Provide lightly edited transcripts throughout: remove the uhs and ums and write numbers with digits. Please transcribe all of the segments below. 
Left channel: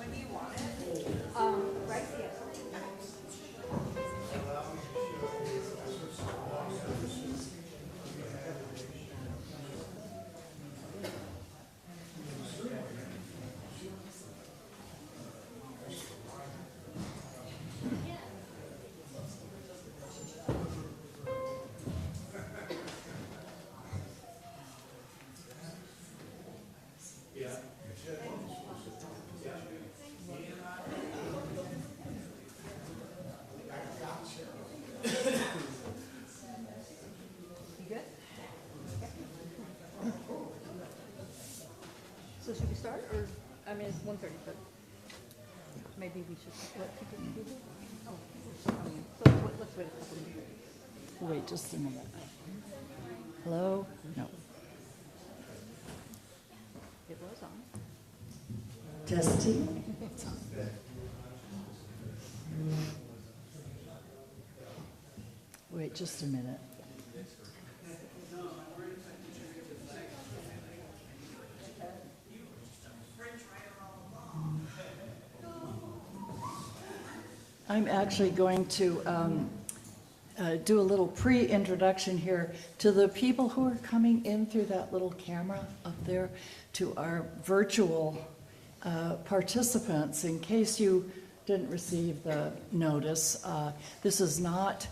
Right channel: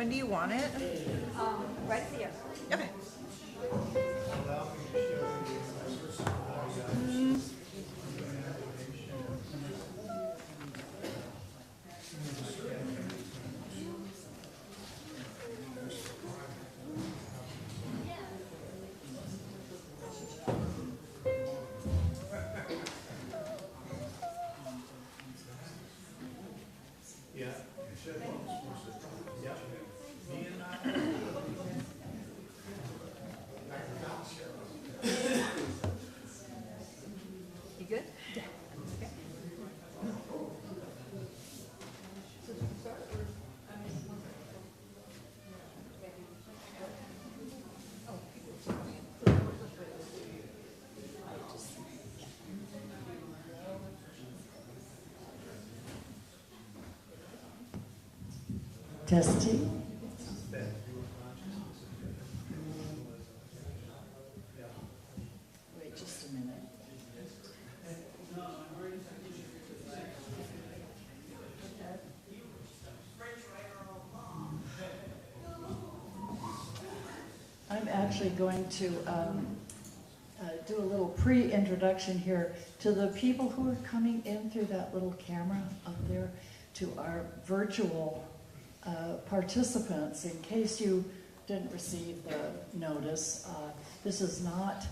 When do you want it? Right here. Okay. You good? So should we start, or, I mean, it's 1:30, but maybe we should split. Oh, it's coming in. So let's wait. Wait just a minute. Hello? No. It was on. Testing? Wait just a minute. I'm actually going to do a little pre-introduction here to the people who are coming in through that little camera up there, to our virtual participants. In case you didn't receive the notice, this is not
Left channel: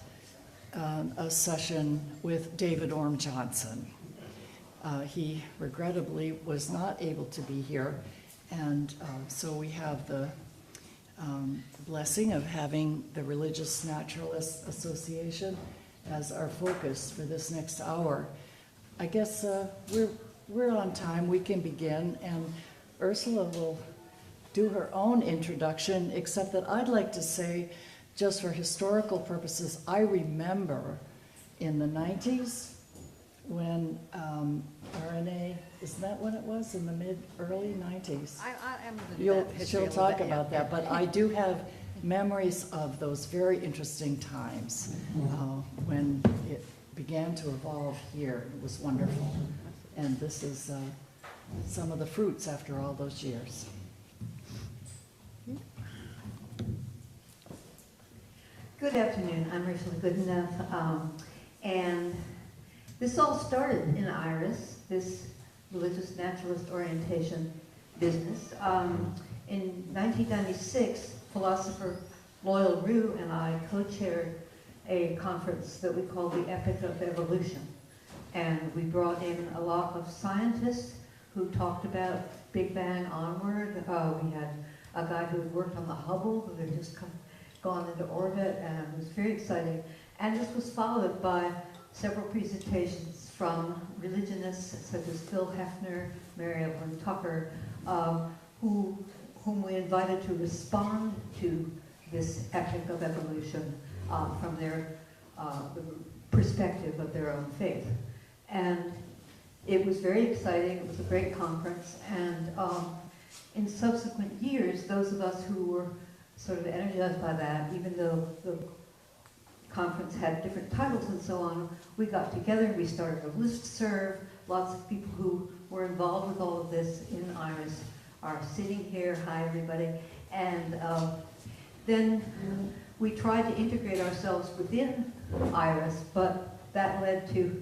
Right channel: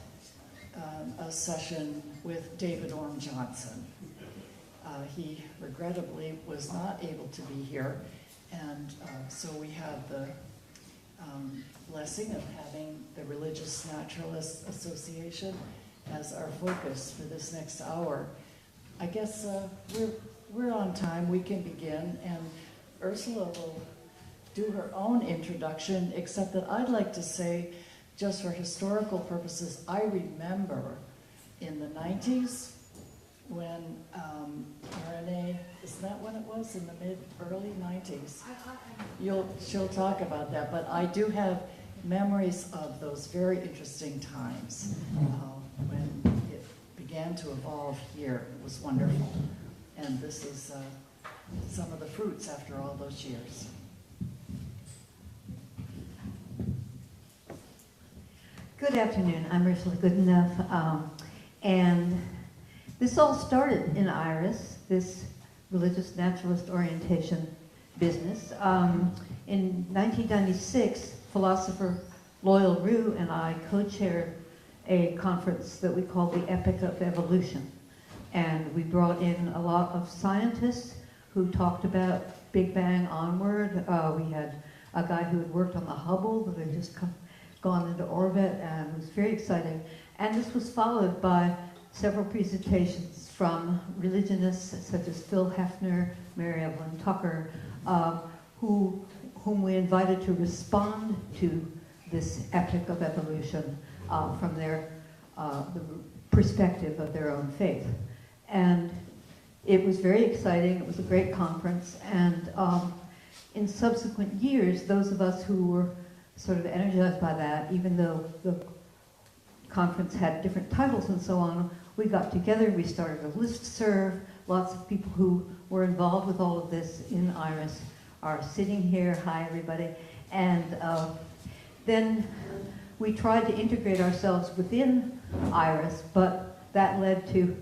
a session with David Orm Johnson. He regrettably was not able to be here, and so we have the blessing of having the Religious Naturalist Association as our focus for this next hour. I guess we're on time. We can begin, and Ursula will do her own introduction, except that I'd like to say, just for historical purposes, I remember in the 90s when RNA, isn't that when it was, in the early 90s? I am in the She'll talk about that, but I do have memories of those very interesting times when it began to evolve here. It was wonderful. And this is some of the fruits after all those years. Good afternoon. I'm Ursula Goodenough, and this all started in IRAS, this religious naturalist orientation business. In 1996, philosopher Loyal Rue and I co-chaired a conference that we called the Epic of Evolution. And we brought in a lot of scientists who talked about Big Bang onward. We had a guy who had worked on the Hubble, who had just gone into orbit, and it was very exciting. And this was followed by several presentations from religionists such as Phil Hefner, Mary Evelyn Tucker, whom we invited to respond to this epic of evolution from their the perspective of their own faith. And it was very exciting. It was a great conference. And in subsequent years, those of us who were sort of energized by that, even though the conference had different titles and so on, we got together, we started a listserv. Lots of people who were involved with all of this in IRAS are sitting here. Hi, everybody. And then we tried to integrate ourselves within IRAS, but that led to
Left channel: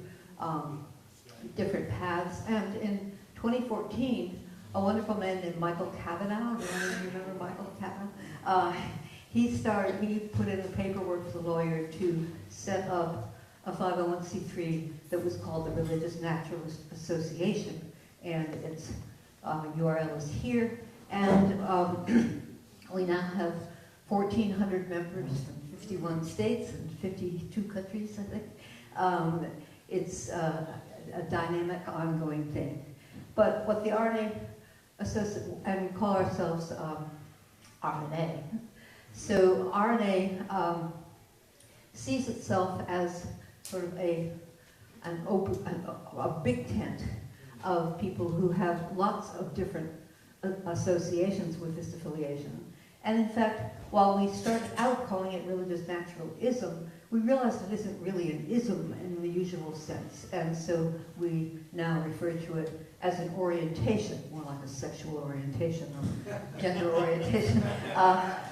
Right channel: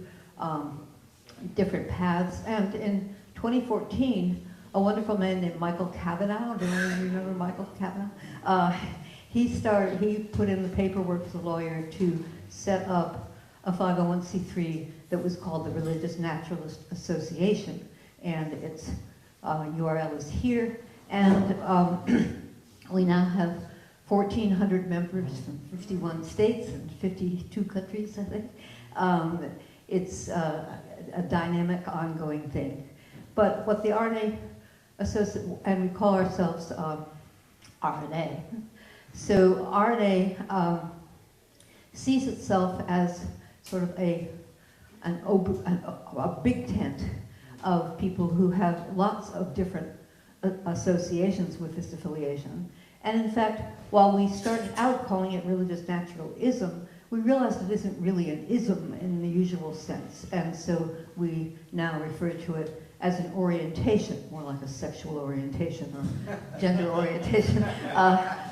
different paths. And in 2014, a wonderful man named Michael Cavanaugh, does anyone remember Michael Cavanaugh? He put in the paperwork as a lawyer to set up a 501c3 that was called the Religious Naturalist Association, and its URL is here. And we now have 1,400 members from 51 states and 52 countries, I think. It's a dynamic, ongoing thing. But what the RNA and we call ourselves RNA. So RNA sees itself as sort of a big tent of people who have lots of different associations with this affiliation. And in fact, while we started out calling it religious naturalism, we realized it isn't really an ism in the usual sense. And so we now refer to it as an orientation, more like a sexual orientation or gender orientation,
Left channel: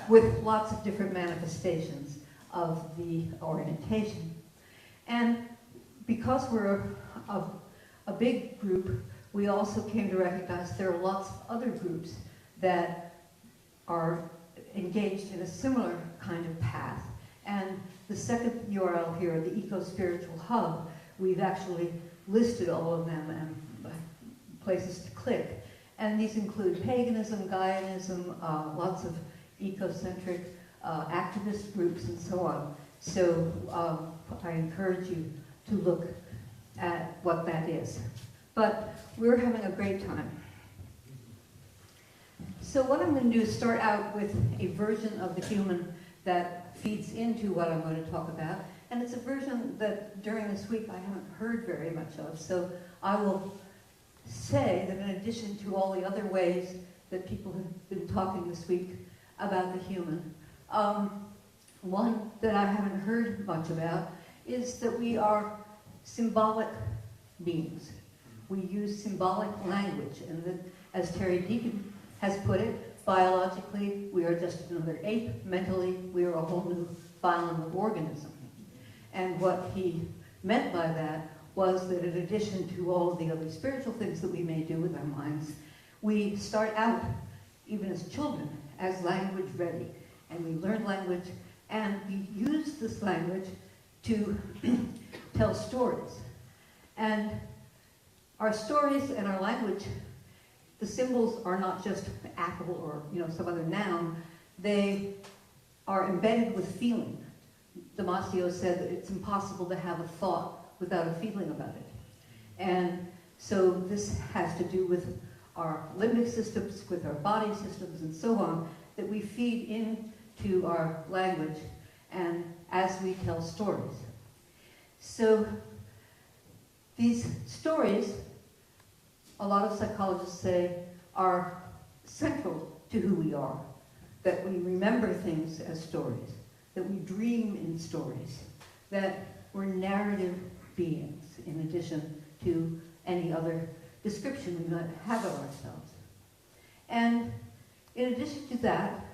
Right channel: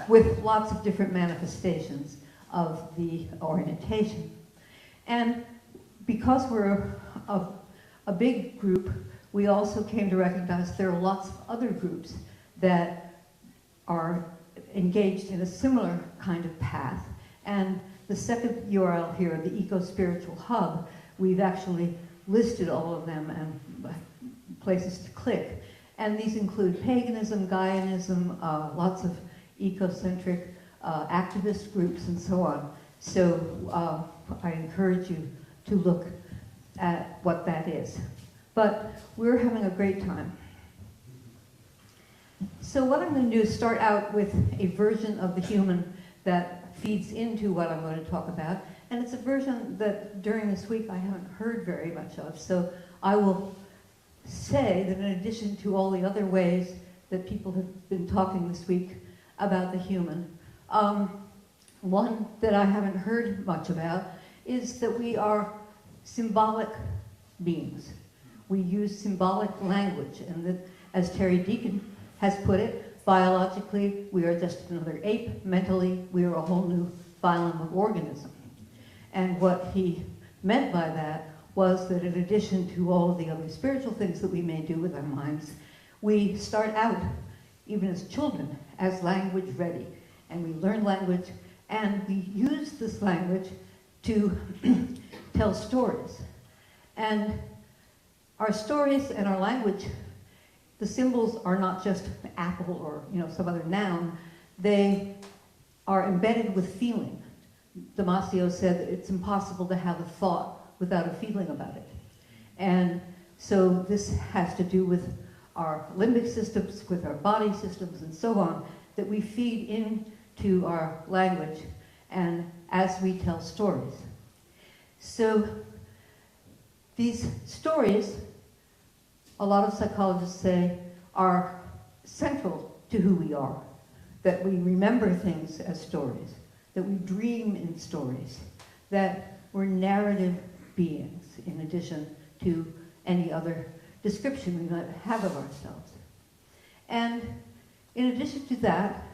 with lots of different manifestations of the orientation. And because we're a big group, we also came to recognize there are lots of other groups that are engaged in a similar kind of path. And the second URL here, the Eco-Spiritual Hub, we've actually listed all of them and places to click. And these include paganism, Gaianism, lots of ecocentric activist groups and so on. So I encourage you to look at what that is. But we're having a great time. So what I'm going to do is start out with a version of the human that feeds into what I'm going to talk about. And it's a version that during this week I haven't heard very much of. So I will say that in addition to all the other ways that people have been talking this week about the human, one that I haven't heard much about is that we are symbolic beings. We use symbolic language, and that, as Terry Deacon has put it, biologically we are just another ape, mentally we are a whole new phylum of organism. And what he meant by that was that in addition to all of the other spiritual things that we may do with our minds, we start out, even as children, as language ready. And we learn language, and we use this language to tell stories. And our stories and our language, the symbols are not just an apple or some other noun. They are embedded with feeling. Damasio said that it's impossible to have a thought without a feeling about it. And so this has to do with our limbic systems, with our body systems, and so on, that we feed into our language and as we tell stories. So these stories, a lot of psychologists say, are central to who we are, that we remember things as stories, that we dream in stories, that we're narrative beings in addition to any other description we might have of ourselves. And in addition to that,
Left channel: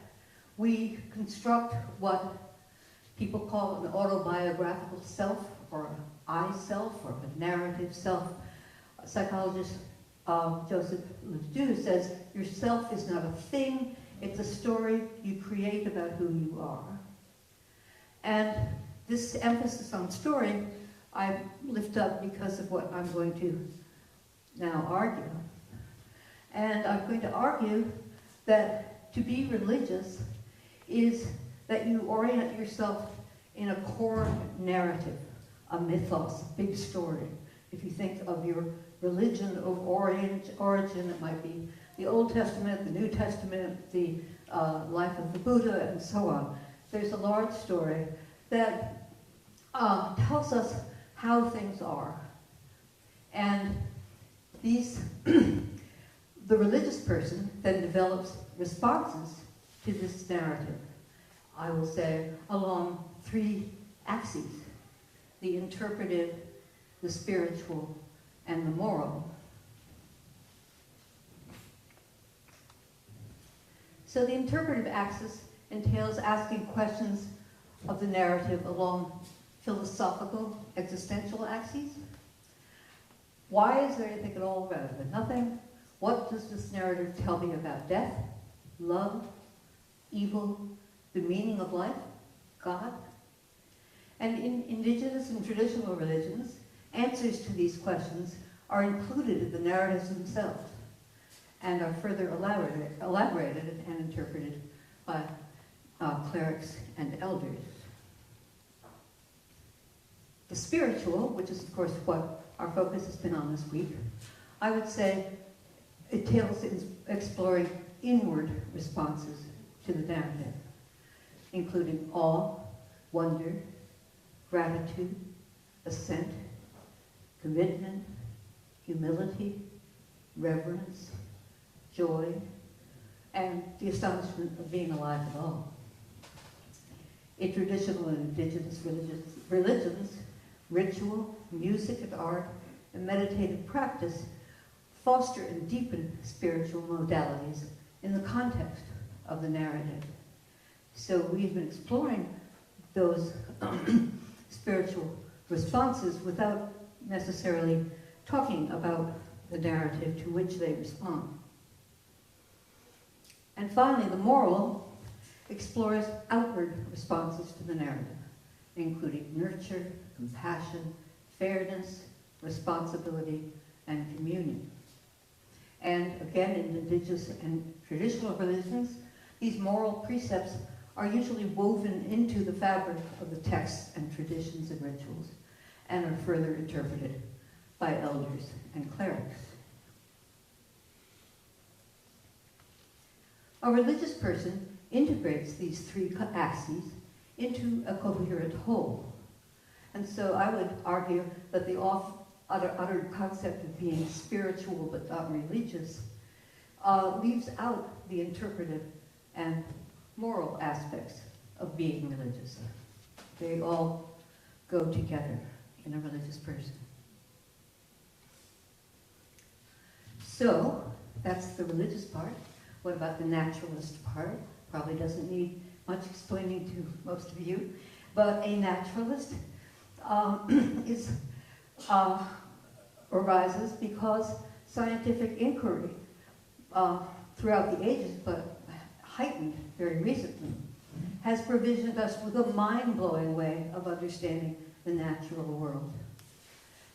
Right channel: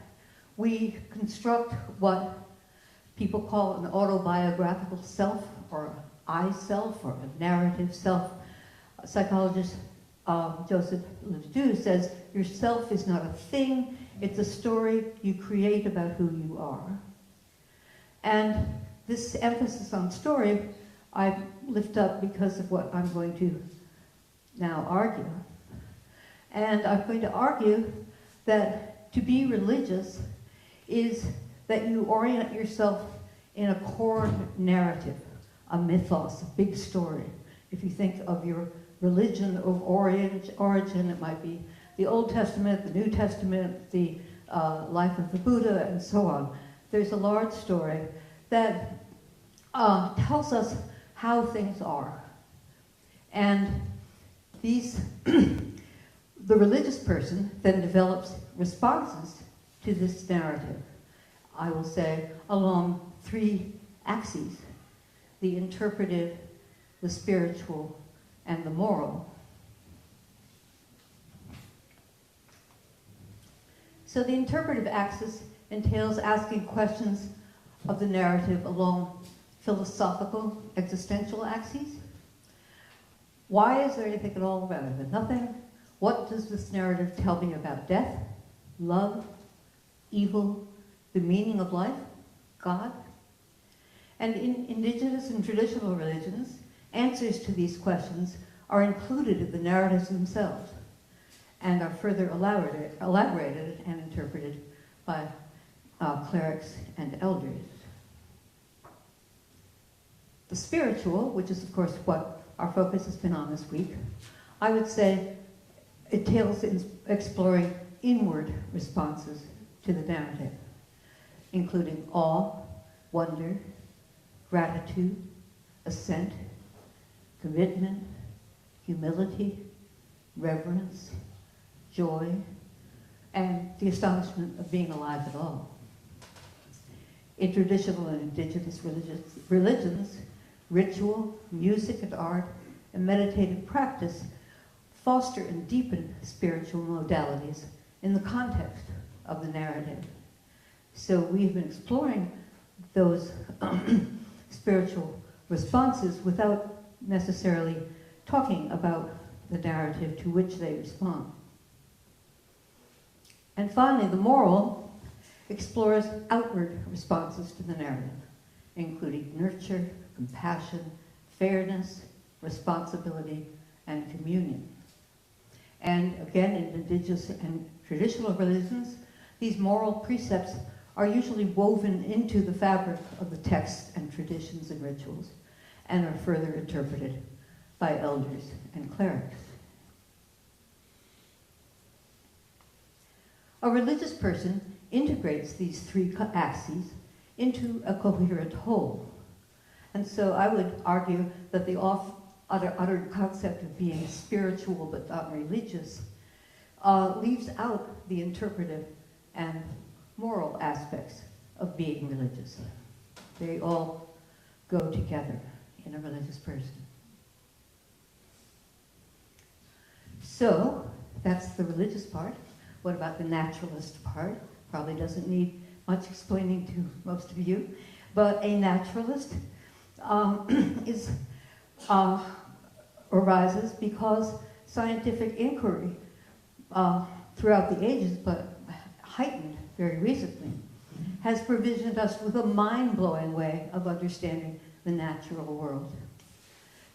we construct what people call an autobiographical self, or I-self, or a narrative self. Psychologist Joseph Ledoux says, your self is not a thing, it's a story you create about who you are. And this emphasis on story I lift up because of what I'm going to now argue. And I'm going to argue that to be religious is that you orient yourself in a core narrative, a mythos, a big story. If you think of your religion of origin, it might be the Old Testament, the New Testament, the life of the Buddha, and so on. There's a large story that tells us how things are. And the religious person then develops responses to this narrative, I will say, along three axes: the interpretive, the spiritual, and the moral. So the interpretive axis entails asking questions of the narrative along philosophical, existential axes. Why is there anything at all rather than nothing? What does this narrative tell me about death, love, evil, the meaning of life, God? And in indigenous and traditional religions, answers to these questions are included in the narratives themselves and are further elaborated and interpreted by clerics and elders. The spiritual, which is of course what our focus has been on this week, I would say it entails exploring inward responses to the narrative, including awe, wonder, gratitude, assent, commitment, humility, reverence, joy, and the astonishment of being alive at all. In traditional and indigenous religions, ritual, music and art, and meditative practice foster and deepen spiritual modalities in the context of the narrative. So we've been exploring those spiritual responses without necessarily talking about the narrative to which they respond. And finally, the moral explores outward responses to the narrative, including nurture, compassion, fairness, responsibility, and communion. And again, in indigenous and traditional religions, these moral precepts are usually woven into the fabric of the texts and traditions and rituals, and are further interpreted by elders and clerics. A religious person integrates these three axes into a coherent whole. And so I would argue that the uttered concept of being spiritual but not religious leaves out the interpretive and moral aspects of being religious. They all go together in a religious person. So that's the religious part. What about the naturalist part? Probably doesn't need much explaining to most of you. But a naturalist arises because scientific inquiry throughout the ages, but heightened very recently, has provisioned us with a mind-blowing way of understanding the natural world,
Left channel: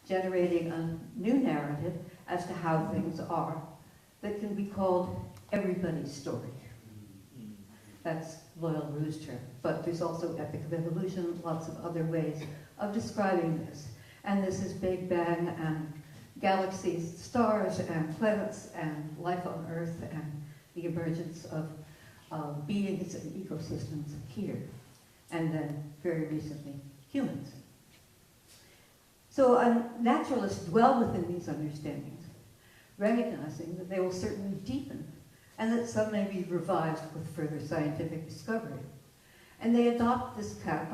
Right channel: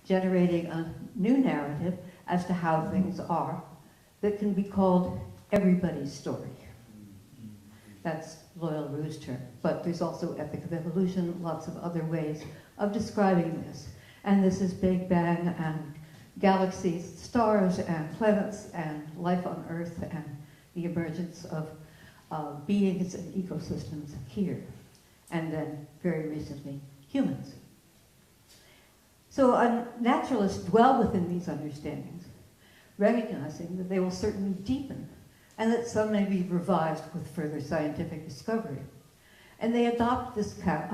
generating a new narrative as to how things are that can be called everybody's story. That's Loyal Roo's term, but there's also Epic of Evolution, lots of other ways of describing this. And this is Big Bang and galaxies, stars and planets and life on Earth and the emergence of beings and ecosystems here, and then very recently humans. So naturalists dwell within these understandings, recognizing that they will certainly deepen and that some may be revised with further scientific discovery. And they adopt this account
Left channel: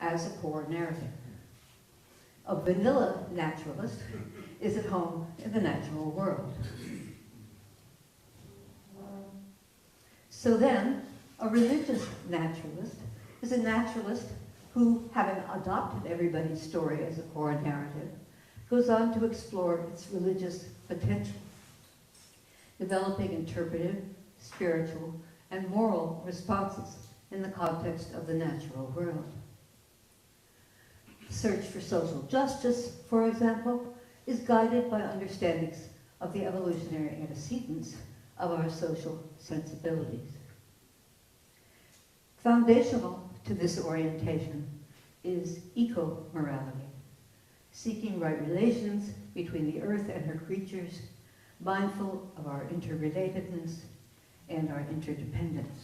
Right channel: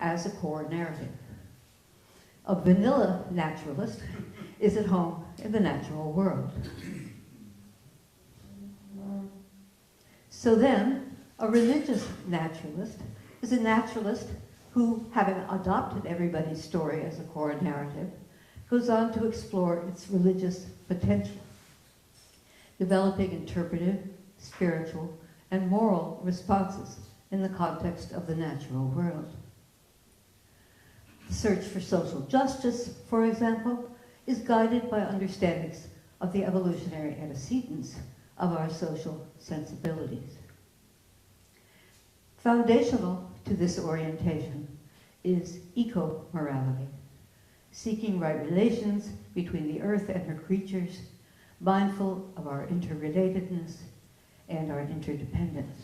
as a core narrative. A vanilla naturalist is at home in the natural world. So then, a religious naturalist is a naturalist who, having adopted everybody's story as a core narrative, goes on to explore its religious potential, developing interpretive, spiritual, and moral responses in the context of the natural world. The search for social justice, for example, is guided by understandings of the evolutionary antecedents of our social sensibilities. Foundational to this orientation is eco-morality, seeking right relations between the earth and her creatures, mindful of our interrelatedness and our interdependence.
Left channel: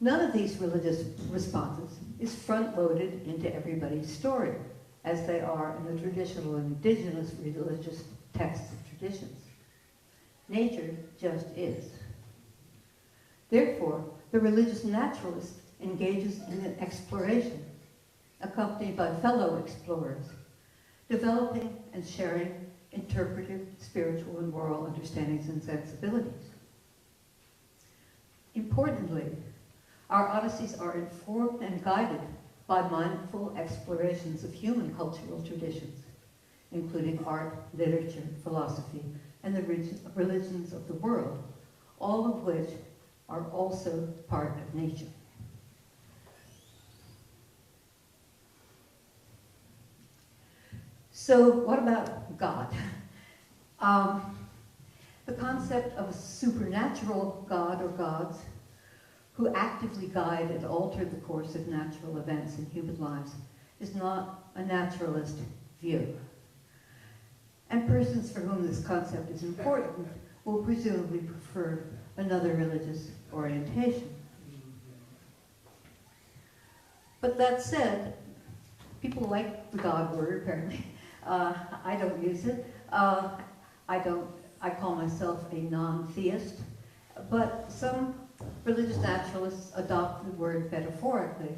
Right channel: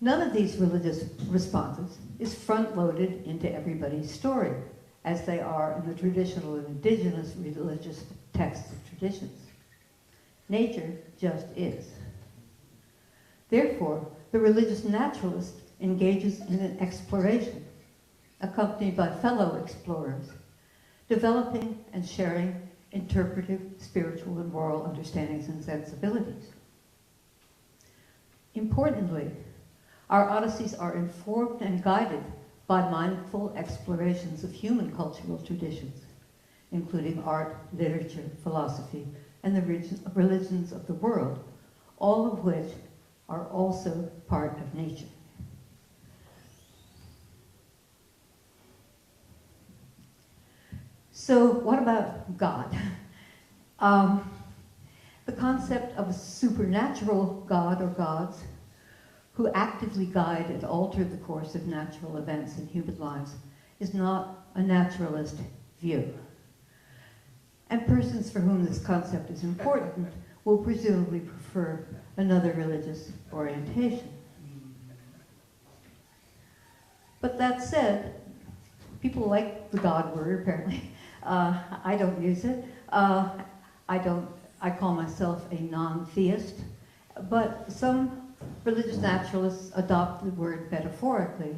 None of these religious responses is front-loaded into everybody's story, as they are in the traditional and indigenous religious texts and traditions. Nature just is. Therefore, the religious naturalist engages in an exploration, accompanied by fellow explorers, developing and sharing interpretive, spiritual, and moral understandings and sensibilities. Importantly, our odysseys are informed and guided by mindful explorations of human cultural traditions, including art, literature, philosophy, and the religions of the world, all of which are also part of nature. So what about God? The concept of a supernatural God or gods who actively guide and alter the course of natural events in human lives is not a naturalist view. And persons for whom this concept is important will presumably prefer another religious orientation. But that said, people like the God word, apparently. I don't use it. I call myself a non-theist, but some religious naturalists adopt the word metaphorically,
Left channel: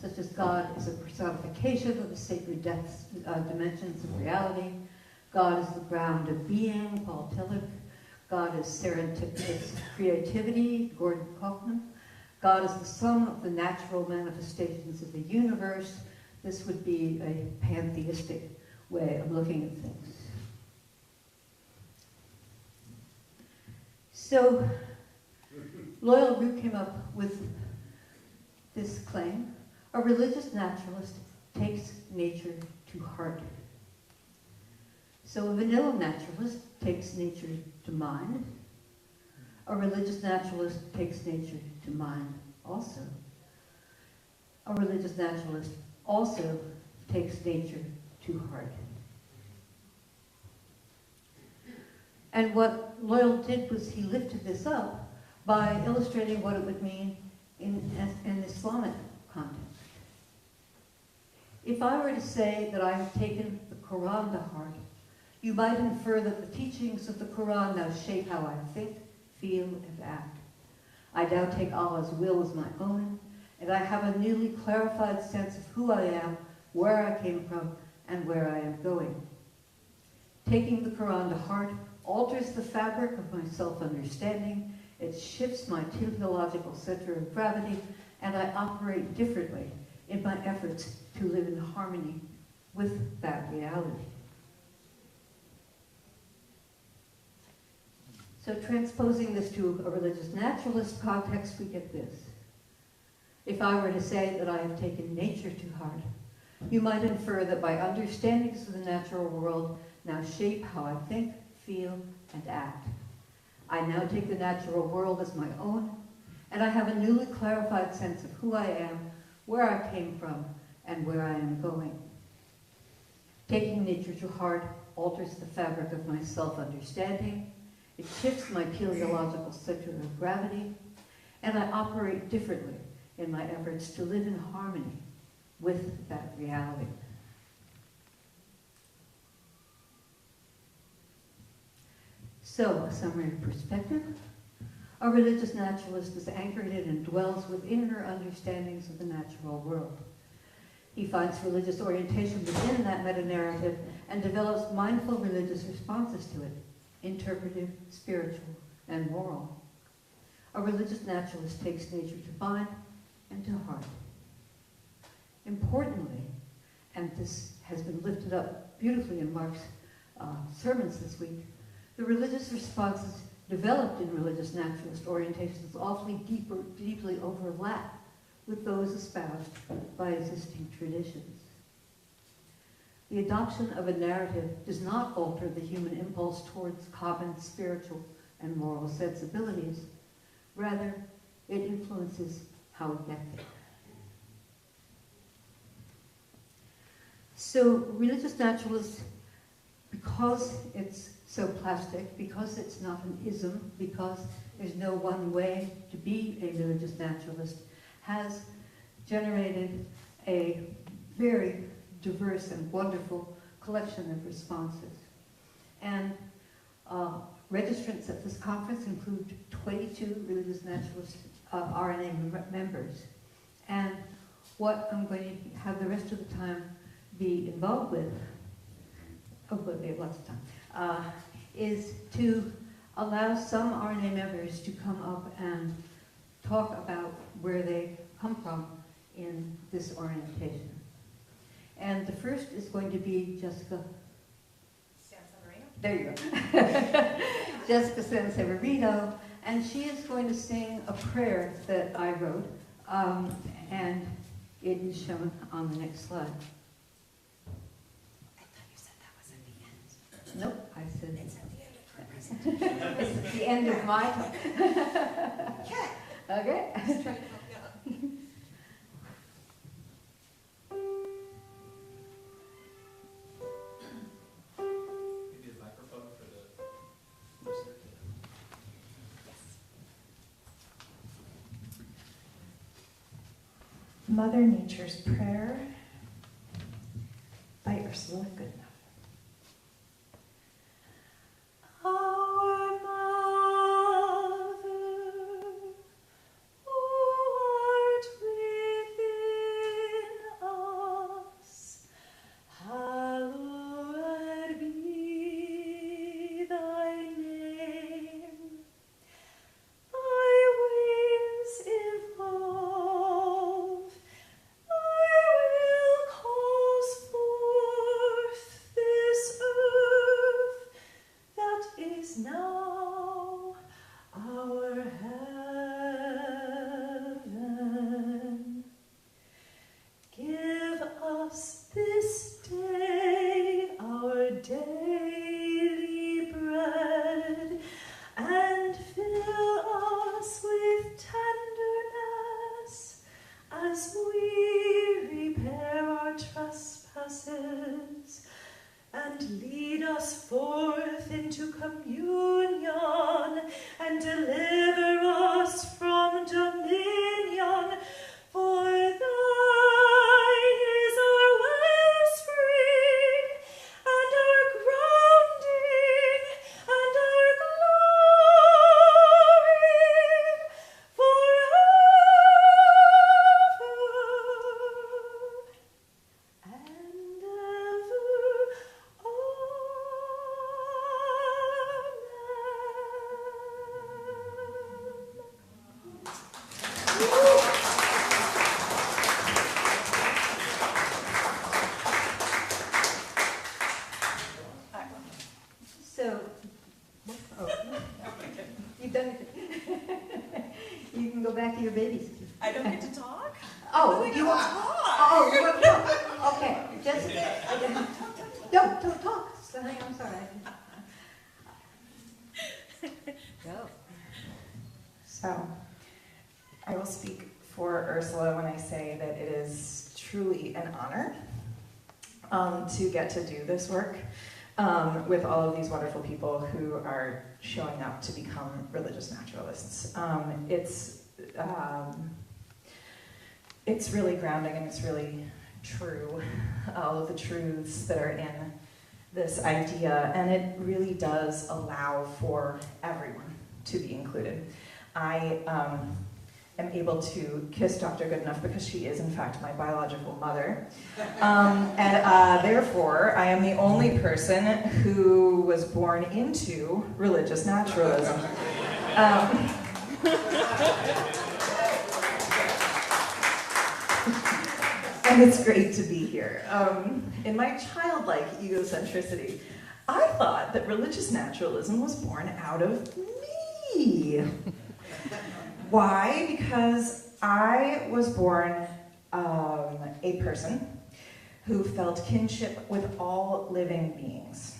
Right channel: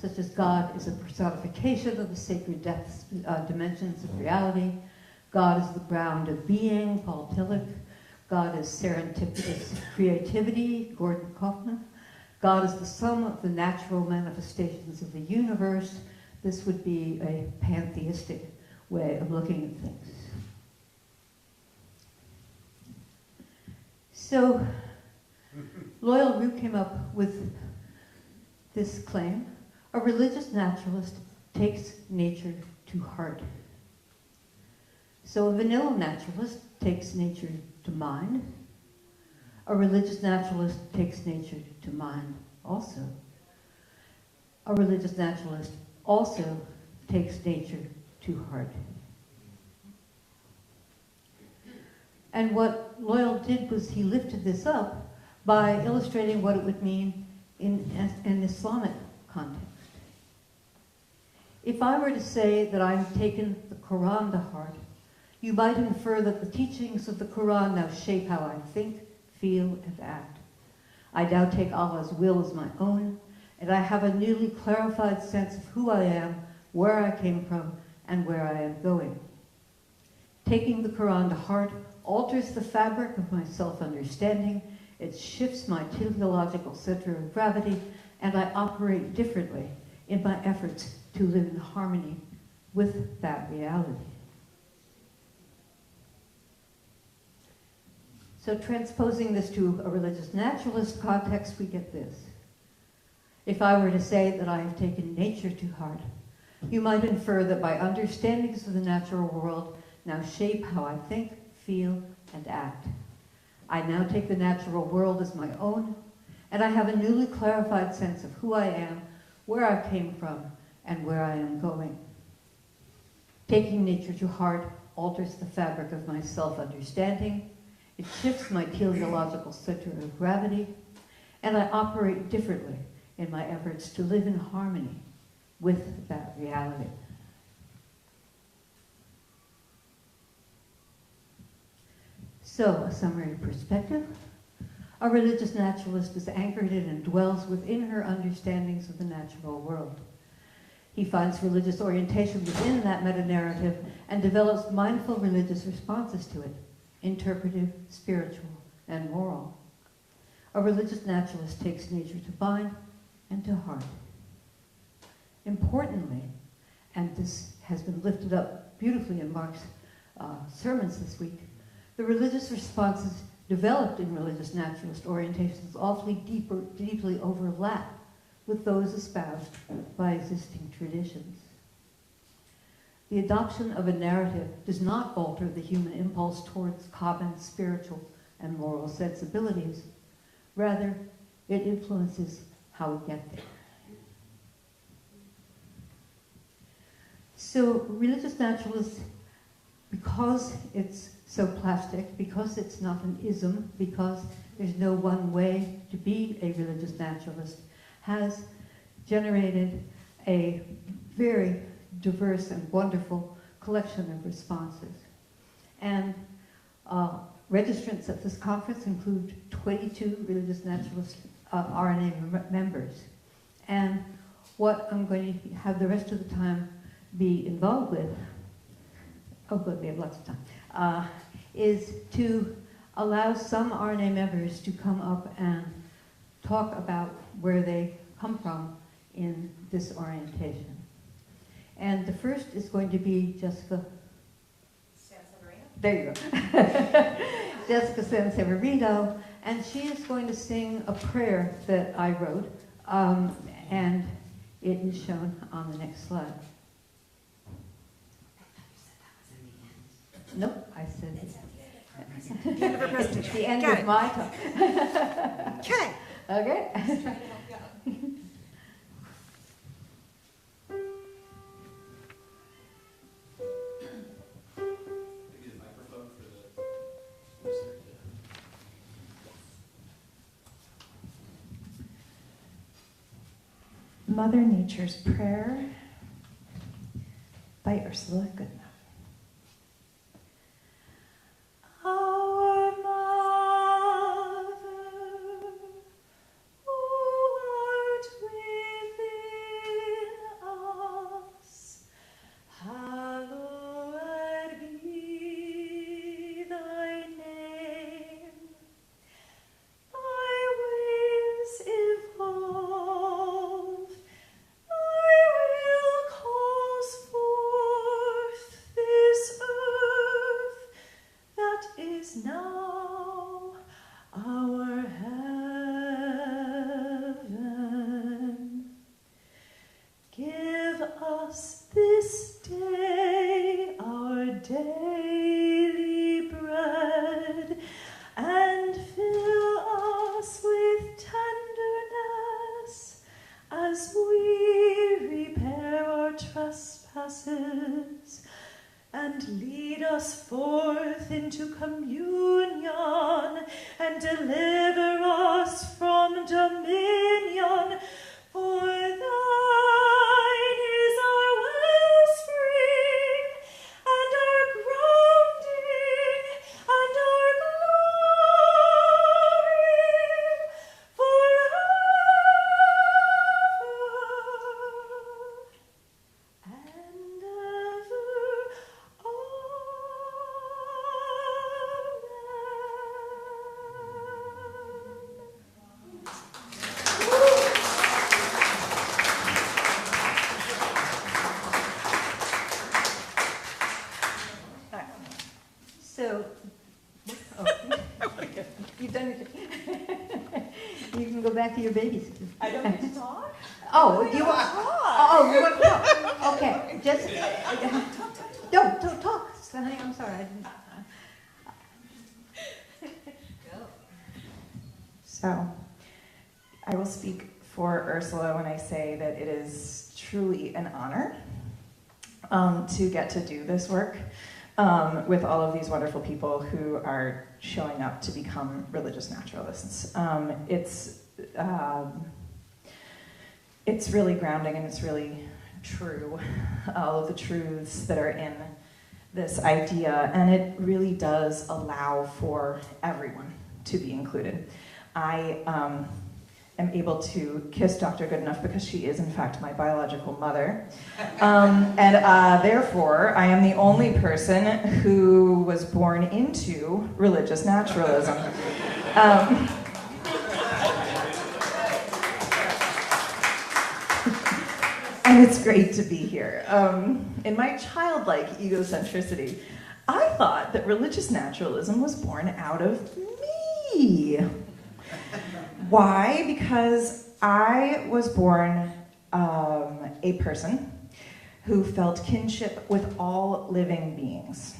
such as God is a personification of the sacred depths, dimensions of reality. God is the ground of being, Paul Tillich. God is serendipitous creativity, Gordon Kaufman. God is the sum of the natural manifestations of the universe. This would be a pantheistic way of looking at things. So, Loyal Root came up with this claim: a religious naturalist takes nature to heart. So a vanilla naturalist takes nature to mind. A religious naturalist takes nature to mind also. A religious naturalist also takes nature to heart. And what Loyal did was he lifted this up by illustrating what it would mean in an Islamic context. If I were to say that I have taken the Quran to heart, you might infer that the teachings of the Quran now shape how I think, feel, and act. I now take Allah's will as my own, and I have a newly clarified sense of who I am, where I came from, and where I am going. Taking the Quran to heart alters the fabric of my self-understanding, it shifts my teleological center of gravity, and I operate differently in my efforts to live in harmony with that reality. So transposing this to a religious naturalist context, we get this. If I were to say that I have taken nature to heart, you might infer that my understandings of the natural world now shape how I think, feel, and act. I now take the natural world as my own, and I have a newly clarified sense of who I am, where I came from, and where I am going. Taking nature to heart alters the fabric of my self-understanding, it shifts my teleological center of gravity, and I operate differently in my efforts to live in harmony with that reality. So, a summary of perspective. A religious naturalist is anchored in and dwells within her understandings of the natural world. He finds religious orientation within that meta-narrative and develops mindful religious responses to it, interpretive, spiritual, and moral. A religious naturalist takes nature to mind and to heart. Importantly, and this has been lifted up beautifully in Mark's sermons this week, the religious responses developed in religious naturalist orientations awfully deeply overlap with those espoused by existing traditions. The adoption of a narrative does not alter the human impulse towards common spiritual and moral sensibilities. Rather, it influences how we get there. So, religious naturalists, because it's so plastic, because it's not an ism, because there's no one way to be a religious naturalist, has generated a very diverse and wonderful collection of responses. And registrants at this conference include 22 religious naturalist RNA members. And what I'm going to have the rest of the time be involved with, hopefully we have lots of time, is to allow some RNA members to come up and talk about where they come from in this orientation. And the first is going to be Jessica. There you go. Jessica Sanseverino, and she is going to sing a prayer that I wrote, and it is shown on the next slide. I thought you said that was at the end. Nope, I said It's at the end. it's the end Got of it. my time. Okay. Okay? Just trying to help you out. Maybe a microphone for the listener. Mother Nature's Prayer by Ursula Goodenough. Our Mother, daily bread, and fill us with tenderness as we repair our trespasses, and lead us forth into communion, and deliver us from dominion. For thine is our wellspring, and our grounding, and our glory, forever and ever. So, oh, you've done it. You can go back to your babysitter. I don't get to talk? Oh, you want? Oh, you want to? Okay, just don't talk, Sonny. I'm sorry. Go. So, I will speak for Ursula when I say that it is truly an honor to get to do this work with all of these wonderful people who are showing up to become religious naturalists. It's really grounding and it's really true, all of the truths that are in this idea, and it really does allow for everyone to be included. I am able to kiss Dr. Goodenough because she is in fact my biological mother, and therefore I am the only person who was born into religious naturalism. And it's great to be here. In my childlike egocentricity, I thought that religious naturalism was born out of me. Why? Because I was born a person who felt kinship with all living beings.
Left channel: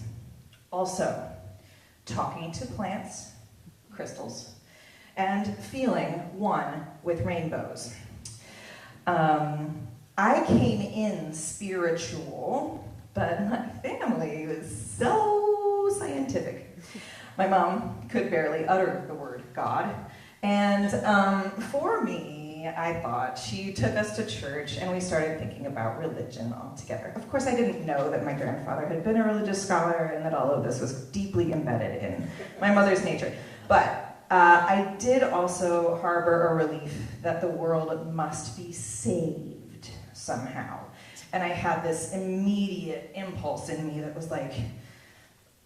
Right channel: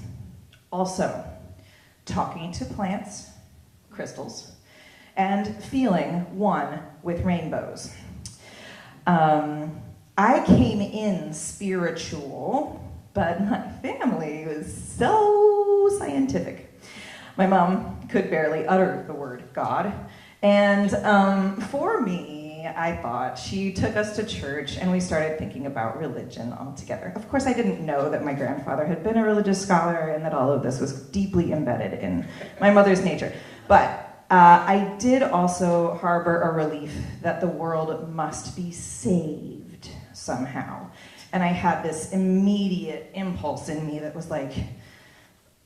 Also, talking to plants, crystals, and feeling one with rainbows. I came in spiritual, but my family was so scientific. My mom could barely utter the word God, and for me, I thought she took us to church and we started thinking about religion altogether. Of course, I didn't know that my grandfather had been a religious scholar and that all of this was deeply embedded in my mother's nature. But I did also harbor a relief that the world must be saved somehow. And I had this immediate impulse in me that was like,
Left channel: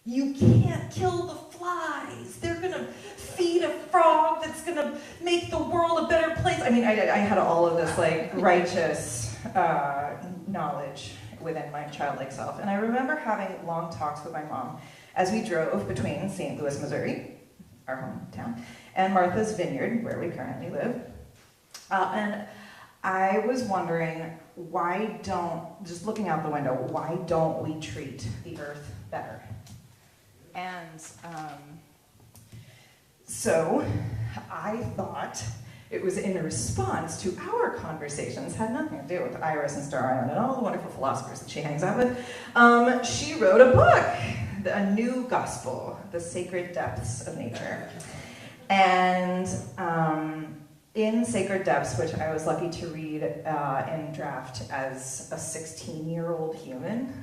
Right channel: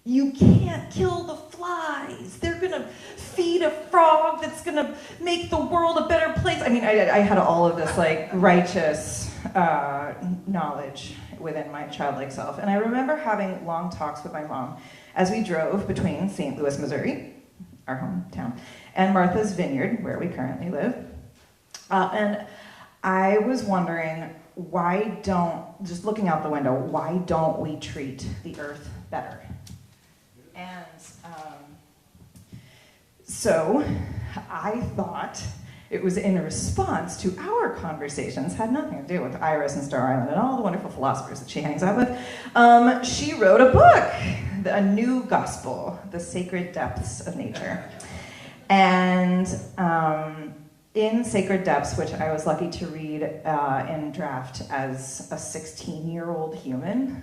you can't kill the flies. They're gonna feed a frog that's gonna make the world a better place. I mean, I had all of this like righteous knowledge within my childlike self. And I remember having long talks with my mom as we drove between St. Louis, Missouri, our hometown, and Martha's Vineyard, where we currently live. And I was wondering, just looking out the window, why don't we treat the earth better? And so I thought it was in response to our conversations, had nothing to do with IRAS and Star Island and all the wonderful philosophers that she hangs out with. She wrote a book, A New Gospel, The Sacred Depths of Nature. And in Sacred Depths, which I was lucky to read in draft as a 16-year-old human,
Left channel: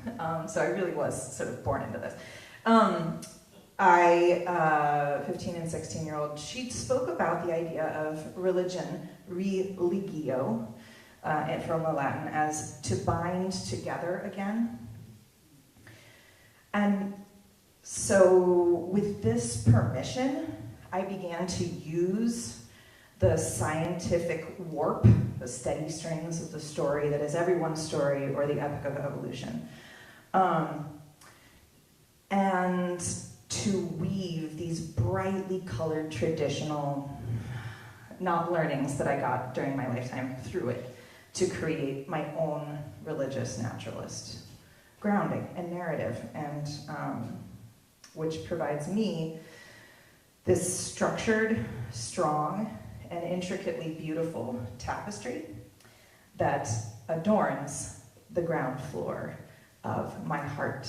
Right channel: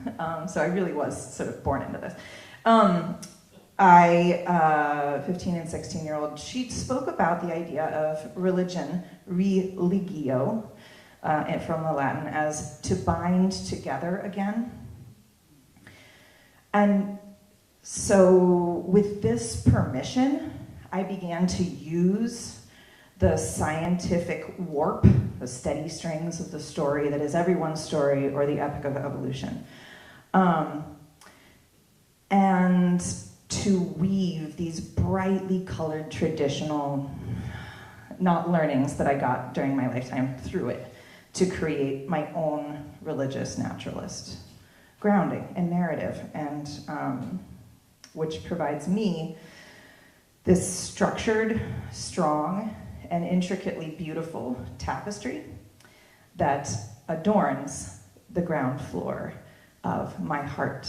so I really was sort of born into this. 15 and 16-year-old, she spoke about the idea of religion, religio, from the Latin, as to bind together again. And so with this permission, I began to use the scientific warp, the steady strings of the story that is everyone's story, or the epic of evolution. And to weave these brightly colored traditional, not learnings that I got during my lifetime through it, to create my own religious naturalist grounding and narrative. And which provides me this structured, strong, and intricately beautiful tapestry that adorns the ground floor of my heart.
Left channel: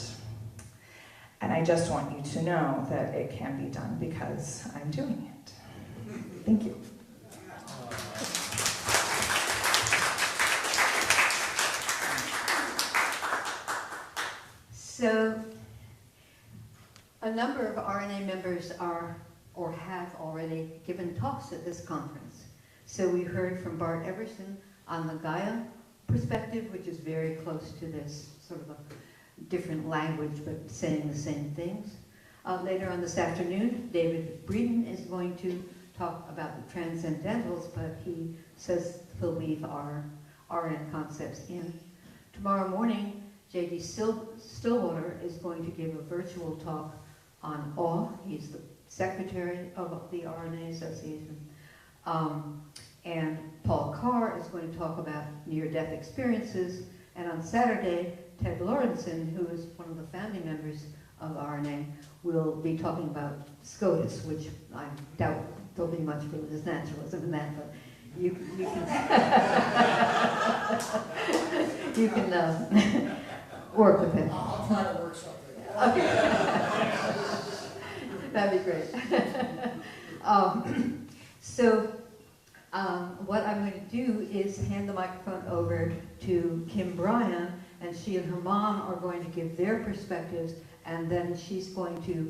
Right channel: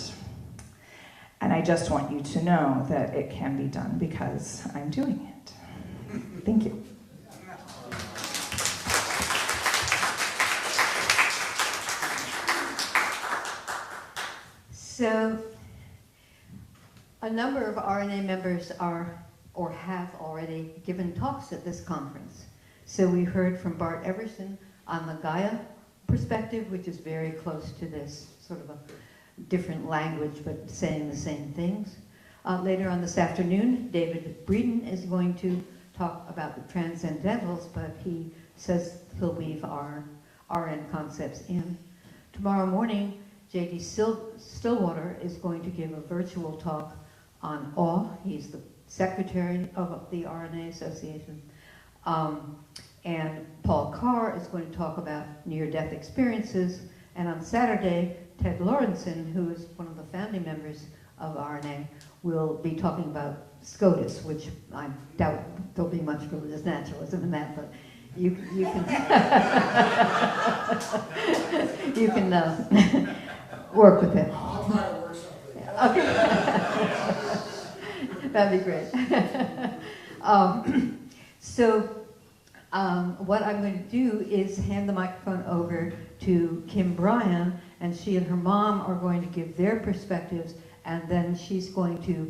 And I just want you to know that it can be done because I'm doing it. Thank you. So, a number of RNA members are or have already given talks at this conference. So we heard from Bart Everson on the Gaia perspective, which is very close to this, sort of a different language but saying the same things. Later on this afternoon, David Breeden is going to talk about the transcendentals, but he says he'll leave our RN concepts in. Tomorrow morning, J.D. Stillwater is going to give a virtual talk on awe. He's the secretary of the RNA Association. And Paul Carr is going to talk about near-death experiences. And on Saturday, Ted Lorenzen, who is one of the founding members of RNA, will be talking about SCOTUS, which I doubt there'll be much religious naturalism in that, but you can you can work with it. I'll try to work something. Okay. That'd be great. What I'm going to do is hand the microphone over to Kim Bryan, and she and her mom are going to give their perspectives, and then she's going to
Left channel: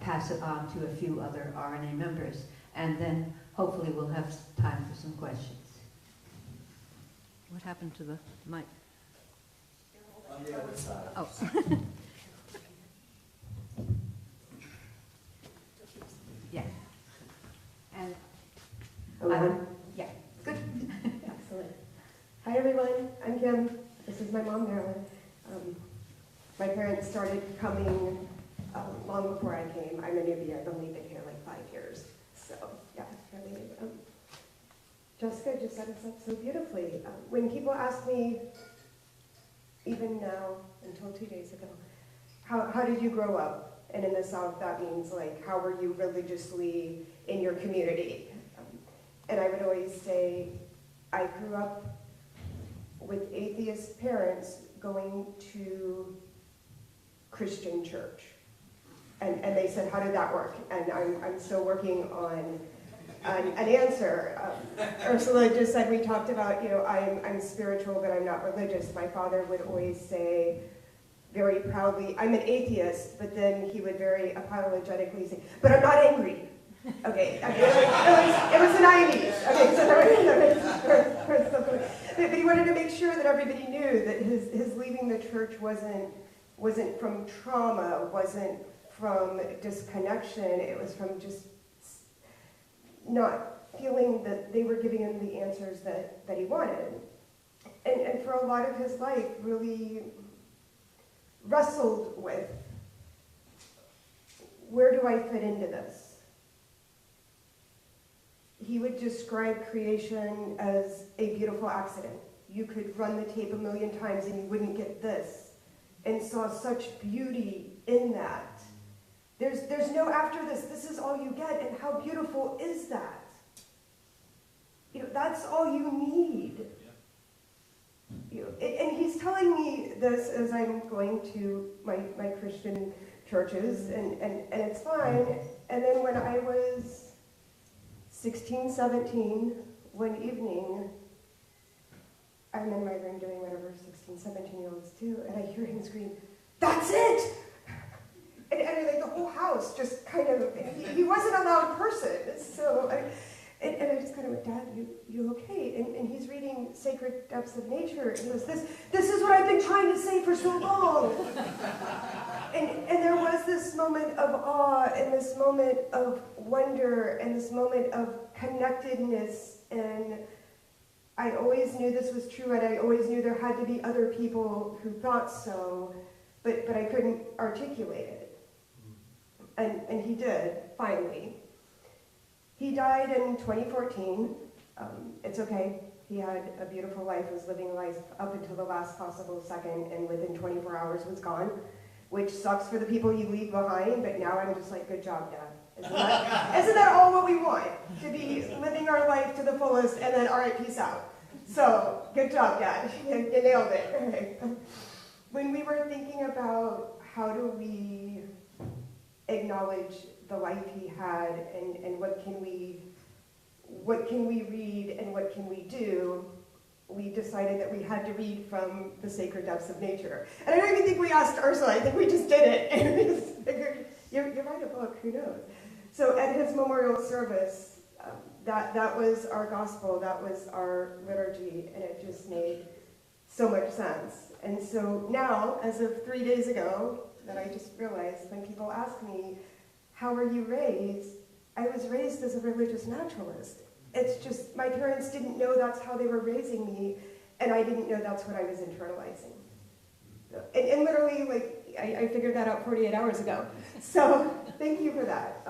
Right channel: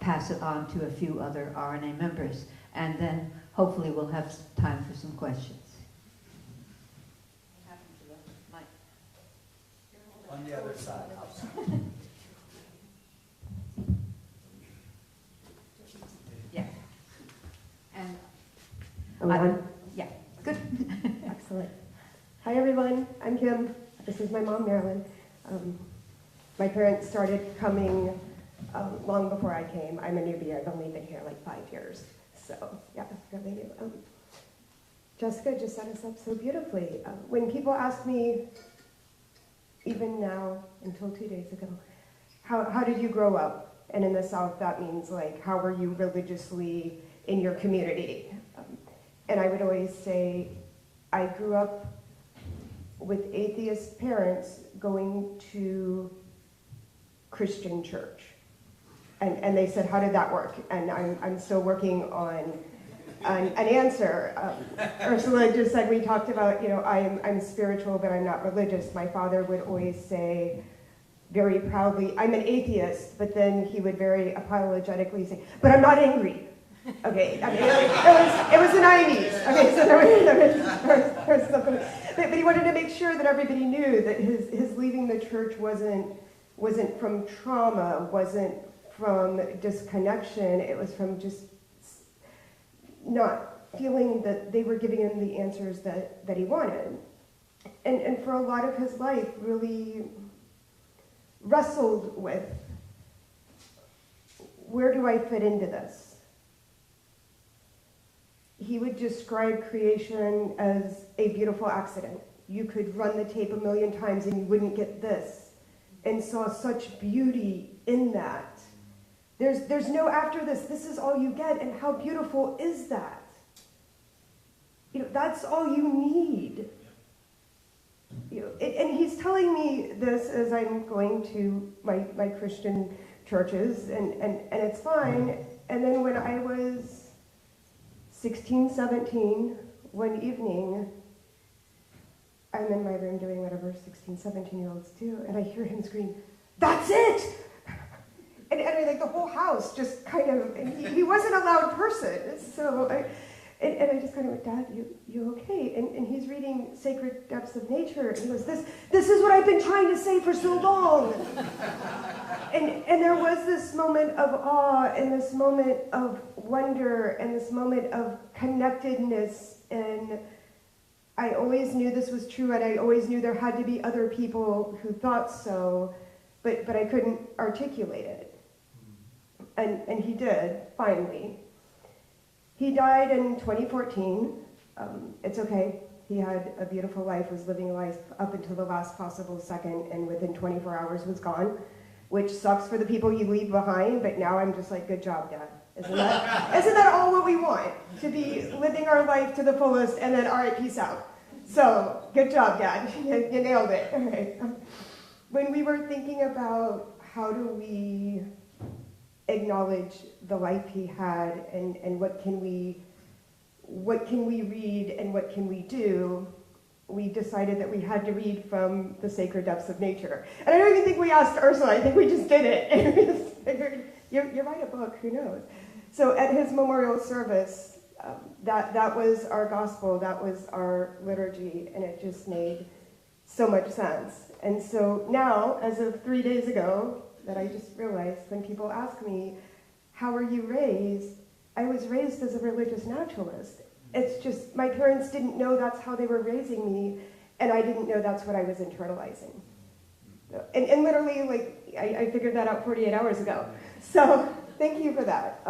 pass it on to a few other RNA members, and then hopefully we'll have time for some questions. What happened to the mic? On the other side. Oh. Yeah. And Hello. yeah, good. Excellent. Hi everyone, I'm Kim. This is my mom, Marilyn. My parents started coming long before I came. I'm a newbie. I've only been here like 5 years. So yeah, really new. Jessica just set us up so beautifully. When people ask me, even now, until 2 days ago, how did you grow up? And in the South, that means like, how were you religiously in your community? And I would always say, I grew up with atheist parents going to Christian church. And they said, how did that work? And I'm still working on an answer. Ursula just said, we talked about, I'm spiritual, but I'm not religious. My father would always say very proudly, I'm an atheist, but then he would very apologetically say, but I'm not angry. Okay, I mean, it was the 90s. Okay, so but he wanted to make sure that everybody knew that his leaving the church wasn't from trauma, wasn't from disconnection. It was from just not feeling that they were giving him the answers that he wanted. And for a lot of his life, really wrestled with, where do I fit into this? He would describe creation as a beautiful accident. You could run the tape 1,000,000 times and you wouldn't get this. And saw such beauty in that. There's no after this. This is all you get. And how beautiful is that? That's all you need. And he's telling me this as I'm going to my Christian churches, and it's fine. And then when I was 16, 17, one evening, I'm in my room doing whatever 16, 17-year-olds do, and I hear him scream, "That's it!" And like the whole house just kind of, he wasn't a loud person, so I just kind of went, "Dad, you okay?" And he's reading Sacred Depths of Nature, and he goes, this is what I've been trying to say for so long. And there was this moment of awe, and this moment of wonder, and this moment of connectedness, and I always knew this was true, and I always knew there had to be other people who thought so, but I couldn't articulate it. And he did, finally. He died in 2014. It's okay. He had a beautiful life, was living life up until the last possible second, and within 24 hours was gone. which sucks for the people you leave behind, but now I'm just like, good job, Dad. Isn't that all what we want? To be living our life to the fullest and then, all right, peace out. So, good job, Dad. You nailed it. All right. When we were thinking about how do we acknowledge the life he had and what can we read and what can we do, we decided that we had to read from the sacred depths of nature. And I don't even think we asked Ursula, I think we just did it. And we just figured, you write a book, who knows? So at his memorial service, that was our gospel, that was our liturgy, and it just made so much sense. And so now, as of 3 days ago, that I just realized when people ask me, how were you raised? I was raised as a religious naturalist. It's just, my parents didn't know that's how they were raising me, and I didn't know that's what I was internalizing. And literally, like, I figured that out 48 hours ago. So, thank you for that.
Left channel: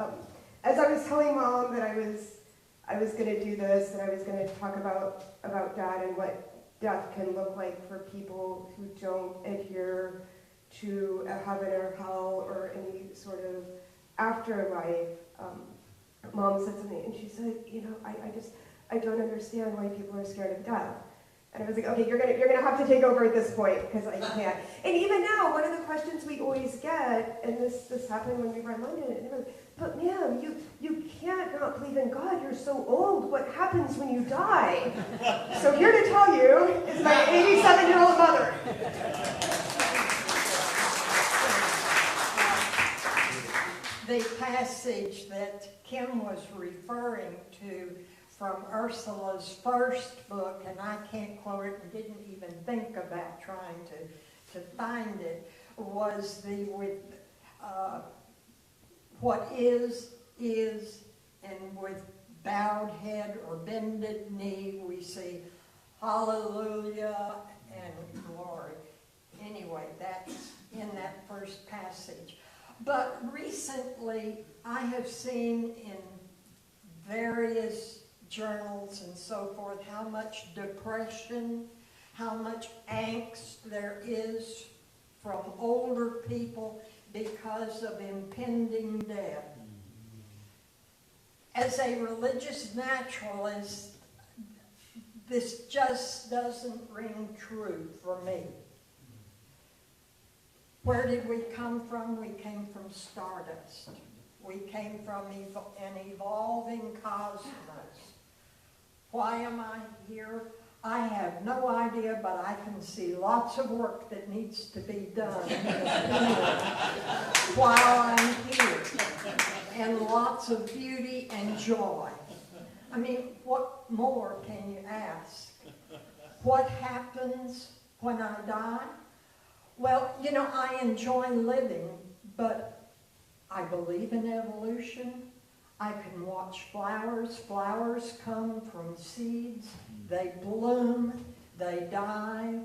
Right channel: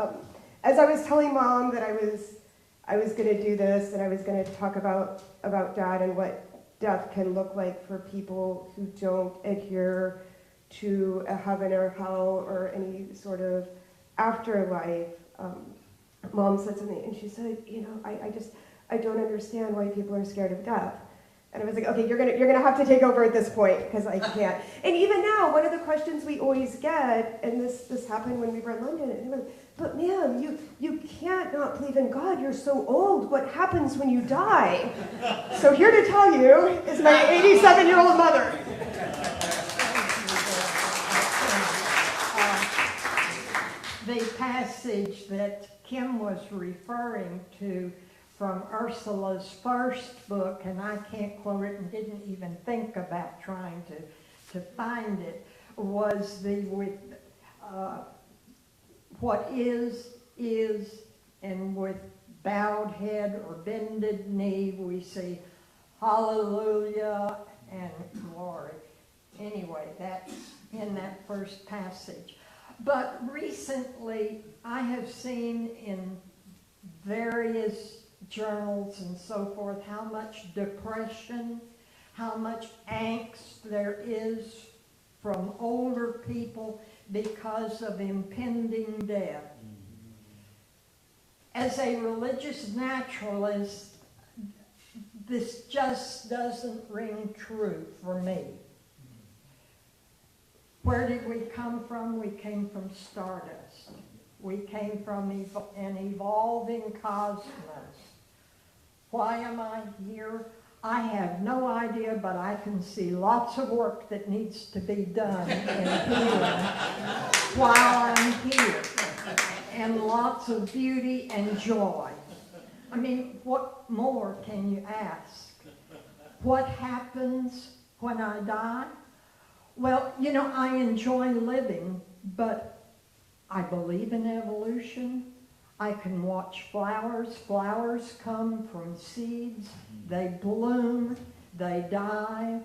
As I was telling Mom that I was going to do this, and I was going to talk about Dad and what death can look like for people who don't adhere to a heaven or hell or any sort of afterlife, Mom said to me, and she said, I don't understand why people are scared of death. And I was like, okay, you're gonna have to take over at this point, because I can't. And even now, one of the questions we always get, and this happened when we were in London, and it was, but ma'am, you can't not believe in God, you're so old, what happens when you die? So here to tell you is my 87-year-old mother. The passage that Kim was referring to from Ursula's first book, and I can't quote it and didn't even think about trying to find it, was what is, and with bowed head or bended knee we say hallelujah and glory. Anyway, that's in that first passage. But recently I have seen in various journals and so forth how much depression, how much angst there is from older people because of impending death. As a religious naturalist, this just doesn't ring true for me. Where did we come from? We came from stardust. We came from an evolving cosmos. Why am I here? I have no idea, but I can see lots of work that needs to be done in here while I'm here. And lots of beauty and joy. I mean, what more can you ask? What happens when I die? Well, I enjoy living, but I believe in evolution. I can watch flowers. Flowers come from seeds. They bloom, they die,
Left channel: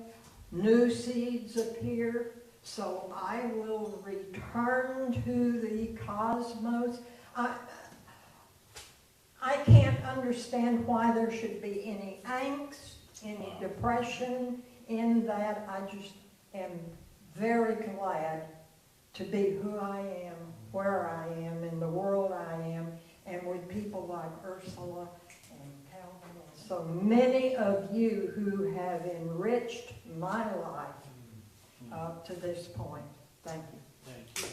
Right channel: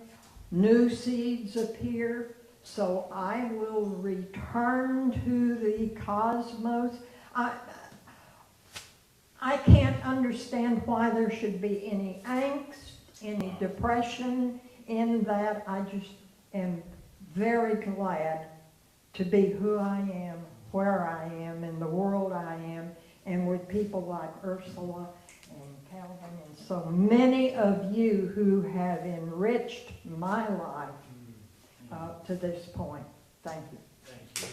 new seeds appear. So I will return to the cosmos. I can't understand why there should be any angst, any depression in that. I just am very glad to be who I am, where I am, in the world I am, and with people like Ursula and Calvin and so many of you who have enriched my life to this point. Thank you. Thank you.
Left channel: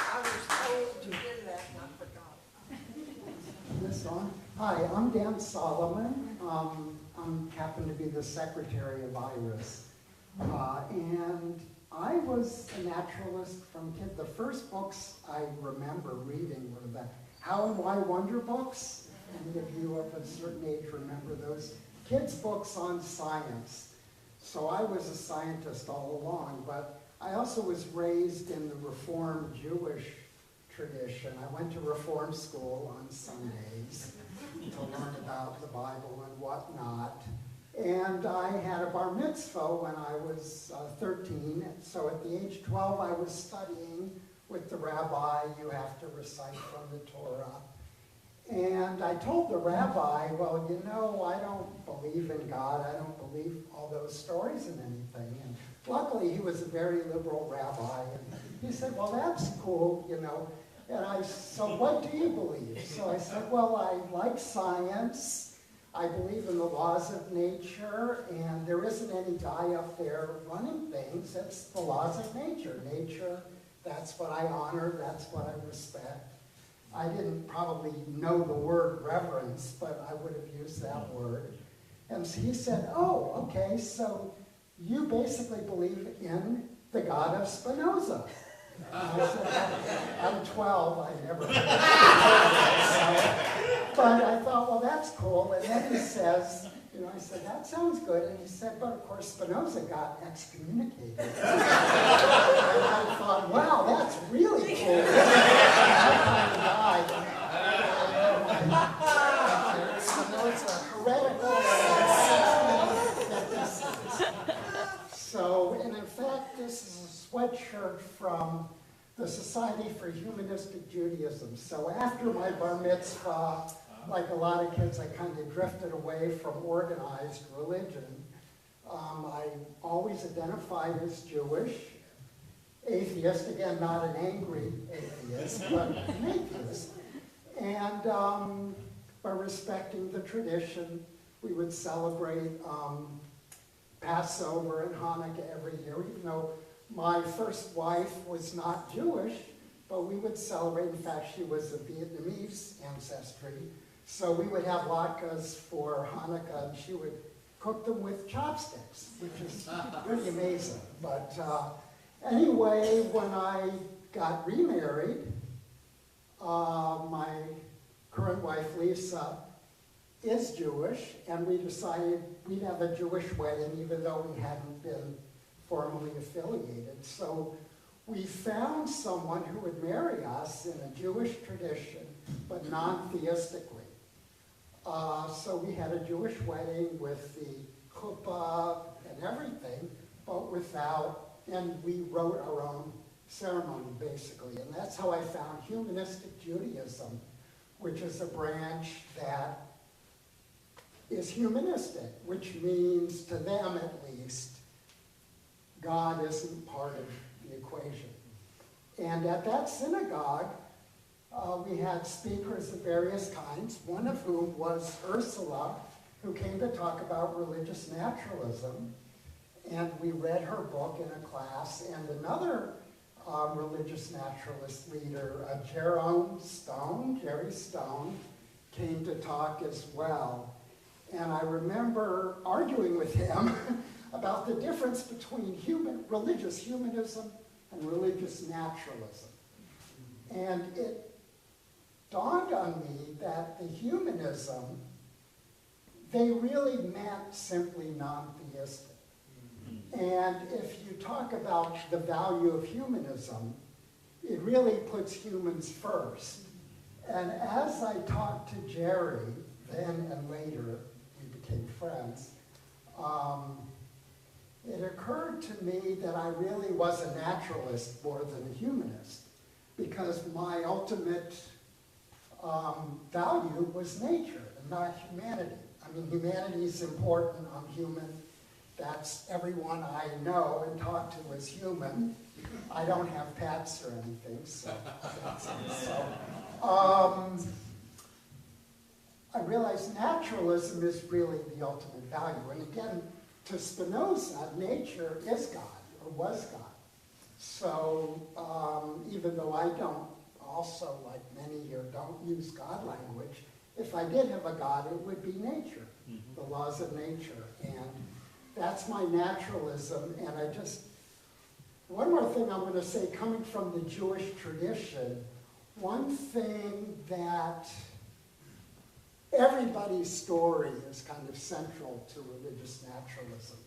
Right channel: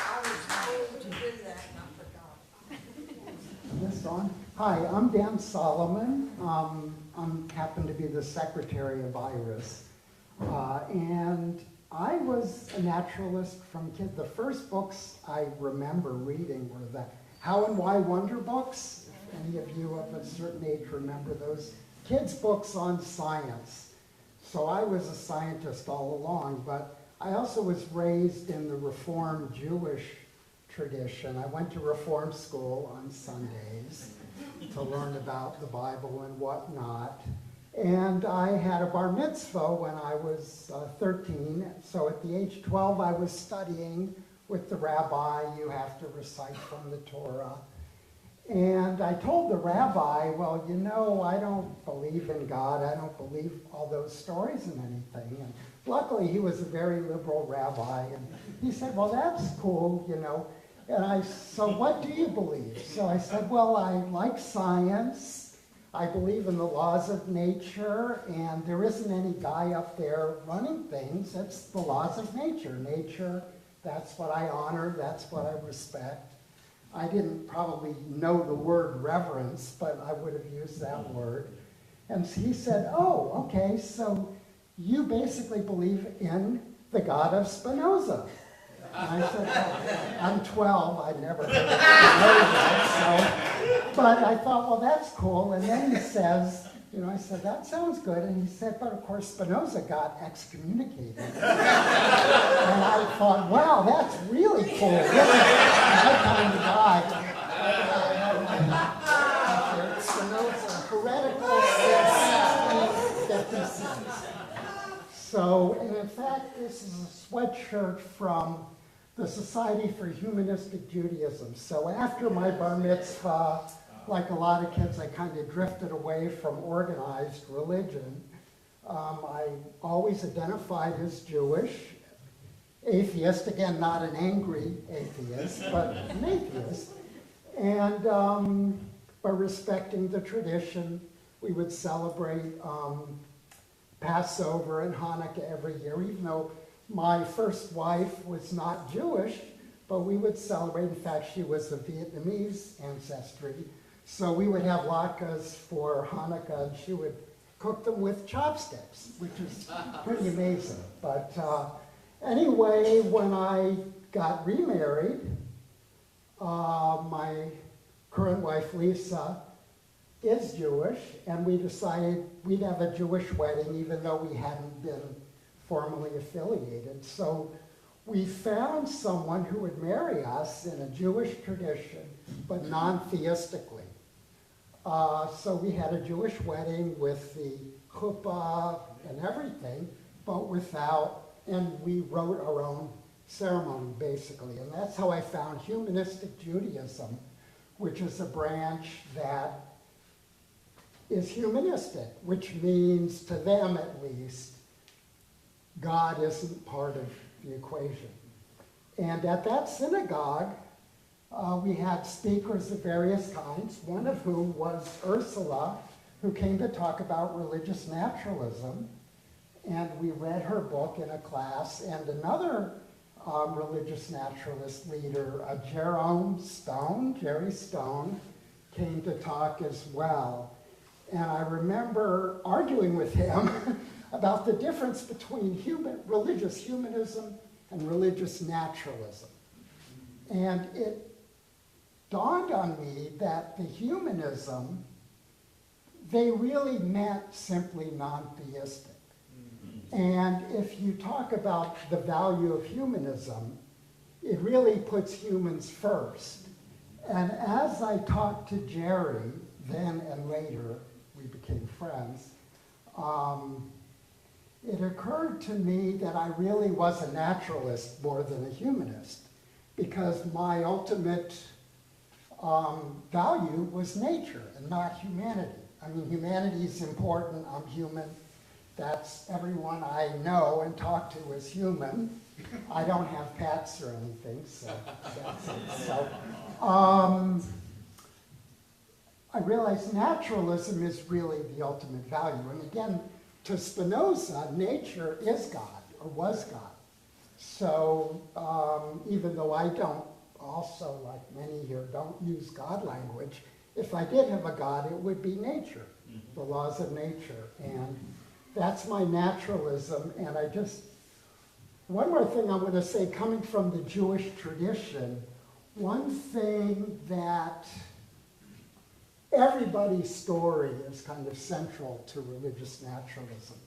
I was told to do that and I forgot. This on? Hi, I'm Dan Solomon. I'm happen to be the secretary of IRAS. And I was a naturalist from kid. The first books I remember reading were the How and Why Wonder books. If any of you of a certain age remember those kids' books on science. So I was a scientist all along, but I also was raised in the Reformed Jewish tradition. I went to Reform school on Sundays to learn about the Bible and whatnot. And I had a bar mitzvah when I was 13. So at the age of 12, I was studying with the rabbi. You have to recite from the Torah. And I told the rabbi, well, you know, I don't believe in God. I don't believe all those stories and anything. And luckily, he was a very liberal rabbi. And he said, well, that's cool, you know. And so what do you believe? So I said, well, I like science. I believe in the laws of nature. And there isn't any guy up there running things. It's the laws of nature. Nature, that's what I honor. That's what I respect. I didn't probably know the word reverence, but I would have used that word. And so he said, oh, okay, so you basically believe in the God of Spinoza. And I said, I'm 12, I never heard of that, but I thought, well, that's cool. And then he says, you know, I said, that sounds good. And he said, but of course, Spinoza got excommunicated. And I thought, wow, that's really cool. That kind of guy. Spinoza, heretical since 1656. So, and in fact, this is a sweatshirt from the Society for Humanistic Judaism. So after my bar mitzvah, like a lot of kids, I kind of drifted away from organized religion. I always identified as Jewish, atheist, again, not an angry atheist, but an atheist. And by respecting the tradition, we would celebrate Passover and Hanukkah every year, even though my first wife was not Jewish, but we would celebrate. In fact, she was of Vietnamese ancestry. So we would have latkes for Hanukkah, and she would cook them with chopsticks, which is pretty amazing. But anyway, when I got remarried, my current wife, Lisa, is Jewish, and we decided we'd have a Jewish wedding, even though we hadn't been formally affiliated. So we found someone who would marry us in a Jewish tradition, but non-theistically. So we had a Jewish wedding with the chuppah and everything, but without, and we wrote our own ceremony, basically. And that's how I found Humanistic Judaism, which is a branch that is humanistic, which means, to them at least, God isn't part of the equation. And at that synagogue, we had speakers of various kinds, one of whom was Ursula, who came to talk about religious naturalism. And we read her book in a class, and another religious naturalist leader, Jerry Stone, came to talk as well. And I remember arguing with him about the difference between religious humanism and religious naturalism. And it dawned on me that the humanism, they really meant simply non-theistic. And if you talk about the value of humanism, it really puts humans first. And as I talked to Jerry, then and later, we became friends, it occurred to me that I really was a naturalist more than a humanist, because my ultimate value was nature and not humanity. I mean, humanity is important. I'm human. That's everyone I know and talk to is human. I don't have pets or anything, so that's it. So, I realized naturalism is really the ultimate value. And again, to Spinoza, nature is God, or was God. So even though I don't, also like many here, don't use God language, if I did have a God, it would be nature, the laws of nature. And that's my naturalism. And one more thing I want to say, coming from the Jewish tradition, one thing that everybody's story is kind of central to religious naturalism.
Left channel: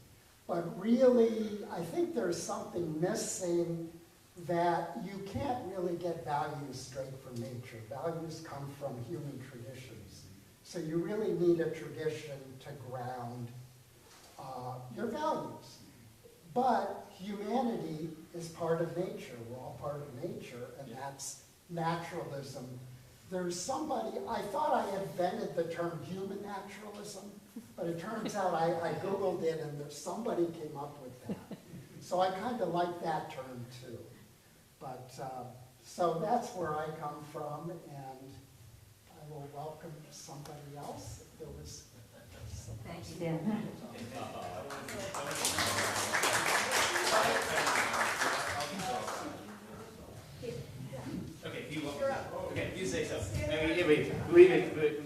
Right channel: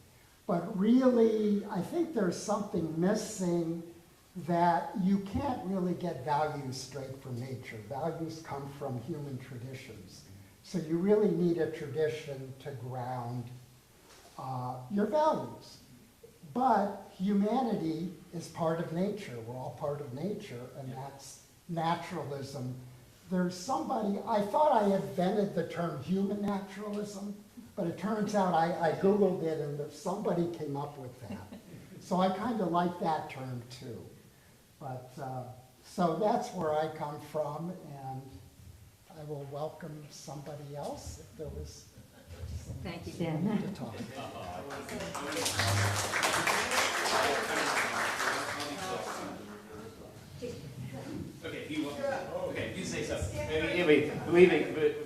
But really, I think there's something missing, that you can't really get values straight from nature. Values come from human traditions. So you really need a tradition to ground your values. But humanity is part of nature. We're all part of nature, and that's naturalism there's somebody, I thought I invented the term human naturalism, but it turns out I Googled it and there's somebody came up with that. So I kind of like that term too. But, so that's where I come from, and I will welcome somebody else if there was Thank you, Dan. to talk. Okay, you want, okay, you say something.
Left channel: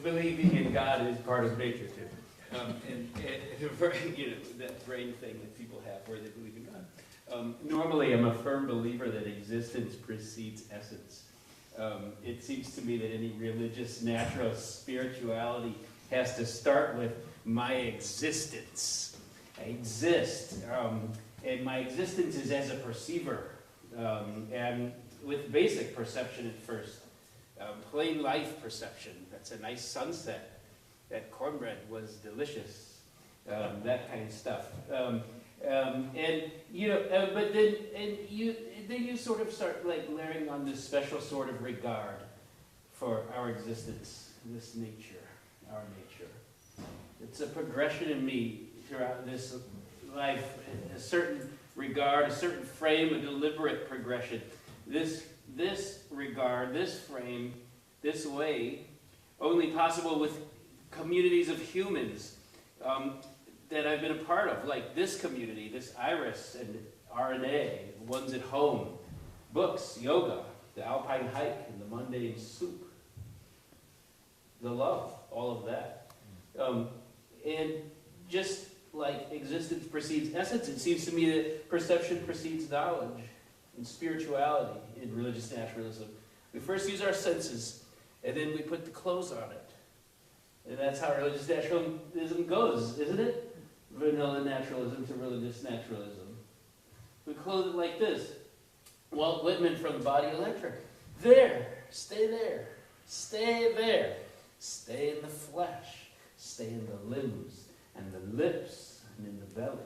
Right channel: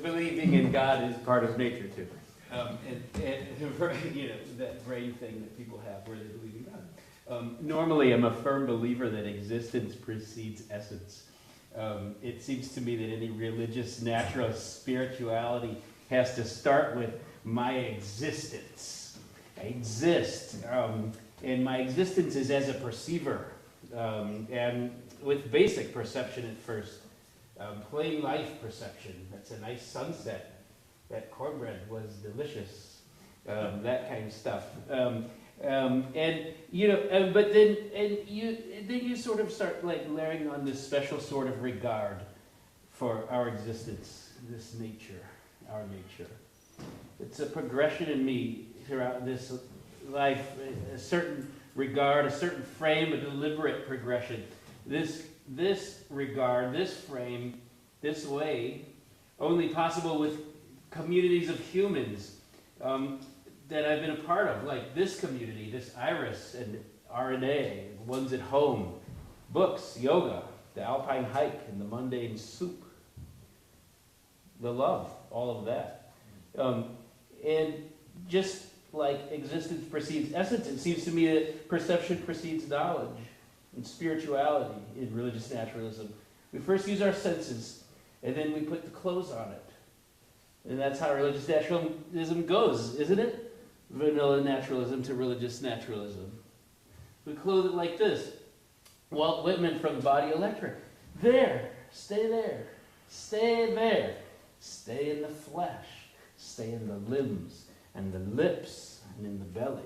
Believing in God is part of nature too. And you know, that brain thing that people have where they believe in God. Normally, I'm a firm believer that existence precedes essence. It seems to me that any religious, natural spirituality has to start with my existence. I exist. And my existence is as a perceiver. And with basic perception at first. Plain life perception. That's a nice sunset. That cornbread was delicious. That kind of stuff. And you know, but then you sort of start like layering on this special sort of regard for our existence, this nature, our nature. It's a progression in me throughout this life, a certain regard, a certain frame, a deliberate progression. This regard, this frame, this way, only possible with communities of humans that I've been a part of, like this community, this IRAS and RNA, the ones at home, books, yoga, the alpine hike, and the mundane soup, the love, all of that. And just like existence precedes essence, it seems to me that perception precedes knowledge and spirituality in religious naturalism. We first use our senses, and then we put the clothes on it. And that's how religious naturalism goes, isn't it? Vanilla naturalism to religious naturalism. We clothe it like this. Walt Whitman from Body Electric. There, stay there, stay there. Stay in the flesh, stay in the limbs and the lips and in the belly.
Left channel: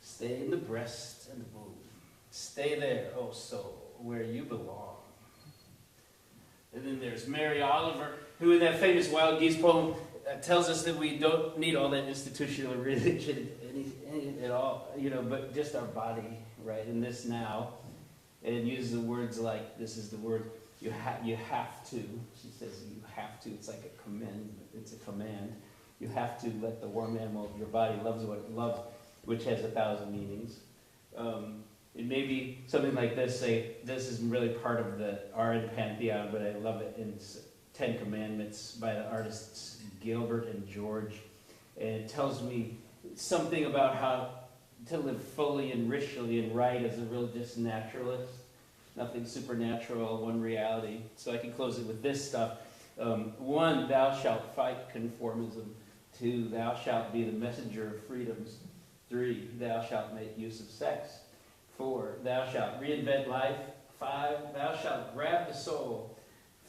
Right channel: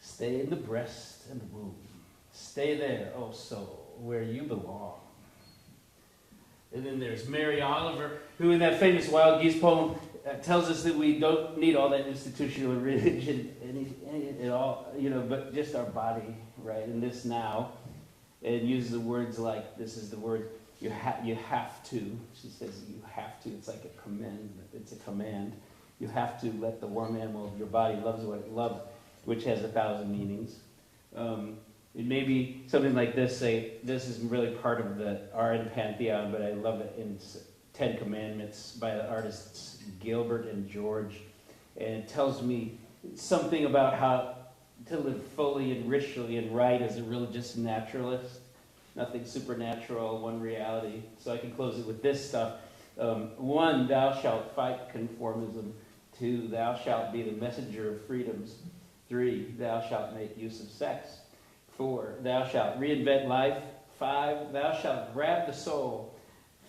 Stay in the breast and the womb. Stay there, oh soul, where you belong. And then there's Mary Oliver, who in that famous Wild Geese poem tells us that we don't need all that institutional religion at all, you know, but just our body, right, in this now. And uses the words like, this is the word, you have to. She says you have to. It's like a command. It's a command. You have to let the warm animal of your body love what it loves, which has 1,000 meanings. It may be something like this, say, this is really part of the RN Pantheon, but I love it in 10 Commandments by the artists Gilbert and George. And it tells me something about how to live fully and richly and right as a religious naturalist. Nothing supernatural, one reality. So I can close it with this stuff. 1, thou shalt fight conformism. 2, thou shalt be the messenger of freedoms. 3, thou shalt make use of sex. 4, thou shalt reinvent life. 5, thou shalt grab the soul.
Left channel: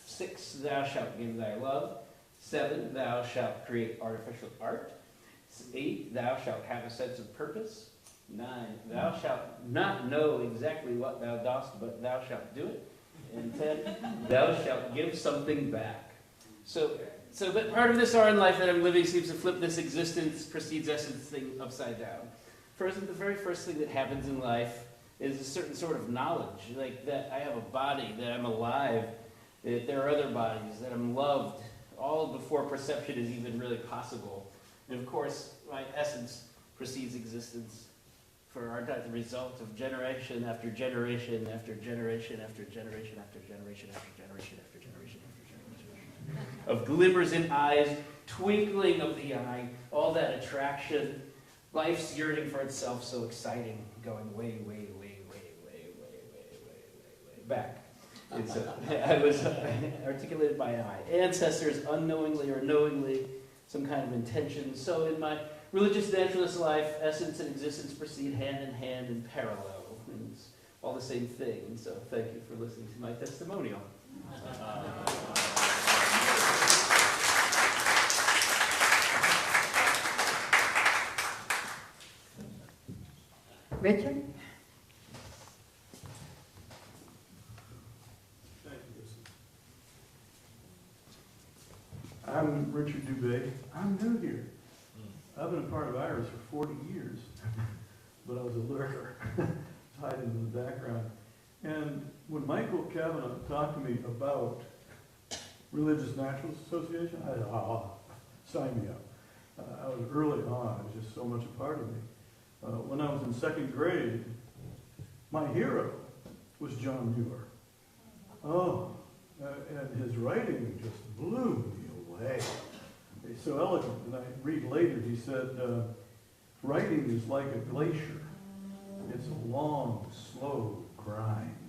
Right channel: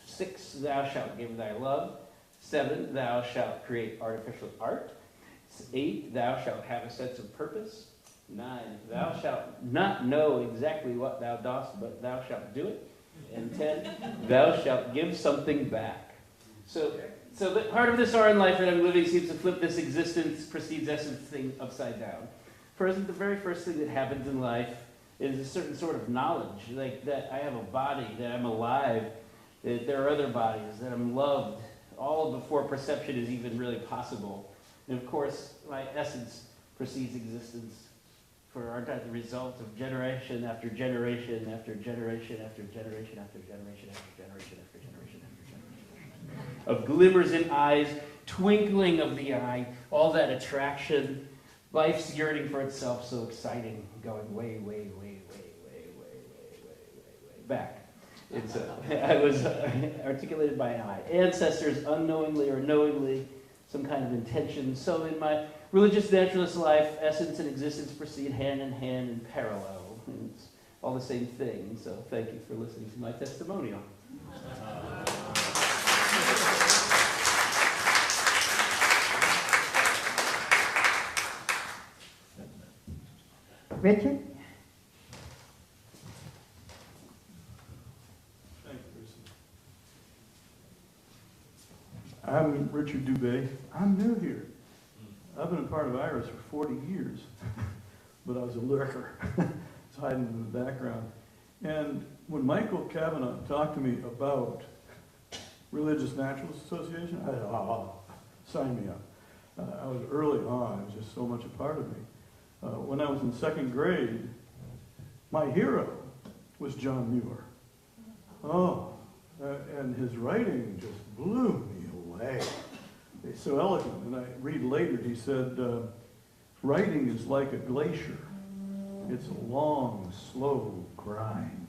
6, thou shalt give thy love. 7, thou shalt create artificial art. 8, thou shalt have a sense of purpose. 9, thou shalt not know exactly what thou dost, but thou shalt do it. And 10, thou shalt give something back. So that part of this RN life that I'm living seems to flip this existence precedes essence thing upside down. First, the very first thing that happens in life is a certain sort of knowledge, like that I have a body, that I'm alive, that there are other bodies, that I'm loved, all before perception is even really possible. And of course, my essence precedes existence. For aren't I the result of generation after generation after generation after generation after generation after generation after generation after generation of glimmers in eyes, twinkling of the eye, all that attraction, life's yearning for itself, so exciting, going way, way, way, way, way, way, way, way, way back. And so I was articulated by my ancestors, unknowingly or knowingly, some kind of intention. So in my religious naturalist life, essence and existence proceed hand in hand in parallel. And it's all the same thing. So thank you for listening to my testimonial. Richard? Thank you, Lucy. Richard Dubé. I'm new here. I've been a part of IRAS for 40 years, but I was a lurker. I was hiding in the background. And when Michael Cavanaugh talked to me about Religious Naturalist Association, I thought, sign me up. I was early on. It was just so much a part of me. When I was in second grade, my hero was John Muir. Oh, and his writing just blew me away. It's so eloquent. And I read later, he said, writing is like a glacier. It's a long, slow grind.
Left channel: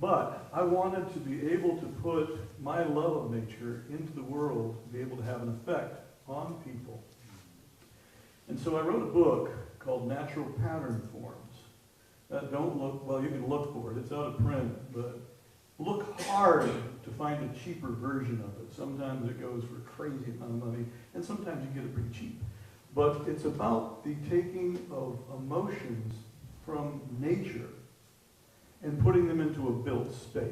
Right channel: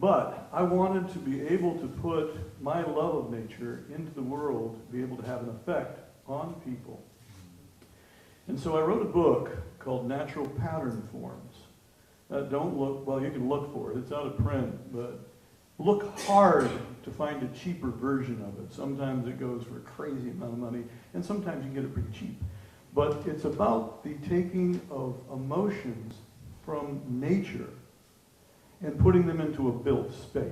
But I wanted to be able to put my love of nature into the world, to be able to have an effect on people. And so I wrote a book called Natural Pattern Forms. Don't look, well, you can look for it. It's out of print, but look hard to find a cheaper version of it. Sometimes it goes for a crazy amount of money, and sometimes you get it pretty cheap. But it's about the taking of emotions from nature and putting them into a built space.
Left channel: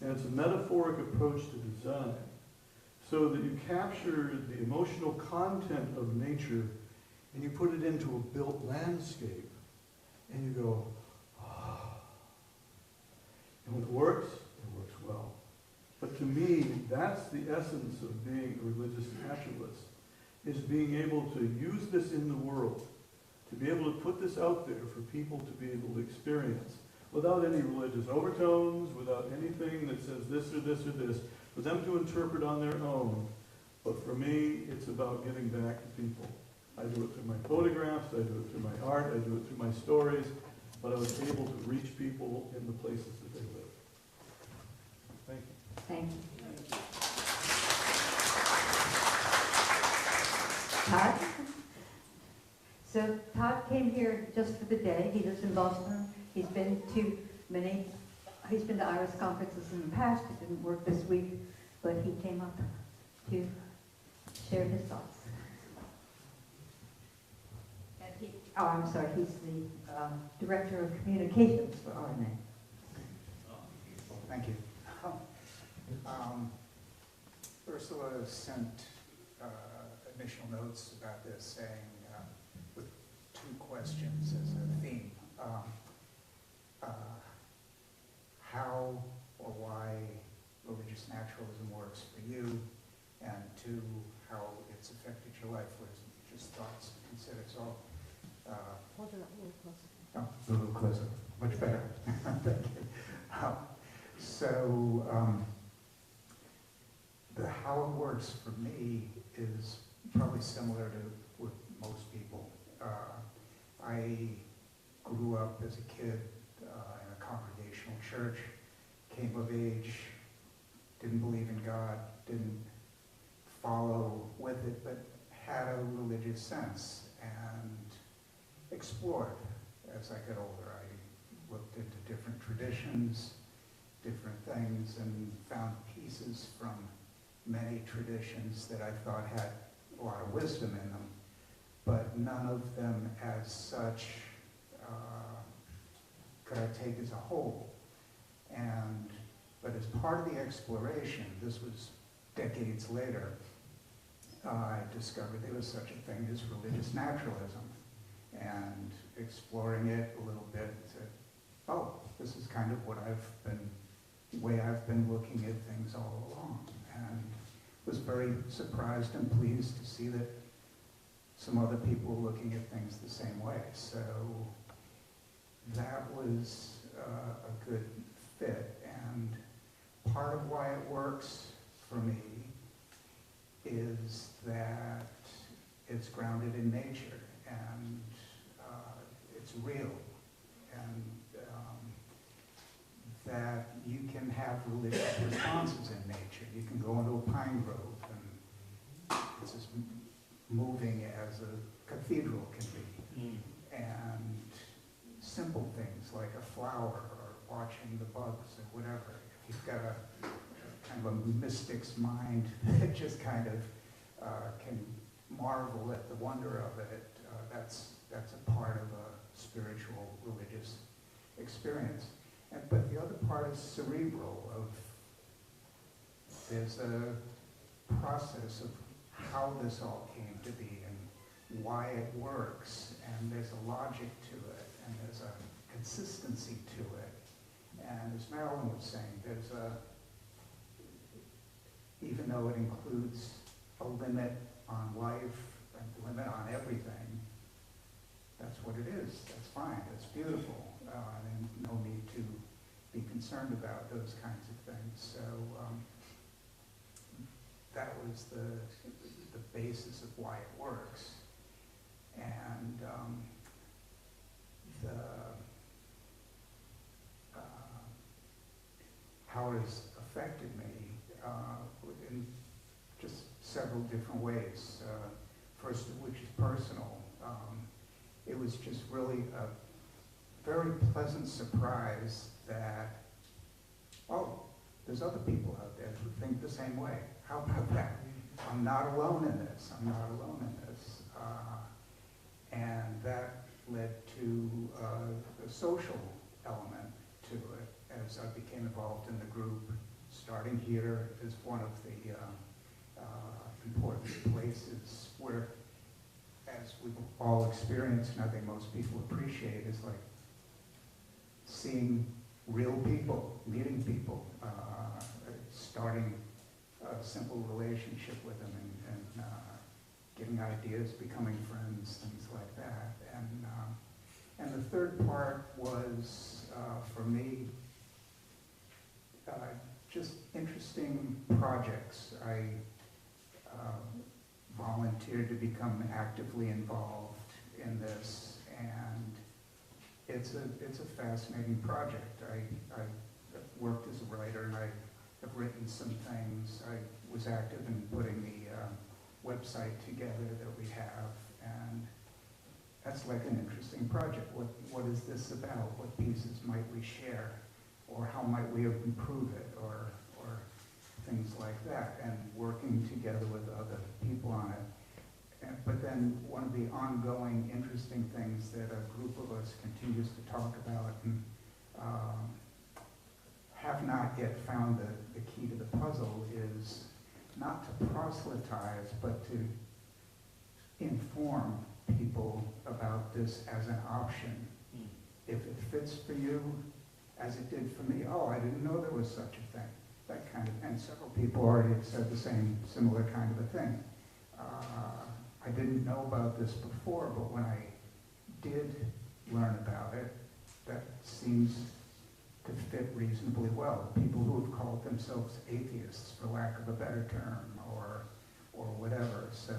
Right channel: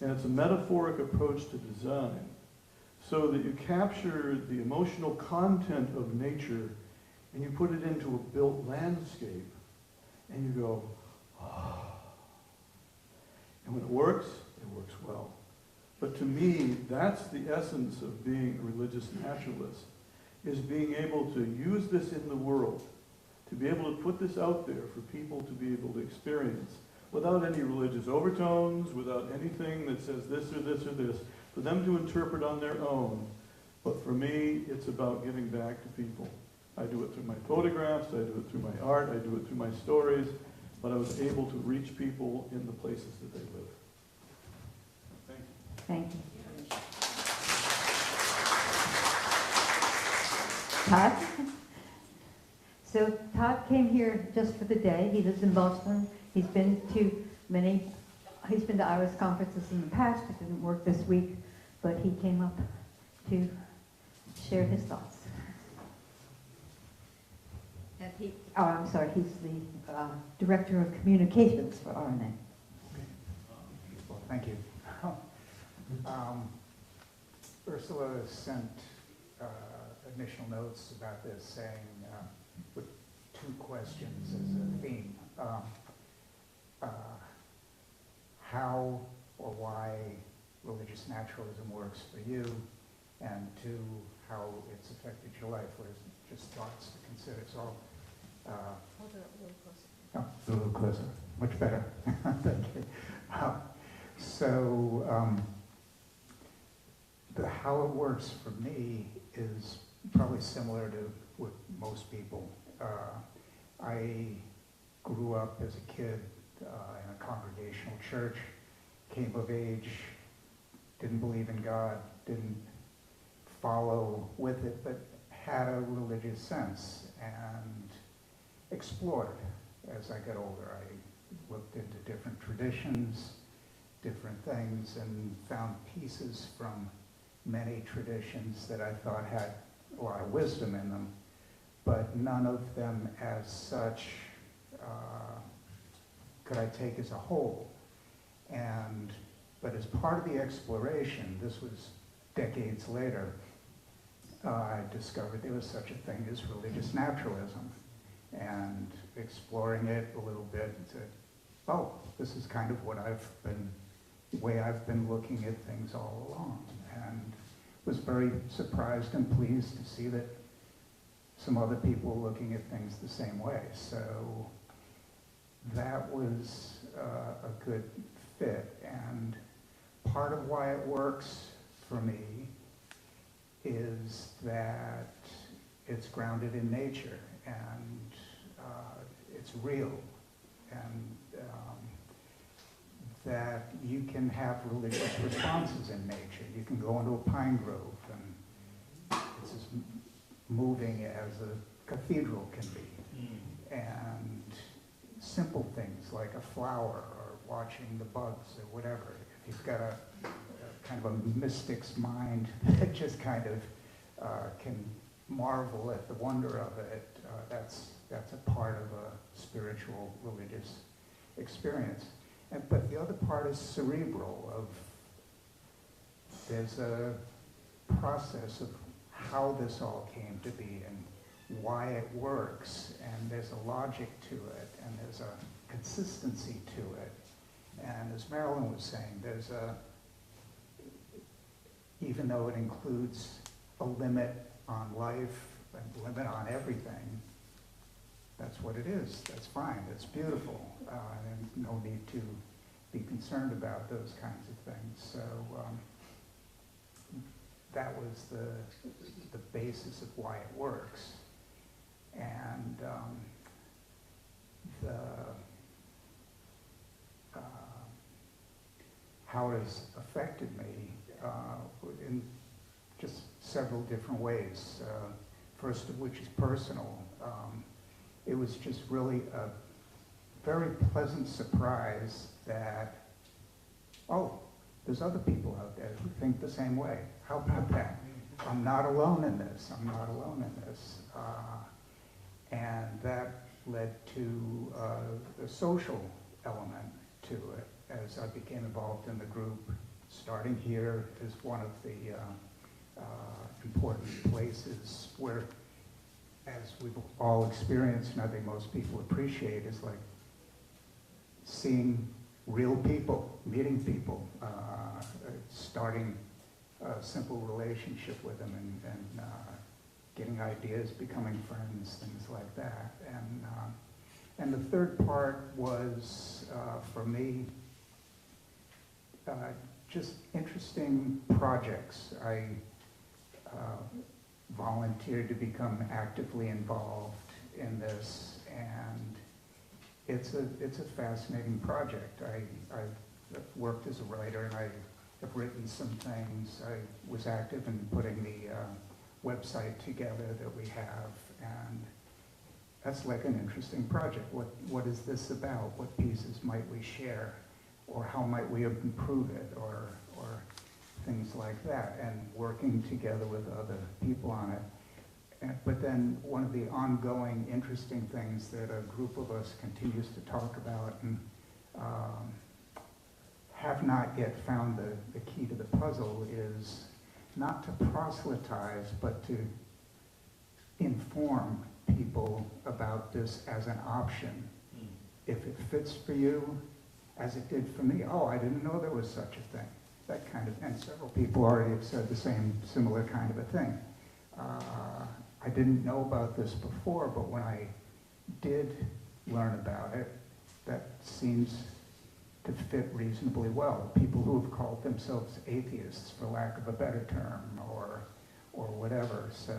And it's a metaphoric approach to design so that you capture the emotional content of nature and you put it into a built landscape and you go, oh. And when it works well. But to me, that's the essence of being a religious naturalist, is being able to use this in the world, to be able to put this out there for people to be able to experience without any religious overtones, without anything that says this or this or this, for them to interpret on their own. But for me, it's about giving back to people. I do it through my photographs, I do it through my art, I do it through my stories, but I was able to reach people in the places that they live. Thank you. Thank you. Todd? So Todd came here just for the day. He lives in Boston. He's been to IRAS conferences in the past. It didn't work this week, but he came up to share his thoughts. I'm sorry, he's the Director of Communications for RNA. Well, thank you. Ursula sent initial notes about this saying, with two questions as a theme. How or why religious naturalism works for you, and two, how it's affected your life, or is it just thoughts to consider? So, Hold it up a little closer. a little closer, much better. Thank you. How it works for me is probably similar to with most people. I grew up as a kid in a congregational church, came of age, didn't believe in God, didn't follow with it, but had a religious sense and explored as I got older. I looked into different traditions, different things, and found pieces from many traditions that I thought had a lot of wisdom in them, but none of them as such could I take as a whole. But as part of the exploration, this was decades later, I discovered there was such a thing as religious naturalism, and exploring it a little bit, said, oh, this is kind of the way I've been looking at things all along, and was very surprised and pleased to see that some other people were looking at things the same way. So that was a good fit, and part of why it works for me is that it's grounded in nature, and it's real, and that you can have religious responses in nature. You can go into a pine grove, and it's as moving as a cathedral can be. And simple things like a flower or watching the bugs or whatever. If you've got a kind of a mystic's mind that just kind of can marvel at the wonder of it, that's a part of a spiritual, religious experience. But the other part is cerebral. There's a process of how this all came to be and why it works, and there's a logic to it, and there's a consistency to it. And as Marilyn was saying, there's even though it includes a limit on life, a limit on everything, that's what it is. That's fine. It's beautiful. And no need to be concerned about those kinds of things. So that was the basis of why it works. And how it has affected me in just several different ways. First of which is personal. It was just really a very pleasant surprise that, oh, there's other people out there who think the same way. How about that? I'm not alone in this. I'm not alone in this. And that led to the social element to it as I became involved in the group. Starting here is one of the important places where, as we've all experienced, and I think most people appreciate, is like seeing real people, meeting people, starting a simple relationship with them, and getting ideas, becoming friends, things like that. And the third part was, for me, just interesting projects. I volunteered to become actively involved in this, and it's a fascinating project. I worked as a writer, and I have written some things. I was active in putting the website together that we have, and that's like an interesting project. What is this about? What pieces might we share? Or how might we improve it? Or things like that, and working together with other people on it. But then one of the ongoing interesting things that a group of us continues to talk about and have not yet found the key to the puzzle is not to proselytize, but to inform people about this as an option. If it fits for you, as it did for me, oh, I didn't know there was such a thing. That kind of thing. Several people already have said the similar kind of a thing. I didn't know about this before, but when I did learn about it, that seems to fit reasonably well. People who have called themselves atheists, for lack of a better term, or whatever. So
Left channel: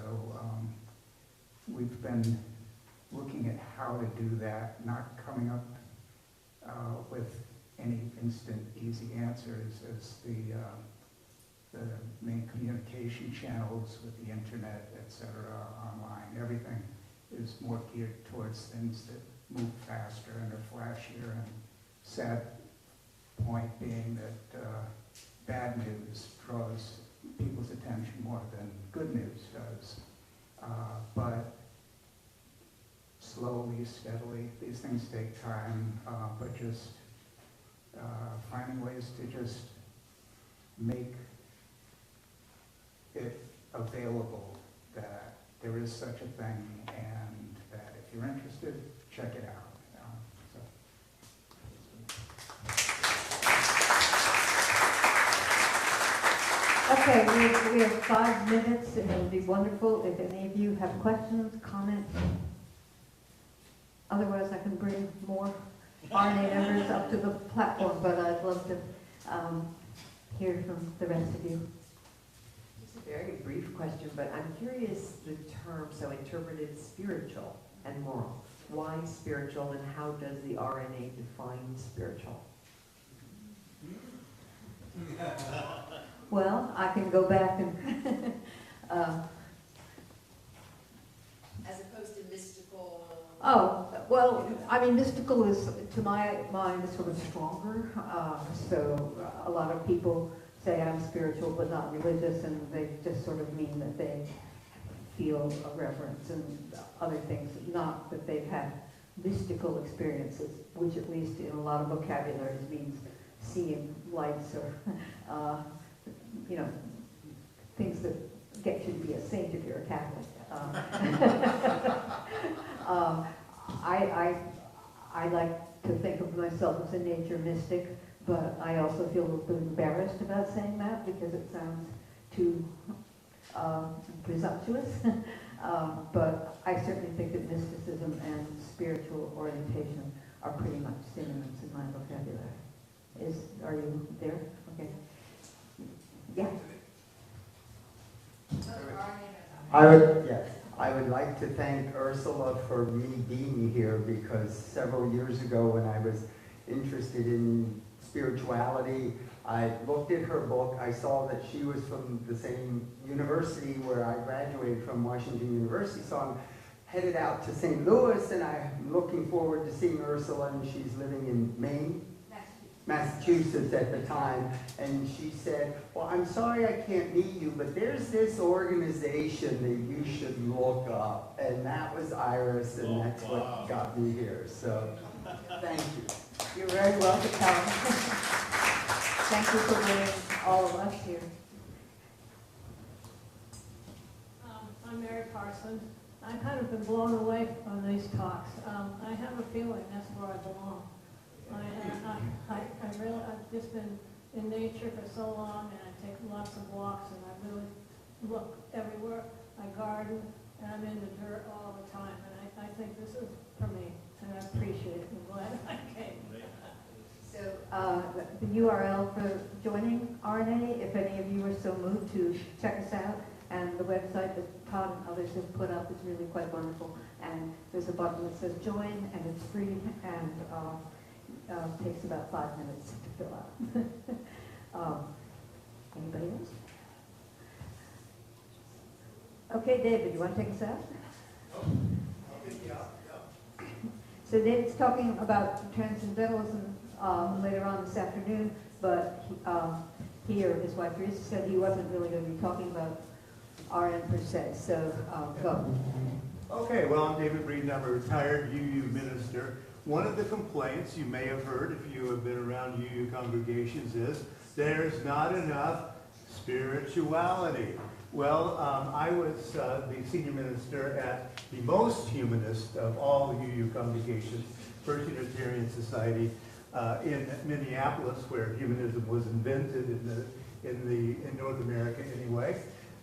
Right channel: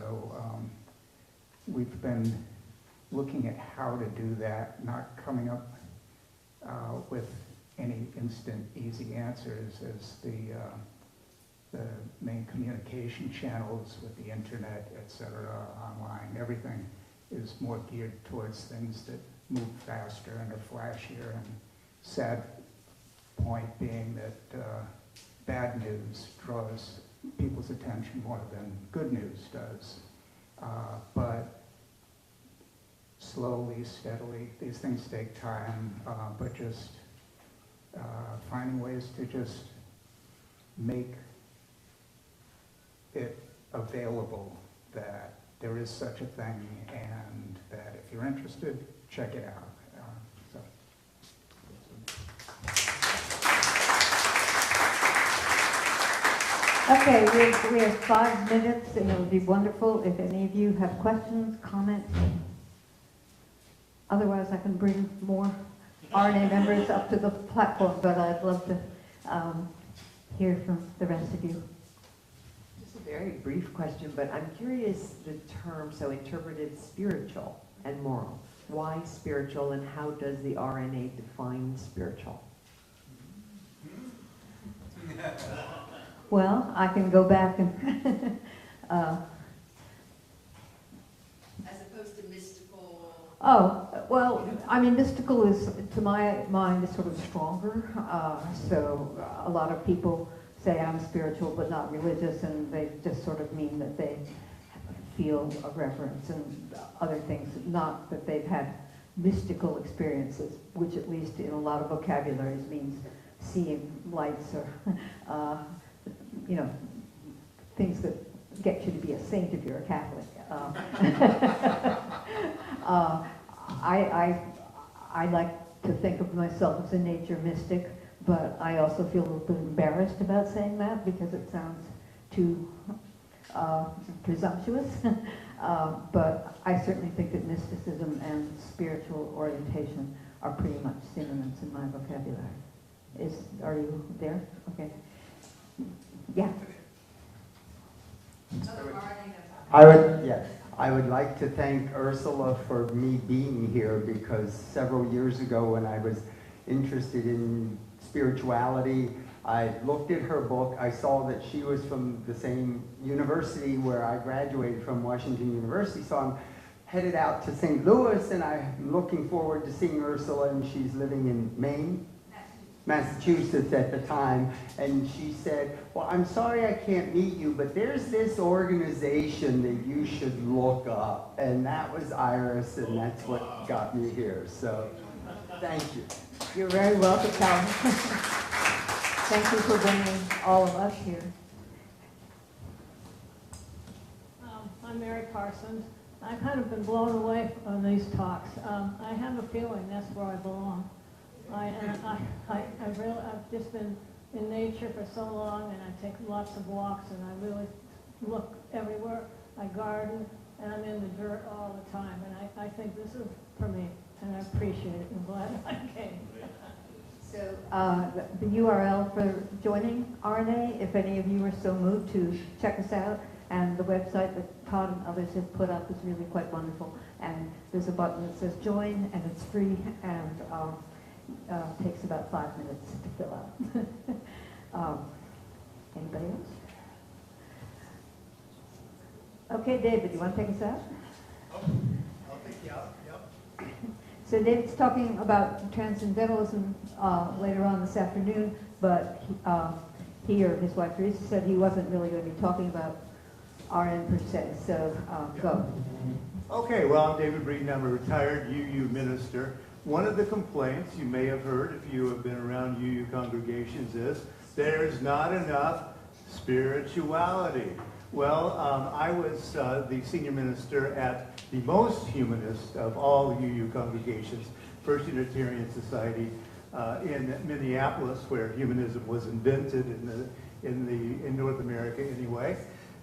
we've been looking at how to do that, not coming up with any instant, easy answers, as the main communication channels with the internet, etc., online, everything is more geared towards things that move faster and are flashier. And sad point being that bad news draws people's attention more than good news does. But slowly, steadily, these things take time, but just finding ways to just make it available that there is such a thing, and that if you're interested, check it out. Okay, we have 5 minutes, and it would be wonderful if any of you have questions, comments. Otherwise, I can bring more RNA members up to the platform, but I'd love to hear from the rest of you. Just a very brief question, but I'm curious, the term so interpreted spiritual and moral. Why spiritual, and how does the RNA define spiritual? Well, I can go back and As opposed to mystical. oh, well, I mean, mystical is, to my mind, is sort of stronger. So a lot of people say I'm spiritual but not religious, and they just sort of mean that they feel a reverence and other things, not that they've had mystical experiences, which at least in a lot of vocabularies means seeing lights or, things that get you to be a saint if you're a Catholic. I like to think of myself as a nature mystic, but I also feel a little bit embarrassed about saying that because it sounds too presumptuous. But I certainly think that mysticism and spiritual orientation are pretty much synonyms in my vocabulary. Are you there? Okay. Yeah. I would like to thank Ursula for me being here, because several years ago when I was interested in spirituality, I looked at her book. I saw that she was from the same university where I graduated from, Washington University, so I'm headed out to St. Louis, and I'm looking forward to seeing Ursula, and she's living in Maine? Massachusetts at the time, and she said, well, I'm sorry I can't meet you, but there's this organization that you should look up, and that was IRAS, and that's what got me here, so thank you. You're very welcome, Calvin. Thank you for bringing all of us here. I'm Mary Parsons. I've kind of been blown away on these talks. I have a feeling that's where I belong. I've just been in nature for so long, and I take lots of walks, and I really look everywhere. I garden, and I'm in the dirt all the time, and I think this is for me, and I appreciate it. I'm glad I came. So the URL for joining RNA, if any of you are so moved to check us out, and the website that Todd and others have put up is really quite wonderful. And there's a button that says join, and it's free, and takes about 5 minutes to fill out. Anybody else? Okay, David, you want to take us out? I'll take you out, yep. So David's talking about transcendentalism later on this afternoon, but he or his wife Teresa said he wasn't really going to be talking about RN per se, so go. Okay, well, I'm David Breeden. I'm a retired UU minister. One of the complaints you may have heard if you have been around UU congregations is there's not enough spirituality. Well, I was the senior minister at the most humanist of all UU congregations, First Unitarian Society in Minneapolis, where humanism was invented in North America anyway.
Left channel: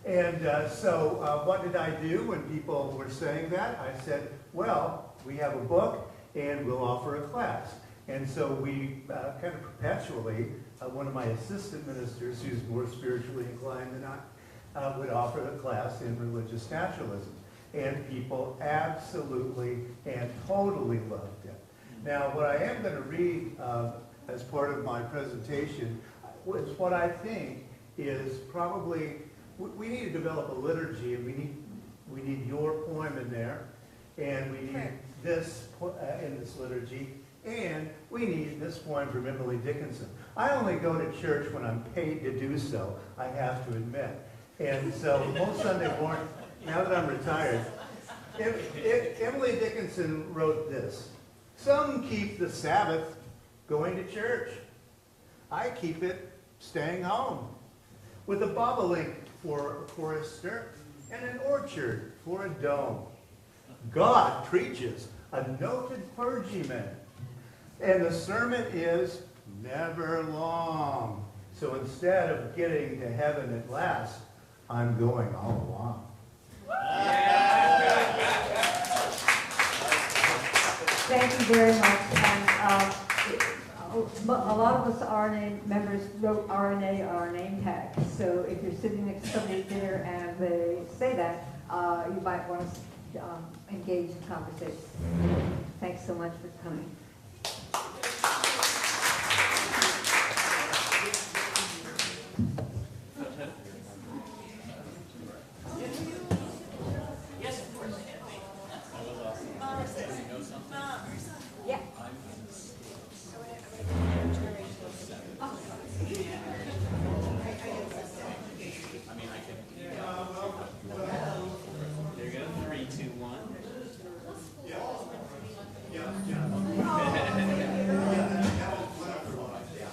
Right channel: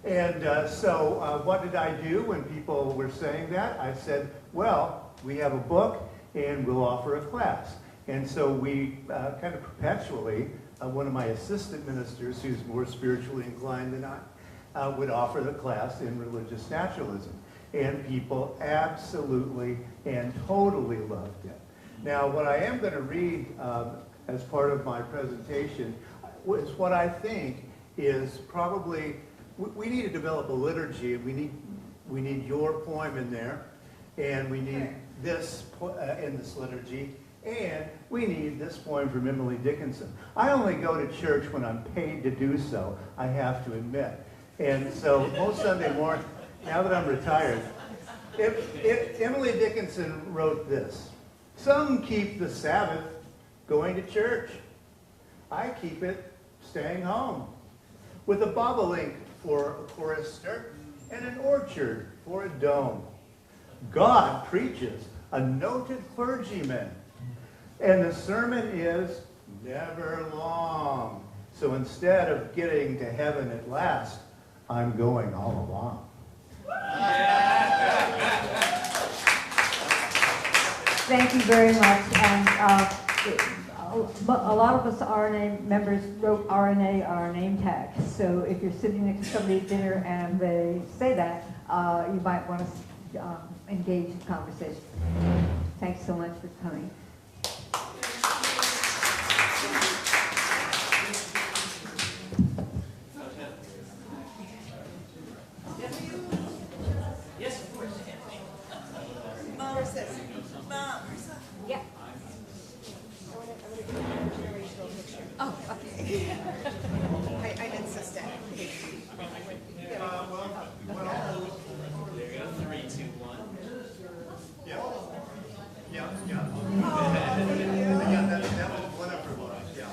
And so what did I do when people were saying that? I said, well, we have a book, and we'll offer a class. And so we kind of perpetually, one of my assistant ministers, who's more spiritually inclined than I, would offer the class in religious naturalism. And people absolutely and totally loved it. Now, what I am going to read as part of my presentation is what I think is probably, we need to develop a liturgy, and we need your poem in there, and we need this in this liturgy, and we need this poem from Emily Dickinson. I only go to church when I'm paid to do so, I have to admit. And so most Sunday morning, now that I'm retired, Emily Dickinson wrote this: some keep the Sabbath going to church. I keep it staying home, with a bobolink for a chorister and an orchard for a dome. God preaches, a noted clergyman, and the sermon is never long. So instead of getting to heaven at last, I'm going all along. Thank you very much. And a lot of us RNA members wrote RNA on our name tag. So if you're sitting next to somebody at dinner and they say that, you might want to engage in conversation. Thanks so much for coming. Yes, of course. Mom says, Mom. Yeah. Oh, okay. I insisted. There you go. 3, 2, 1. Yeah. Yeah, yeah. Yeah, that was one after one. Yeah.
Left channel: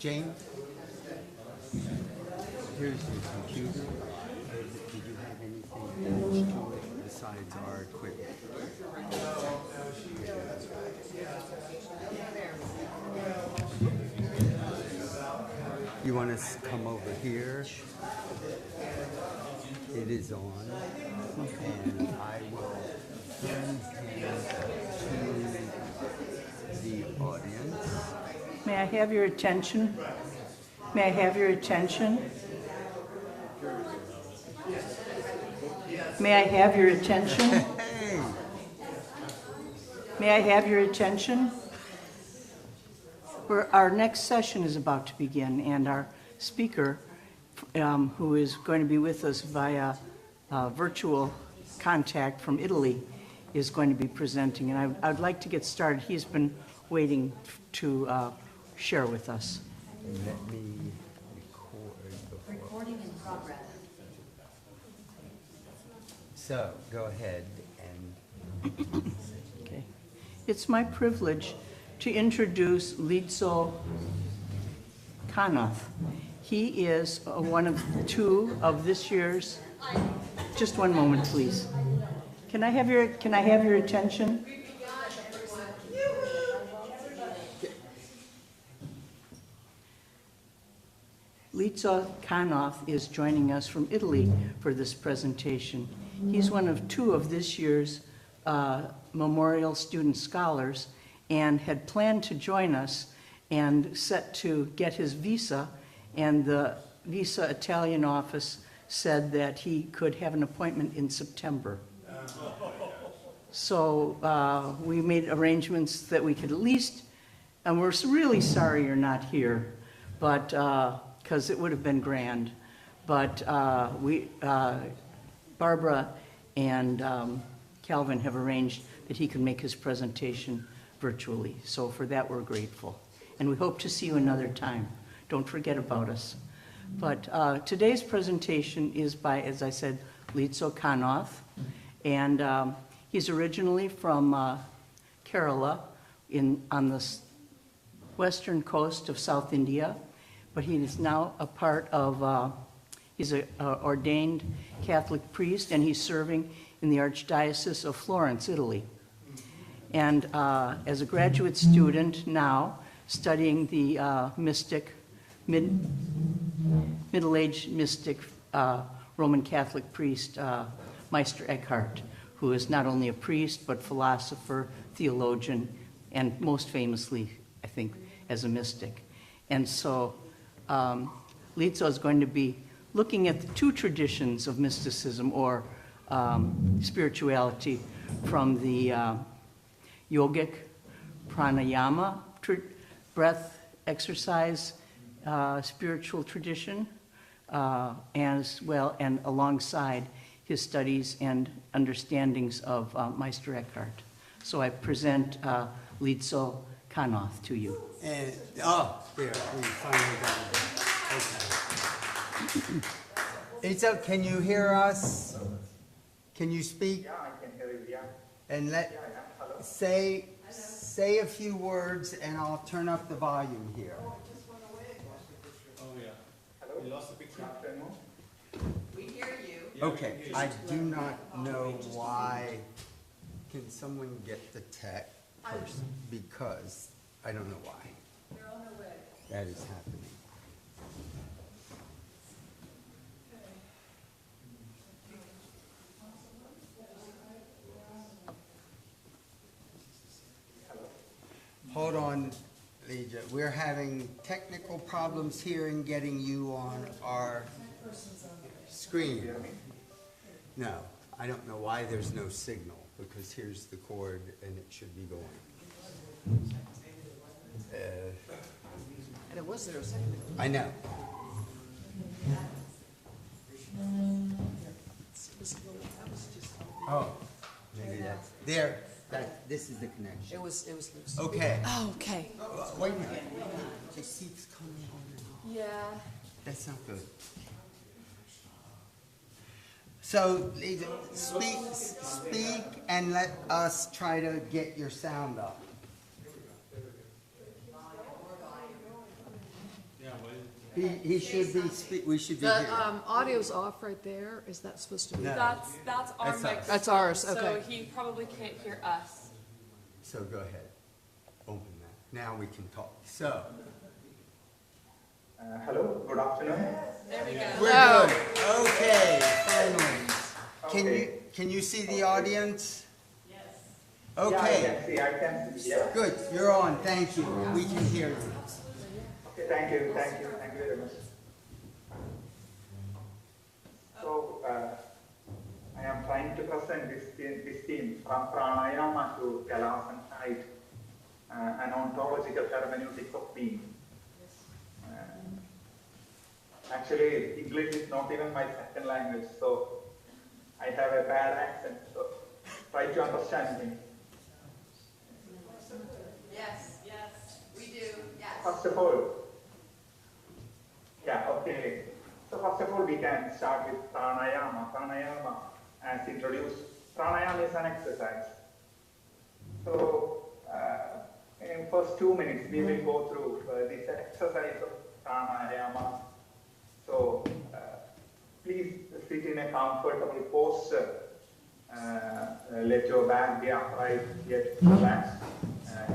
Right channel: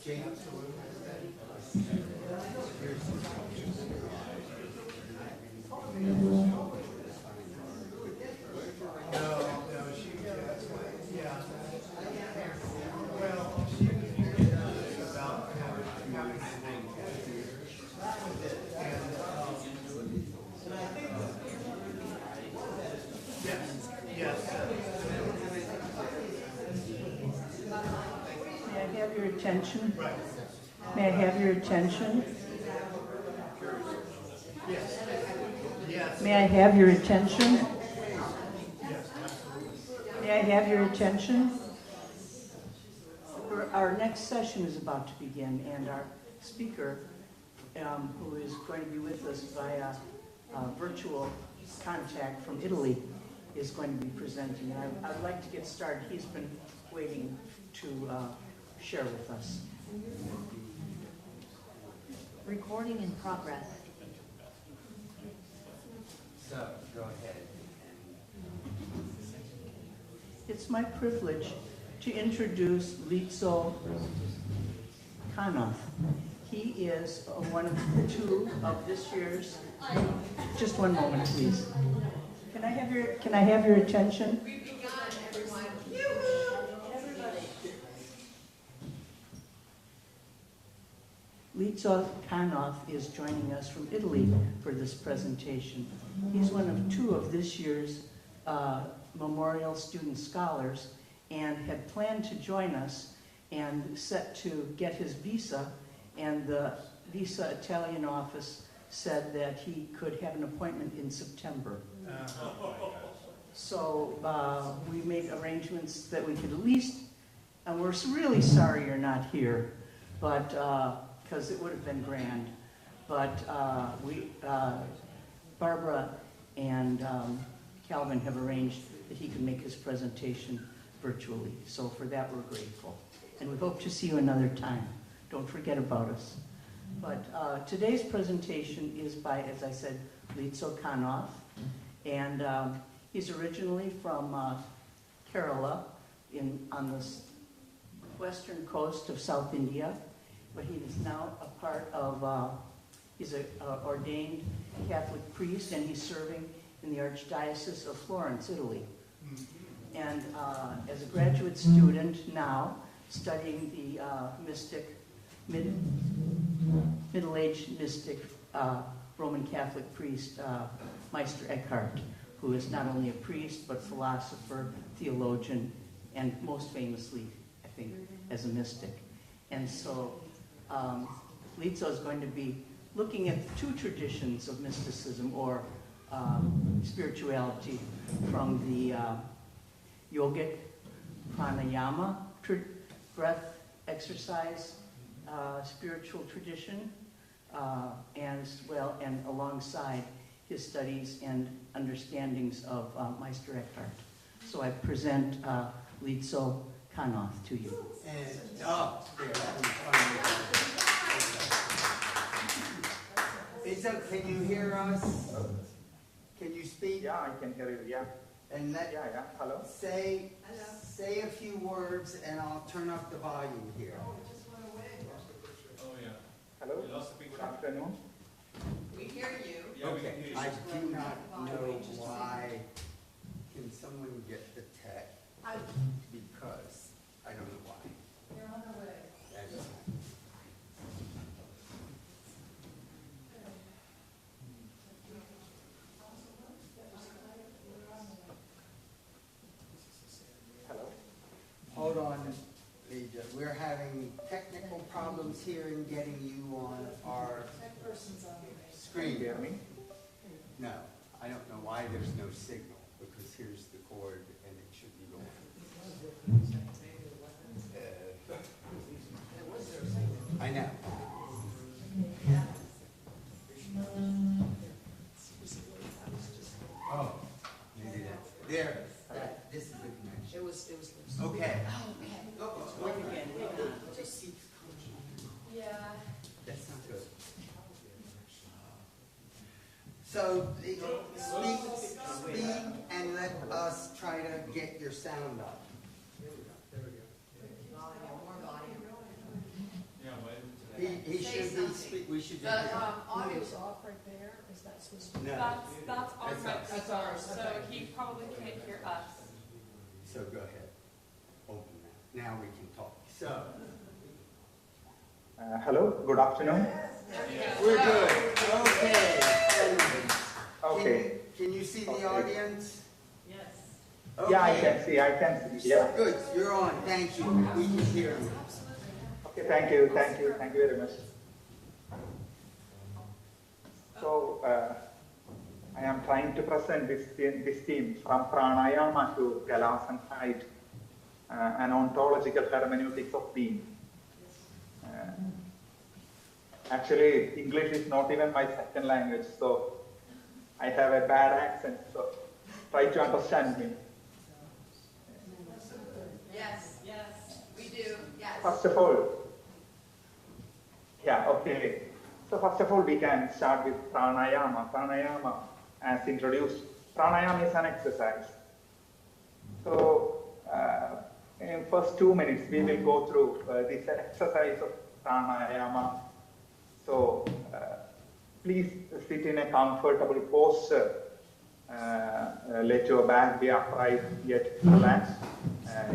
James, here's the computer. Besides our equipment. You want us to come over here? It is on. And I will the audience. May I have your attention? May I have your attention? May I have your attention? May I have your attention? Our next session is about to begin, and our speaker, who is going to be with us via virtual contact from Italy, is going to be presenting. And I'd like to get started. He's been waiting to share with us. Recording in progress. So, go ahead and... Okay. It's my privilege to introduce Lizo Kanoth. He is one of two of this year's... Just one moment, please. Can I have your attention? Lizo Kanoth is joining us from Italy for this presentation. He's one of two of this year's Memorial Student Scholars and had planned to join us and set to get his visa, and the Visa Italian office said that he could have an appointment in September. So we made arrangements that we could at least, and we're really sorry you're not here, but because it would have been grand. But Barbara and Calvin have arranged that he can make his presentation virtually. So for that, we're grateful. And we hope to see you another time. Don't forget about us. But today's presentation is by, as I said, Lizo Kanoth. And he's originally from Kerala on the western coast of South India. But he is now a part of, he's an ordained Catholic priest, and he's serving in the Archdiocese of Florence, Italy. And as a graduate student now, studying the middle-aged mystic Roman Catholic priest, Meister Eckhart, who is not only a priest, but philosopher, theologian, and most famously, I think, as a mystic. And so Lizo is going to be looking at the two traditions of mysticism or spirituality from the yogic pranayama, breath exercise, spiritual tradition, as well, and alongside his studies and understandings of Meister Eckhart. So I present Lizo Kanoth to you. And, there, I'm finally got it. Okay. Lizo, can you hear us? Can you speak? Yeah, I can hear you, yeah. And Hello? say a few words, and I'll turn up the volume here. Oh, yeah. Hello? You lost the picture. Good afternoon. We hear you. Okay, I do not know why. Can someone get the tech? Because I don't know why. They're on the way. That is happening. Hold on, Leja. We're having technical problems here in getting you on our screen. No, I don't know why there's no signal, because here's the cord and it should be going. There was zero signal. I know. Oh, maybe that's there. This is the connection. It was loose. Okay. Oh, okay. Wait a minute. It just keeps coming on. Yeah. That's not good. So speak, and let us try to get your sound up. He should be, we should be The here. audio's off right there. Is that supposed to be? No. That's our That's mic. ours. That's ours, okay. So he probably can't hear us. So go ahead. Open that. Now we can talk. So. Hello, good afternoon. There we go. We're good. Okay. Finally. Can you see the audience? Yeah, Okay. I can see, yeah. Good. You're on. Thank you. We can hear you. Okay, thank you very much. So, I am trying to present this theme from pranayama to galas and height, an ontological hermeneutics of being. Actually, English is not even my second language, so I have a bad accent, so try to understand me. Yes, we do, yes. First of all, okay. So first of all, we can start with pranayama. Pranayama, as introduced, pranayama is an exercise. So in first 2 minutes, we will go through this exercise of pranayama. So please sit in a comfortable posture. Let your back be upright yet relaxed.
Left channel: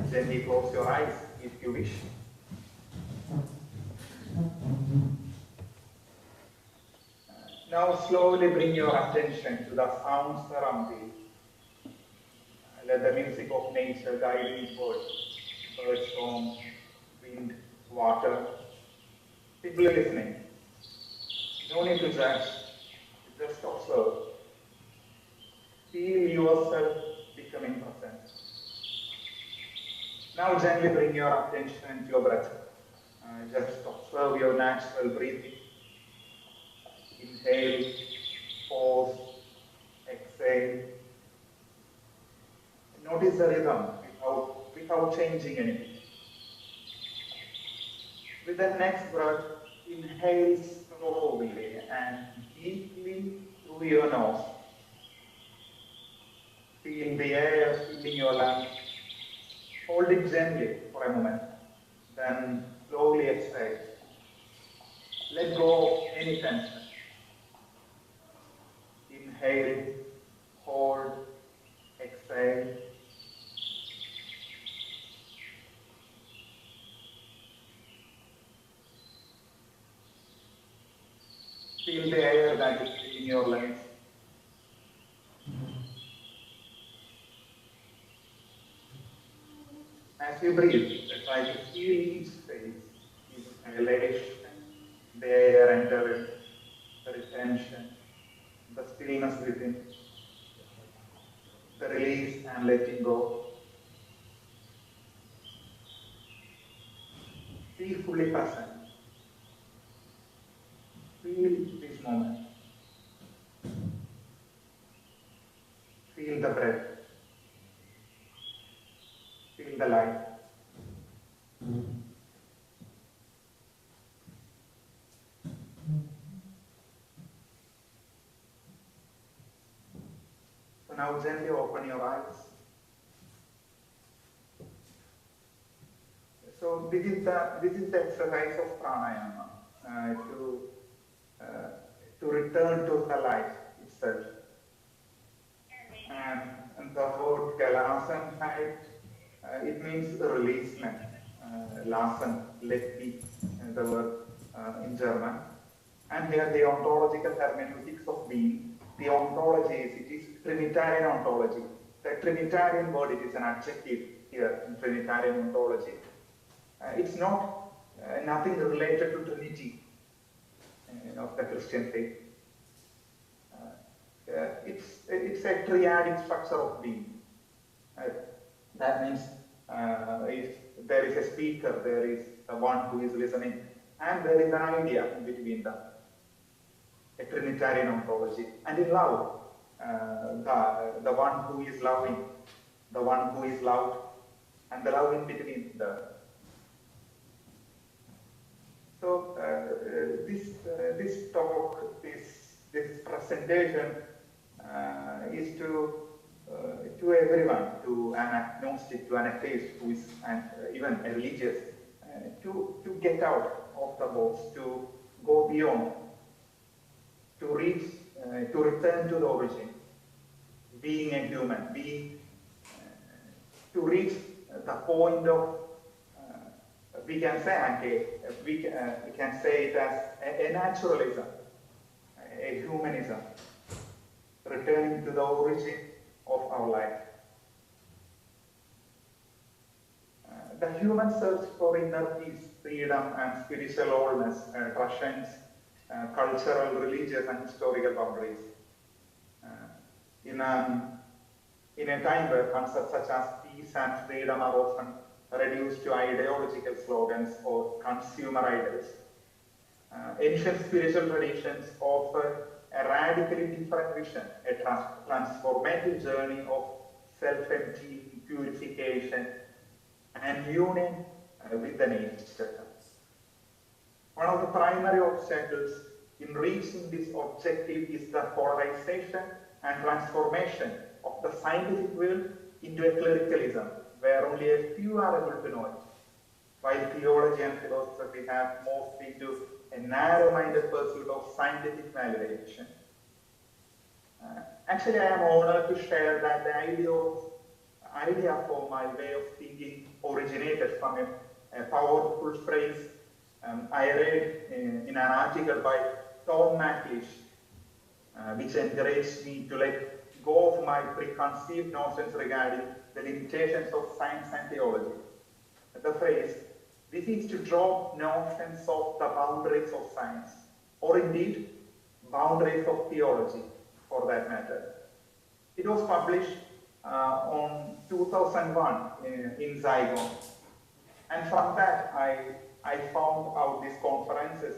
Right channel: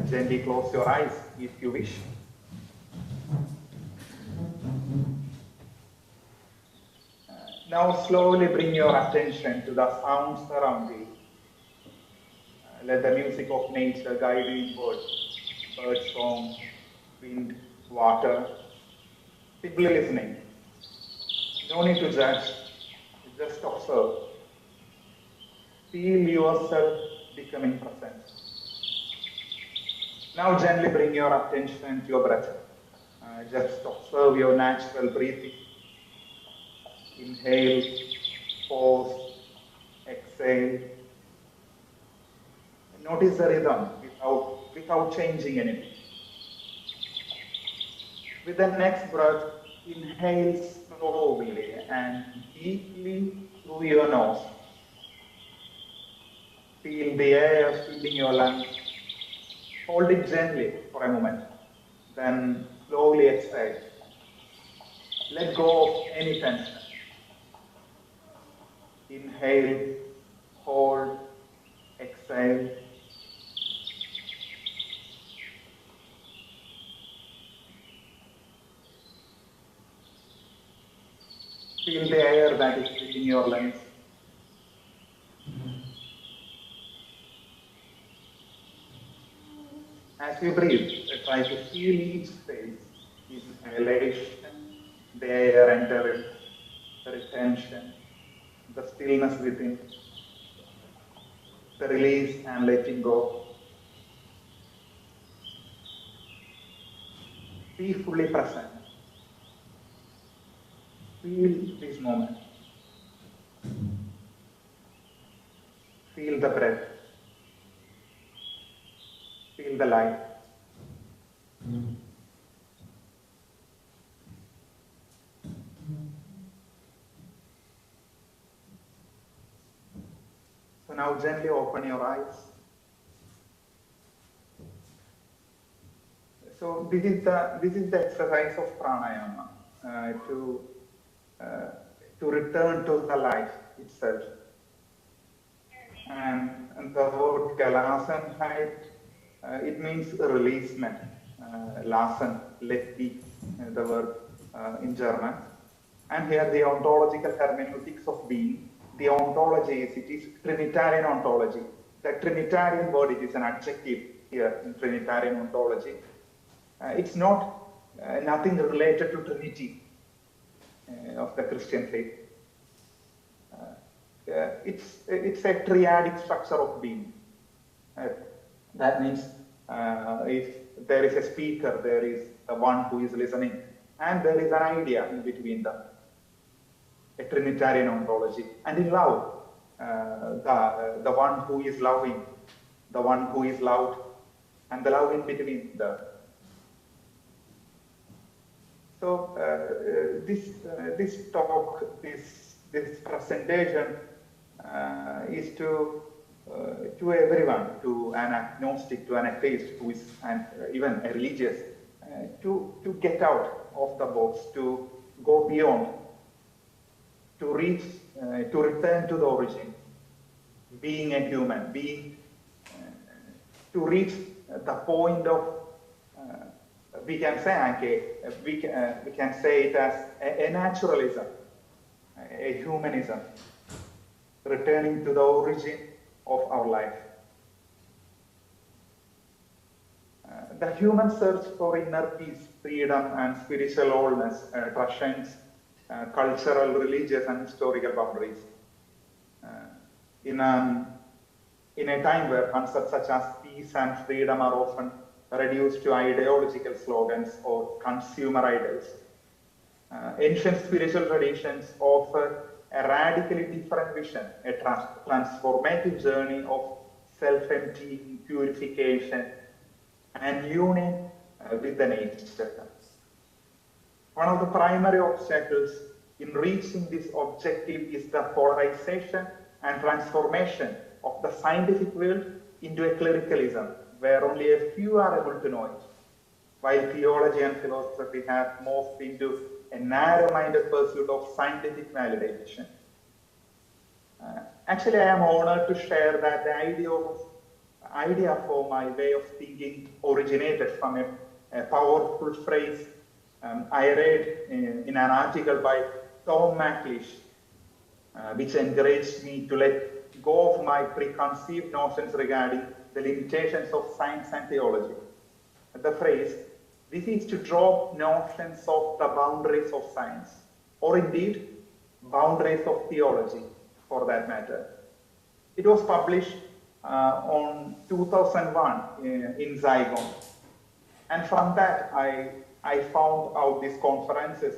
Gently close your eyes if you wish. Now slowly bring your attention to the sounds around you. Let the music of nature guide you inward. Bird song, wind, water. Simply listening. No need to judge, just observe. Feel yourself becoming present. Now gently bring your attention to your breath. Just observe your natural breathing. Inhale, pause, exhale. Notice the rhythm without changing anything. With the next breath, inhale slowly and deeply through your nose. Feel the air filling your lungs. Hold it gently for a moment. Then slowly exhale. Let go of any tension. Inhale, hold, exhale. Feel the air that is filling your lungs. As you breathe, try to feel each phase. Inhalation, the air entering, the retention, the stillness within, the release and letting go. Be fully present. Feel this moment. Feel the breath. Feel the light. So now gently open your eyes. So this is the exercise of pranayama to return to the life itself. And the word gelassen height, it means releasement. Lassen, let be, the word in German. And here the ontological hermeneutics of being. The ontology it is Trinitarian ontology. The Trinitarian word, it is an adjective here in Trinitarian ontology. It's not nothing related to Trinity of the Christian faith. It's a triadic structure of being. That means if there is a speaker, there is one who is listening, and there is an idea in between them. A Trinitarian ontology. And in love, the one who is loving, the one who is loved, and the love in between them. So this talk, this presentation is to everyone, to an agnostic, to an atheist, who is even a religious, to get out of the box to go beyond, to reach, to return to the origin, being a human, to reach the point of, we can say it as a naturalism, a humanism, returning to the origin of our life. The human search for inner peace, freedom, and spiritual wholeness transcends cultural, religious, and historical boundaries. In a time where concepts such as peace and freedom are often reduced to ideological slogans or consumer ideals, ancient spiritual traditions offer a radically different vision, a transformative journey of self-emptying, purification, and union with the nature. One of the primary obstacles in reaching this objective is the polarization and transformation of the scientific world into a clericalism, where only a few are able to know it, while theology and philosophy have morphed into a narrow-minded pursuit of scientific validation. Actually, I am honored to share that the idea for my way of thinking originated from a powerful phrase I read in an article by Tom McLeish, which encouraged me to let go of my preconceived notions regarding the limitations of science and theology. The phrase, "This is to drop notions of the boundaries of science," or indeed, boundaries of theology, for that matter. It was published on 2001 in Zygon. And from that, I found out these conferences,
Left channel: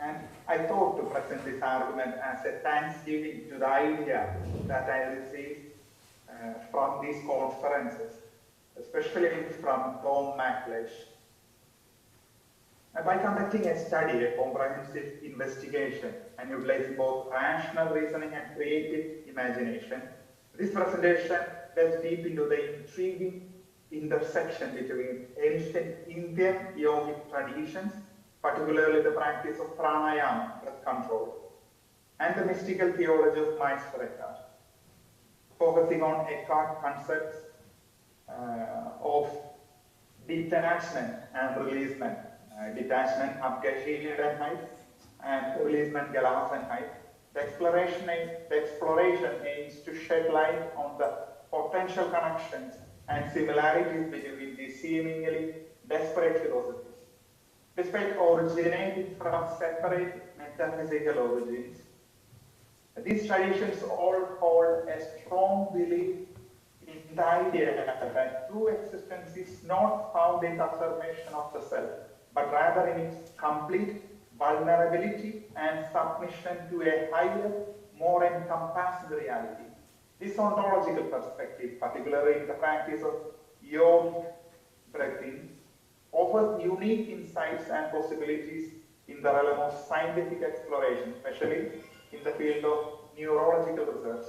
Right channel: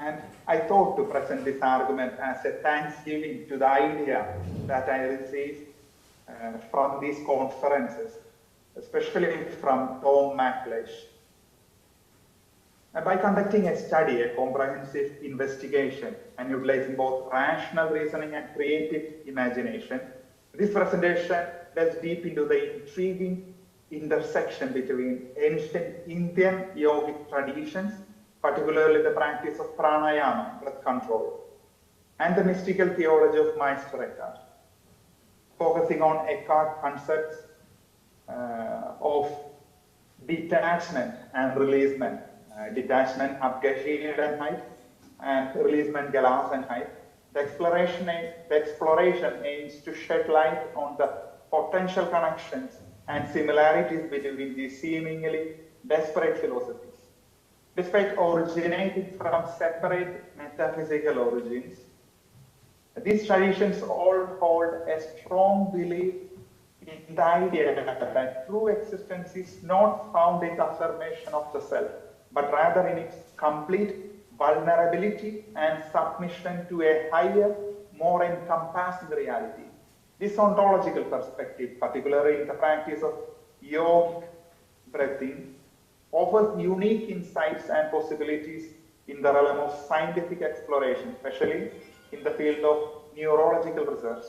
and I thought to present this argument as a thanksgiving to the idea that I received from these conferences, especially from Tom McLeish. By conducting a study, a comprehensive investigation, and utilizing both rational reasoning and creative imagination, this presentation delves deep into the intriguing intersection between ancient Indian yogic traditions, particularly the practice of pranayama, breath control, and the mystical theology of Maestro Eckhart, focusing on Eckhart concepts of detachment and releasement. Detachment, Abgashidanheit, and releasement, Galasanheit. The exploration aims to shed light on the potential connections and similarities between these seemingly disparate philosophies. Despite originating from separate metaphysical origins, these traditions all hold a strong belief in the idea that true existence is not found in the affirmation of the self, but rather in its complete vulnerability and submission to a higher, more encompassing reality. This ontological perspective, particularly in the practice of yogic breathing, offers unique insights and possibilities in the realm of scientific exploration, especially in the field of neurological research.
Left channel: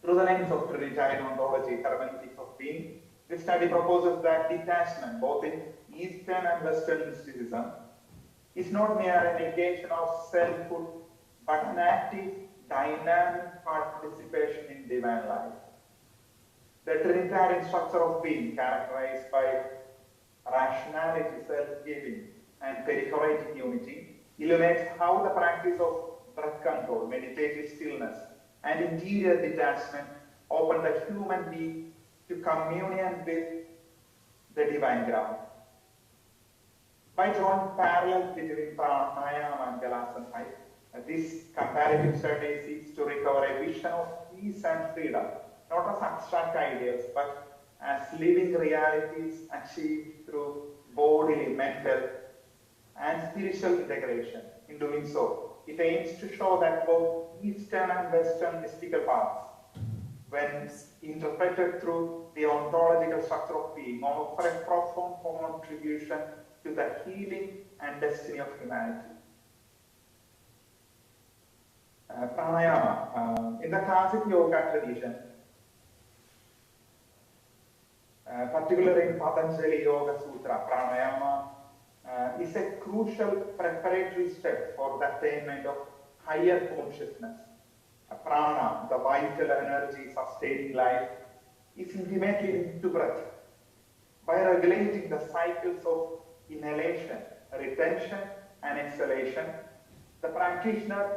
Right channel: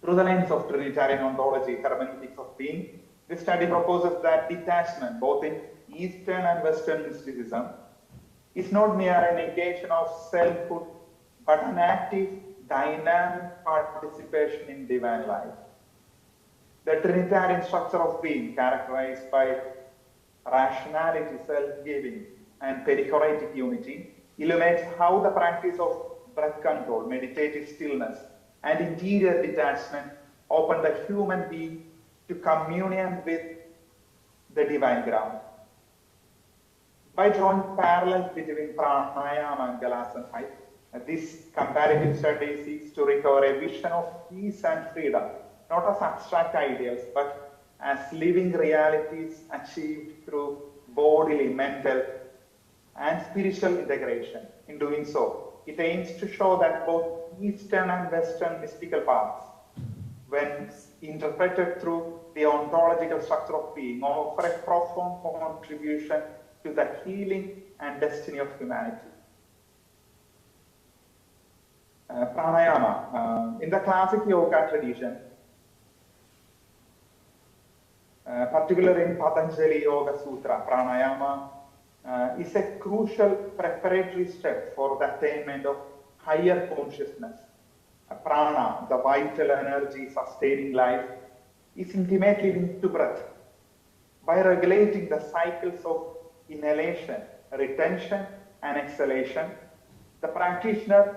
Through the lens of Trinitarian ontology, hermeneutics of being, this study proposes that detachment, both in Eastern and Western mysticism, is not mere a negation of selfhood, but an active, dynamic participation in divine life. The Trinitarian structure of being, characterized by rationality, self-giving, and perichoretic unity, illuminates how the practice of breath control, meditative stillness, and interior detachment open the human being to communion with the divine ground. By drawing parallels between pranayama and Galasanheit, this comparative study seeks to recover a vision of peace and freedom, not as abstract ideals, but as living realities achieved through bodily, mental, and spiritual integration. In doing so, it aims to show that both Eastern and Western mystical paths, when interpreted through the ontological structure of being, offer a profound contribution to the healing and destiny of humanity. Pranayama. In the classic yoga tradition, particularly in Patanjali Yoga Sutra, pranayama is a crucial preparatory step for the attainment of higher consciousness. Prana, the vital energy sustaining life, is intimately linked to breath. By regulating the cycles of inhalation, retention, and exhalation, the practitioner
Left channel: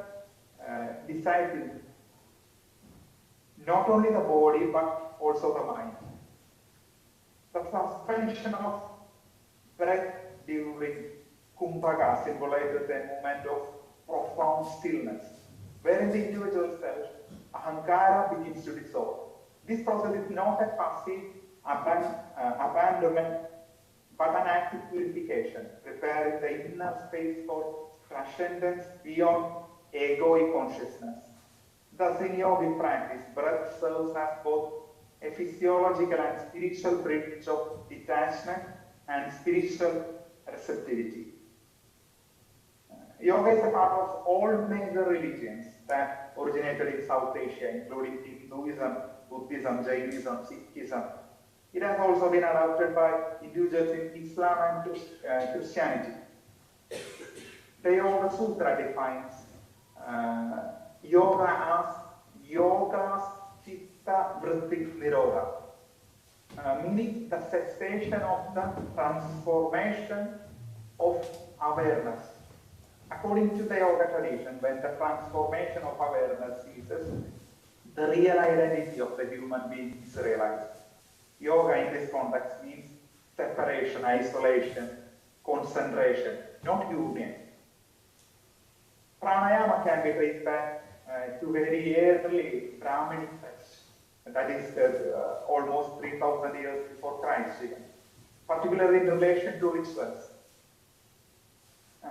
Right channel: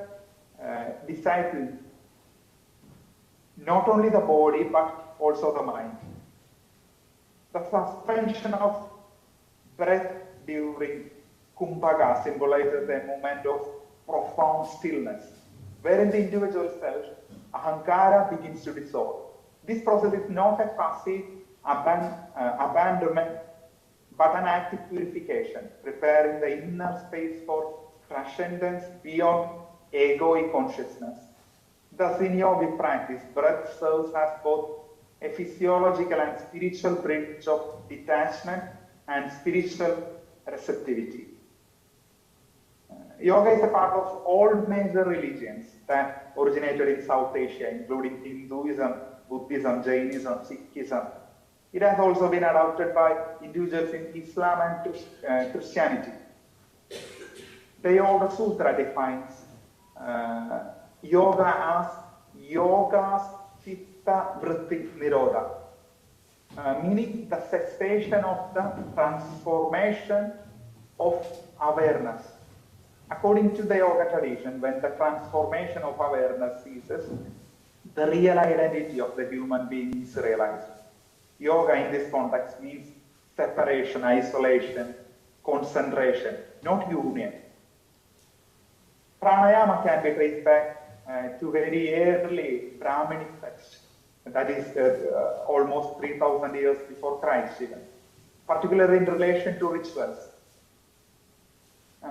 disciples not only the body but also the mind. The suspension of breath during kumbhaka symbolizes a moment of profound stillness, wherein the individual self, ahankara, begins to dissolve. This process is not a passive abandonment, but an active purification, preparing the inner space for transcendence beyond egoic consciousness. Thus, in yogic practice, breath serves as both a physiological and spiritual bridge of detachment and spiritual receptivity. Yoga is a part of all major religions that originated in South Asia, including Hinduism, Buddhism, Jainism, Sikhism. It has also been adopted by individuals in Islam and Christianity. The Yoga Sutra defines yoga as yoga's chitta vritti nirodha, meaning the cessation of the transformation of awareness. According to the yoga tradition, when the transformation of awareness ceases, the real identity of the human being is realized. Yoga in this context means separation, isolation, concentration, not union. Pranayama can be traced back to very early Brahminic texts, that is almost 3,000 years before Christ even, particularly in relation to rituals.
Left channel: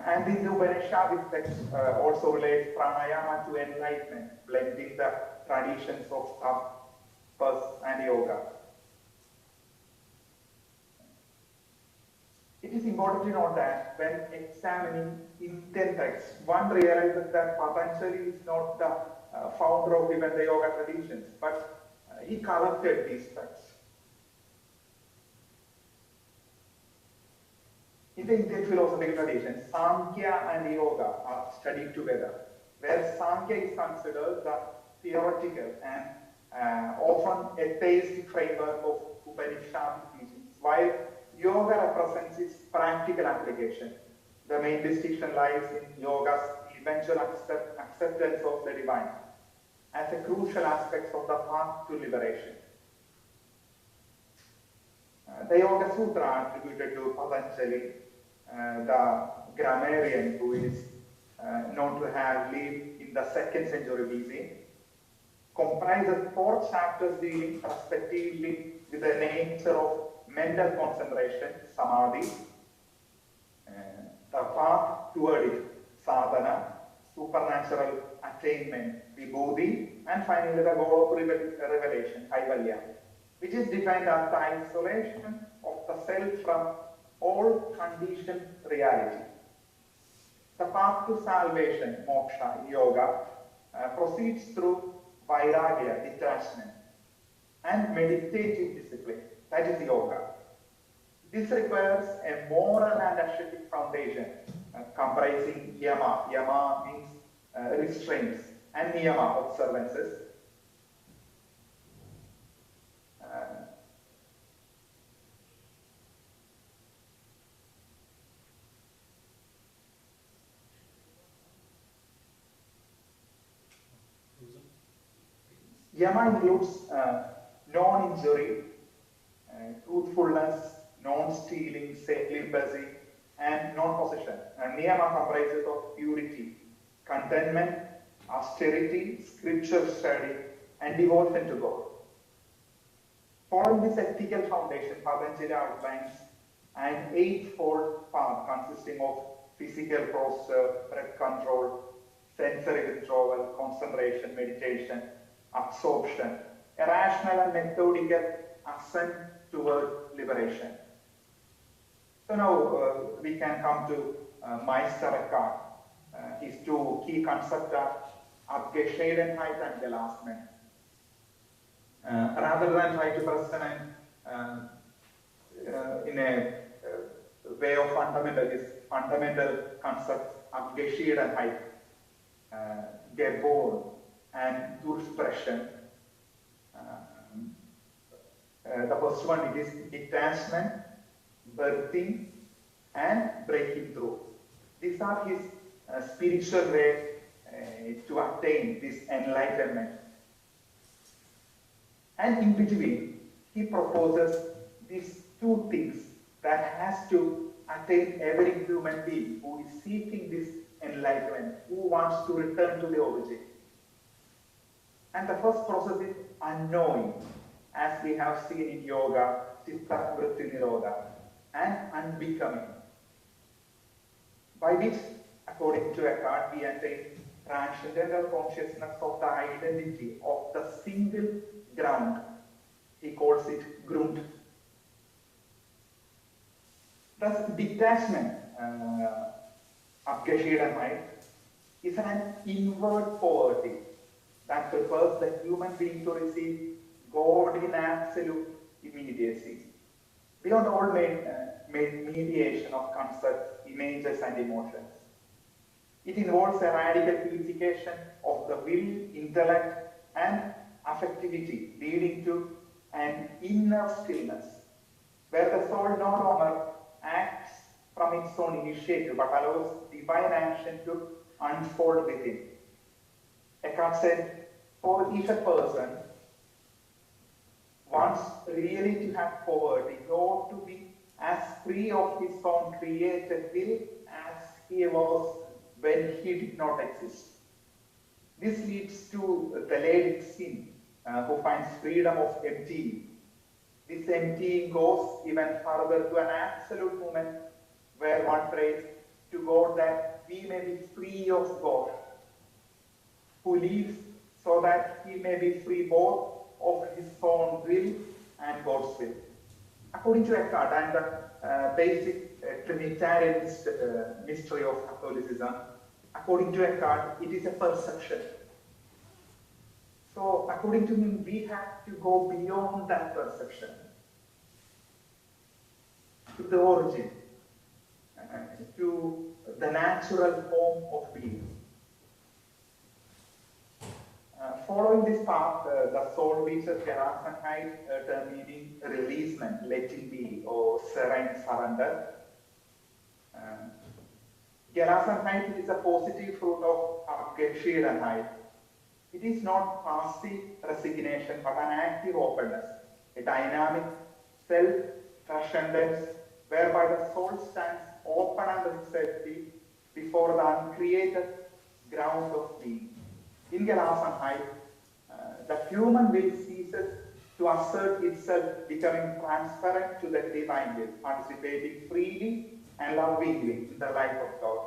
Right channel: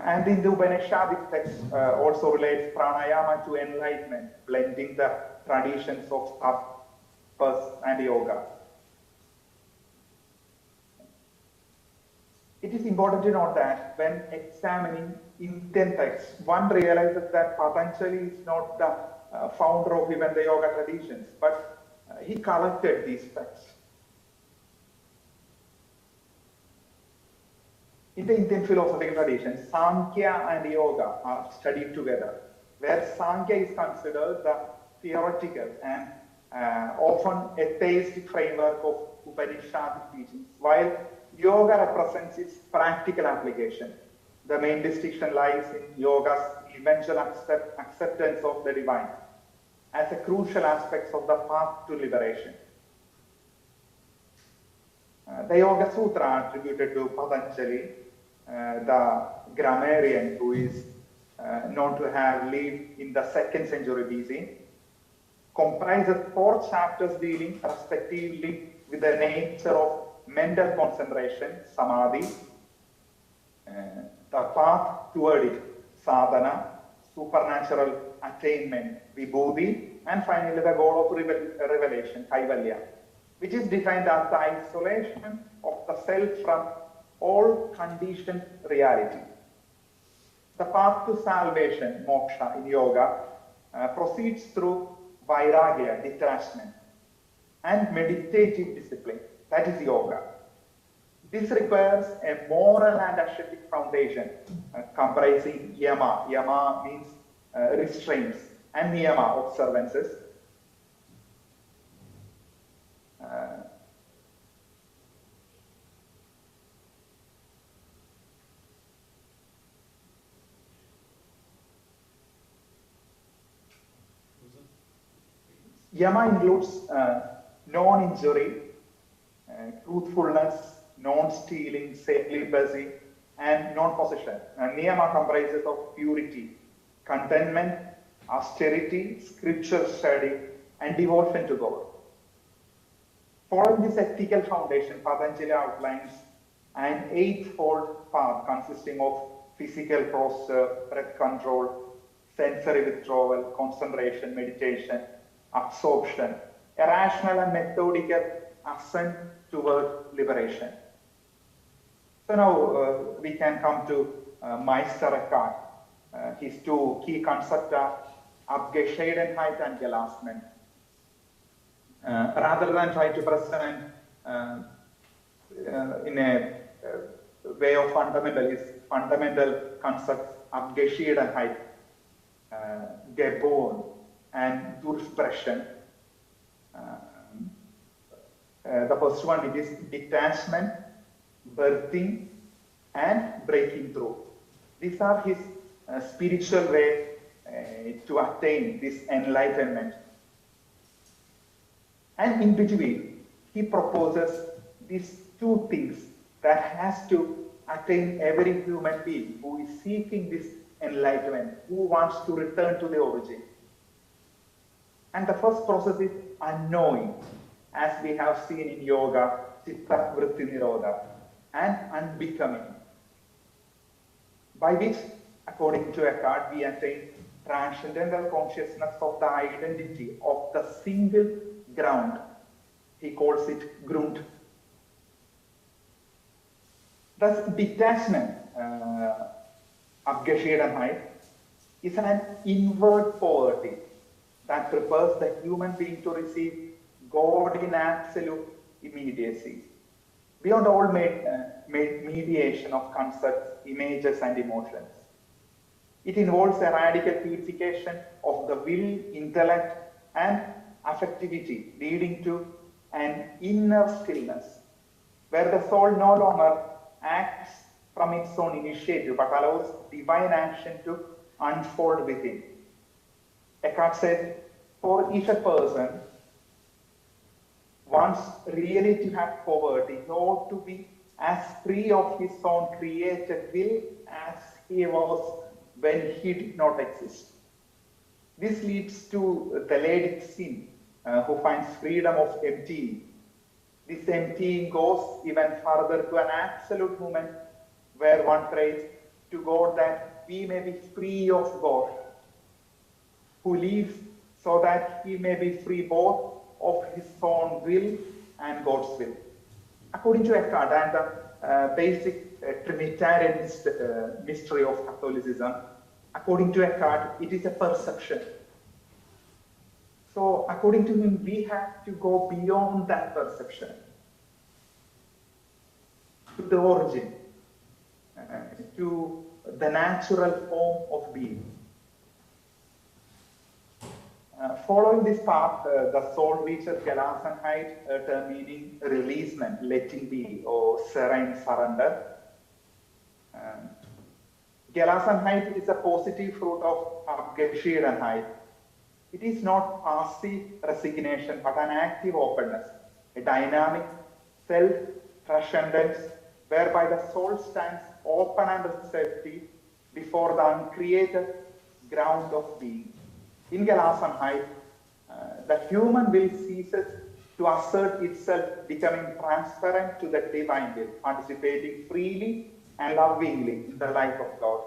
And in the Upanishadic text also relates pranayama to enlightenment, blending the traditions of tapas and yoga. It is important to note that when examining Indian texts, one realizes that Patanjali is not the founder of even the yoga traditions, but he collected these texts. In the Indian philosophical tradition, Sankhya and Yoga are studied together, where Sankhya is considered the theoretical and often atheistic framework of Upanishadic teachings, while Yoga represents its practical application. The main distinction lies in Yoga's eventual acceptance of the divine as a crucial aspect of the path to liberation. The Yoga Sutra attributed to Patanjali, the grammarian who is known to have lived in the 2nd century BC, comprises 4 chapters dealing respectively with the nature of mental concentration, samadhi, the path toward it, sadhana, supernatural attainment, vibhuti, and finally the goal of revelation, kaivalya, which is defined as the isolation of the self from all conditioned reality. The path to salvation, moksha, in yoga proceeds through vairagya, detachment, and meditative discipline, that is yoga. This requires a moral and ascetic foundation comprising yama. Yama means restraints, and niyama, observances. Yama includes non-injury, truthfulness, non-stealing, celibacy, and non-possession. Niyama comprises of purity, contentment, austerity, scripture study, and devotion to God. Following this ethical foundation, Patanjali outlines an 8-fold path consisting of physical posture, breath control, sensory withdrawal, concentration, meditation, absorption, a rational and methodical ascent toward liberation. So now we can come to Meister Eckhart. His 2 key concepts are Abgeschiedenheit and Gelassenheit. Rather than try to present in a way of fundamental concepts, Abgeschiedenheit, Gebon, and Durchbrechen. The first one, it is detachment, birthing, and breaking through. These are his spiritual way to attain this enlightenment. And in between, he proposes these two things that has to attain every human being who is seeking this enlightenment, who wants to return to the origin. And the first process is unknowing, as we have seen in yoga, Chitta Vritti Nirodha, and unbecoming, by which, according to Eckhart, we attain transcendental consciousness of the identity of the single ground. He calls it Grund. Thus, detachment, Abgeschiedenheit, is an inward poverty that prepares the human being to receive God in absolute immediacy, beyond all mediation of concepts, images, and emotions. It involves a radical purification of the will, intellect, and affectivity, leading to an inner stillness, where the soul no longer acts from its own initiative, but allows divine action to unfold within. Eckhart said, for if a person wants really to have poverty, he ought to be as free of his own created will as he was when he did not exist. This leads to the Ladic sin, who finds freedom of emptying. This emptying goes even further to an absolute moment where one prays to God that we may be free of God, who lives so that he may be free both of his own will and God's will. According to Eckhart and the basic Trinitarianist mystery of Catholicism, according to Eckhart, it is a perception. So, according to him, we have to go beyond that perception to the origin, to the natural form of being. Following this path, the soul reaches Gelassenheit, a term meaning releasement, letting be, or serene surrender. Gelassenheit is a positive fruit of Abgeschiedenheit. It is not passive resignation, but an active openness, a dynamic self-transcendence, whereby the soul stands open and receptive before the uncreated ground of being. In Gelassenheit, the human will ceases to assert itself, becoming transparent to the divine will, participating freely and lovingly in the life of God.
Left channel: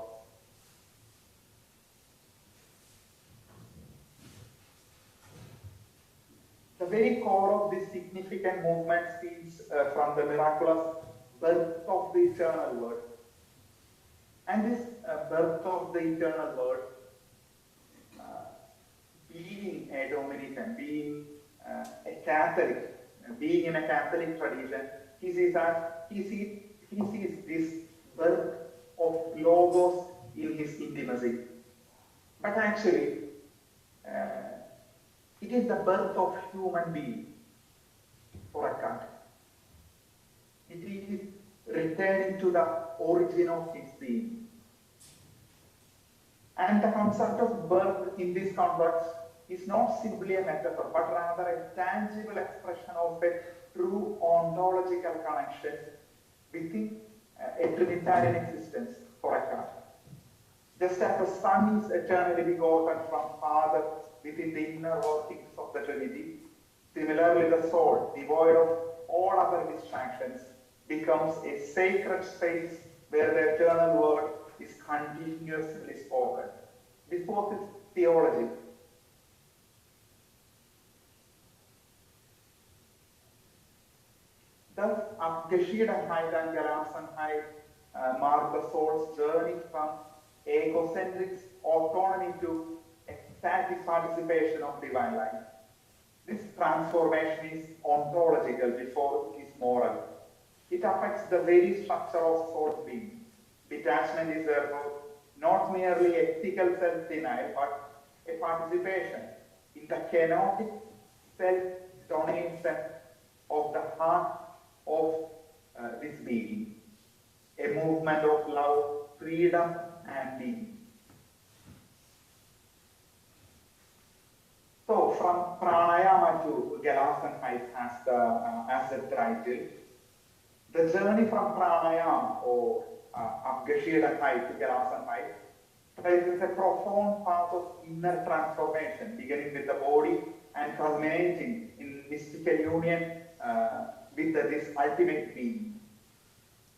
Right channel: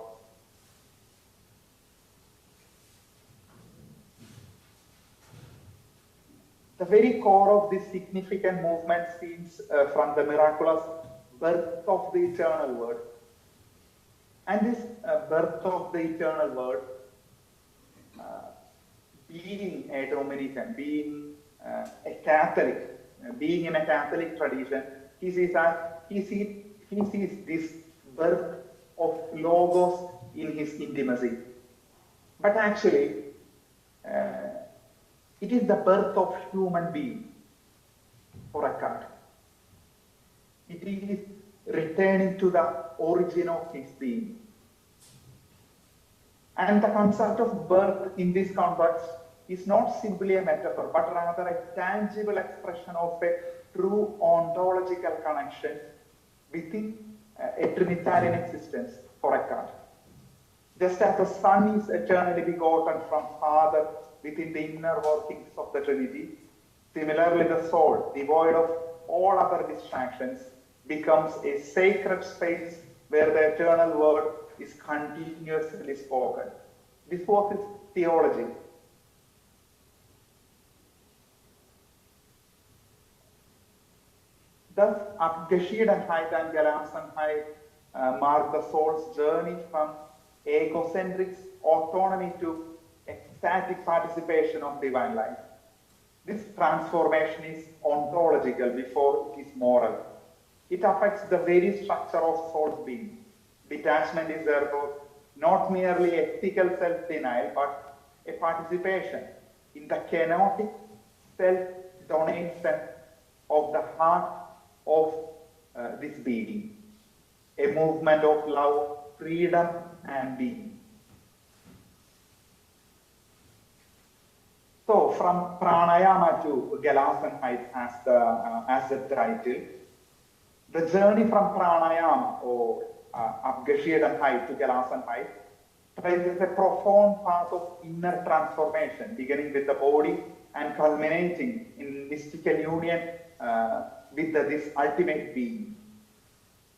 The very core of this significant movement stems from the miraculous birth of the eternal Word. And this birth of the eternal Word, being a Dominican, being a Catholic, being in a Catholic tradition, he sees this birth of Logos in his intimacy. But actually, it is the birth of human being for Eckhart. It is returning to the origin of his being. And the concept of birth in this context is not simply a metaphor, but rather a tangible expression of a true ontological connection within a Trinitarian existence for Eckhart. Just as the Son is eternally begotten from Father within the inner workings of the Trinity, similarly the soul, devoid of all other distractions, becomes a sacred space where the eternal Word is continuously spoken. This was his theology. Thus, Abgeschiedenheit and Gelassenheit mark the soul's journey from egocentric autonomy to ecstatic participation of divine life. This transformation is ontological before it is moral. It affects the very structure of soul being. Detachment is therefore not merely ethical self-denial, but a participation in the kenotic self-donation of the heart of this being, a movement of love, freedom, and being. So, from pranayama to Galasan heights as the title, the journey from pranayama or Abgashidan height to Galasan height traces a profound path of inner transformation, beginning with the body and culminating in mystical union with this ultimate being.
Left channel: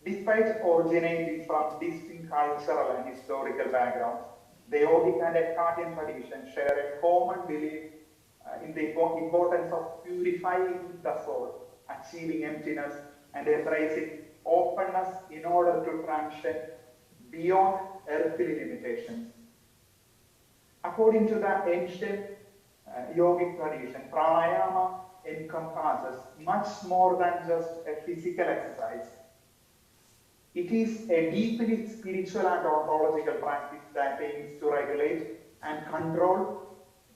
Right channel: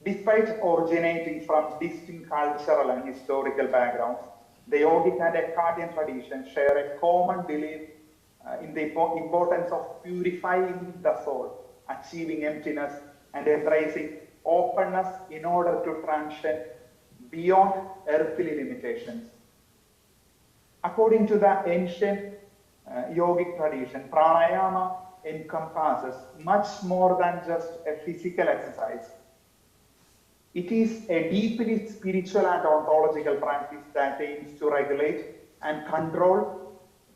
Despite originating from distinct cultural and historical backgrounds, the yogic and Eckhatian tradition share a common belief in the importance of purifying the soul, achieving emptiness, and embracing openness in order to transcend beyond earthly limitations. According to the ancient yogic tradition, pranayama encompasses much more than just a physical exercise. It is a deeply spiritual and ontological practice that aims to regulate and control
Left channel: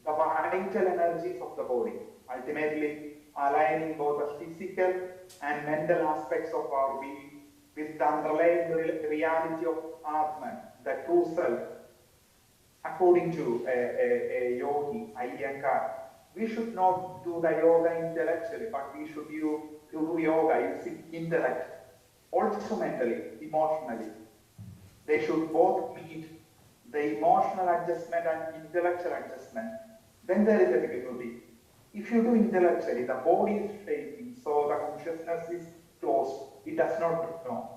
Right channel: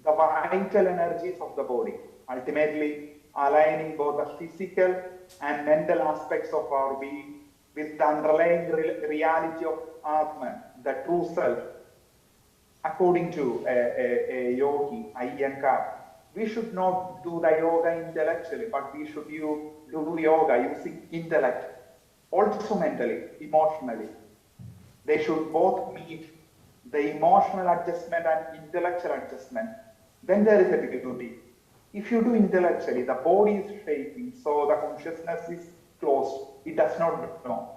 the vital energies of the body, ultimately aligning both the physical and mental aspects of our being with the underlying reality of Atman, the true self. According to a yogi, Iyengar, we should not do the yoga intellectually, but we should do yoga using intellect, also mentally, emotionally. They should both meet the emotional adjustment and intellectual adjustment. Then there is a difficulty. If you do intellectually, the body is shaking, so the consciousness is closed. It does not know.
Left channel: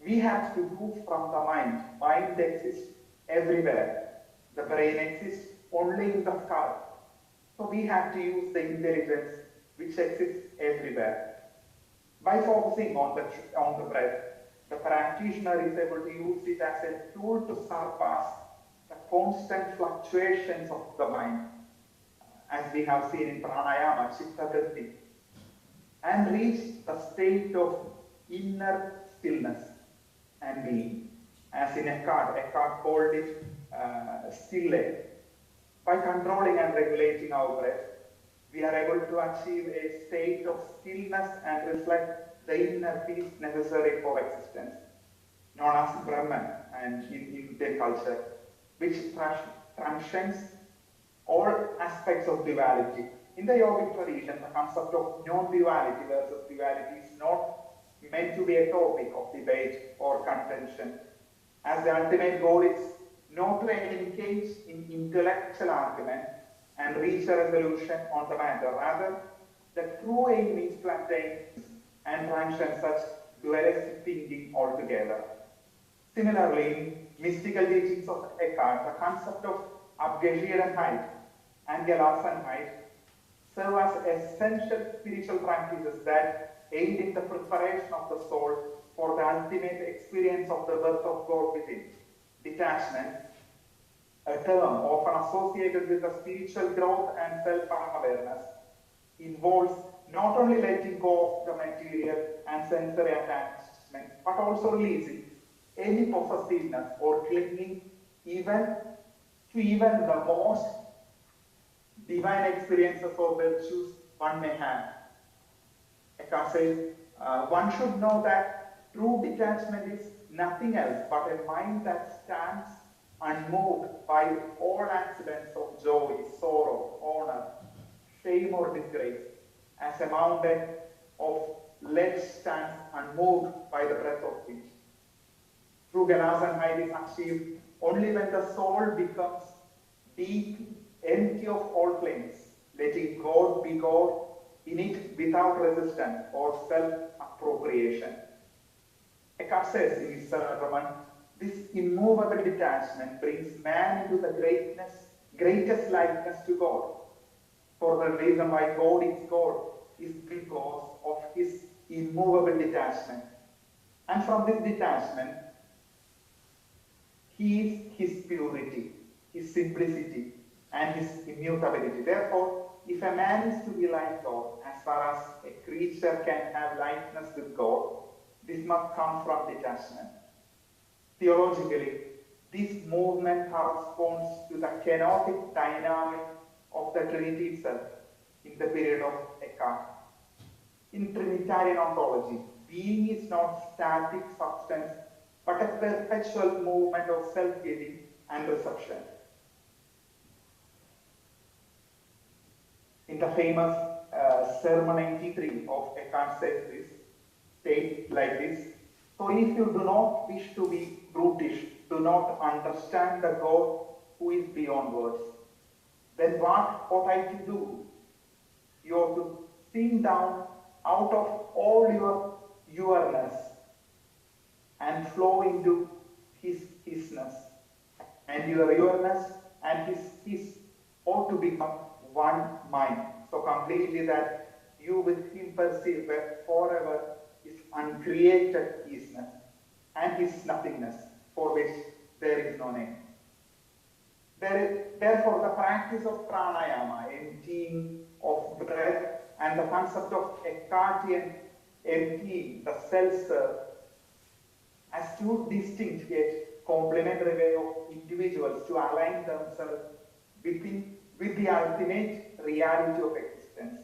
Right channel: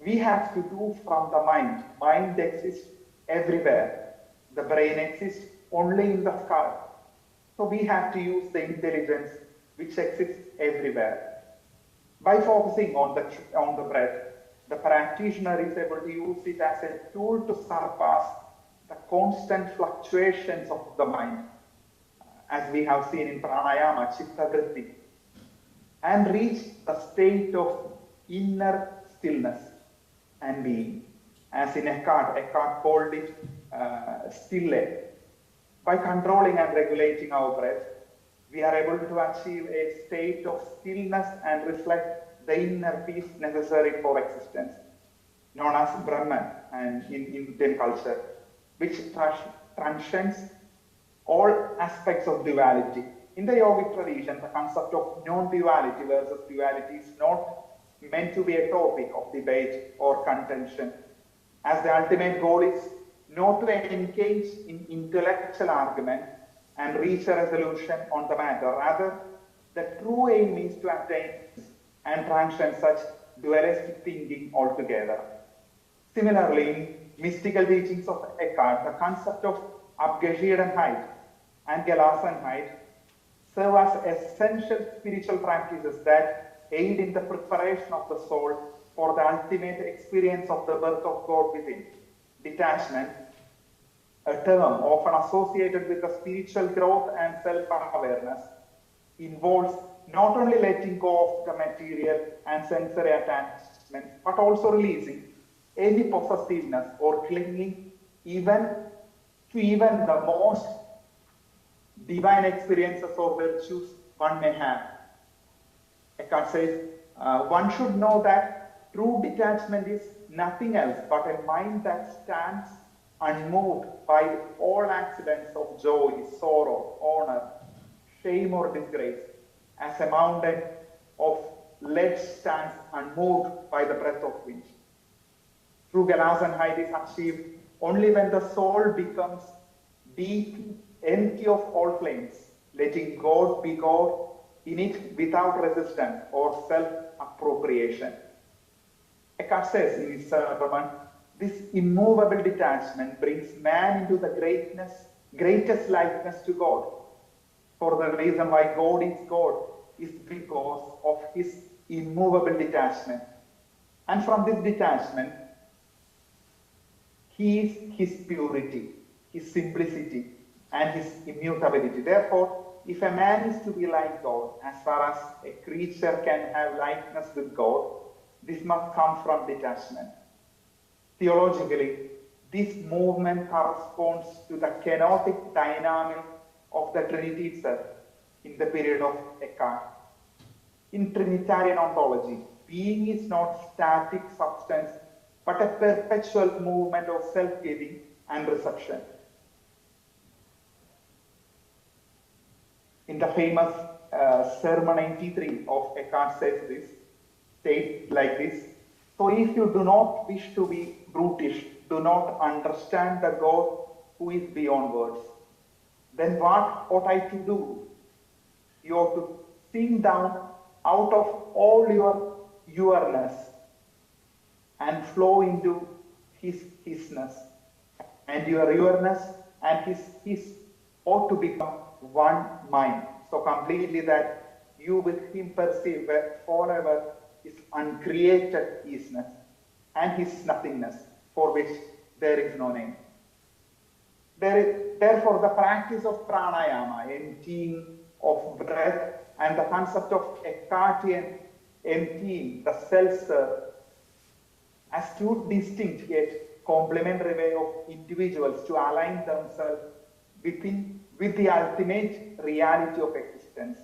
We have to do from the mind. Mind exists everywhere. The brain exists only in the skull. So we have to use the intelligence which exists everywhere. By focusing on the breath, the practitioner is able to use it as a tool to surpass the constant fluctuations of the mind, as we have seen in pranayama, chitta vritti, and reach the state of inner stillness and being, as in Eckhart called it stille. By controlling and regulating our breath, we are able to achieve a state of stillness and reflect the inner peace necessary for existence, known as Brahman and in Indian culture, which transcends all aspects of duality. In the yogic tradition, the concept of non-duality versus duality is not meant to be a topic of debate or contention, as the ultimate goal is not to engage in intellectual argument and reach a resolution on the matter. Rather, the true aim is to attain and transcend such dualistic thinking altogether. Similarly, in mystical teachings of Eckhart, the concept of Abgashidan and Gelasenheit serve as essential spiritual practices that aid in the preparation of the soul for the ultimate experience of the birth of God within. Detachment, a term often associated with the spiritual growth and self-awareness, involves not only letting go of the material and sensory attachments, but also releasing any possessiveness or clinging even the most divine experiences or virtues one may have. Eckhart says, one should know that true detachment is nothing else but a mind that stands unmoved by all accidents of joy, sorrow, honor, shame or disgrace, as a mountain of lead stands unmoved by the breath of wind. True Gelasenheit is achieved only when the soul becomes deep, empty of all claims, letting God be God in it without resistance or self-appropriation. Eckhart says in his sermon, this immovable detachment brings man into the greatest likeness to God. For the reason why God is God is because of his immovable detachment. And from this detachment, he is his purity, his simplicity, and his immutability. Therefore, if a man is to be like God, as far as a creature can have likeness with God, this must come from detachment. Theologically, this movement corresponds to the kenotic dynamic of the Trinity itself in the period of Eckhart. In Trinitarian ontology, being is not static substance, but a perpetual movement of self-giving and reception. In the famous Sermon 93 of Eckhart states like this: so if you do not wish to be brutish, do not understand the God who is beyond words, then what ought I to do? You ought to sink down out of all your yourness and flow into his hisness, and your yourness and his ought to become one mind, so completely that you with him perceive that forever his uncreated isness and his nothingness, for which there is no name. Therefore, the practice of pranayama, emptying of breath, and the concept of Eckhartian emptying, the self-serve, as two distinct yet complementary way of individuals to align themselves with the ultimate reality of existence.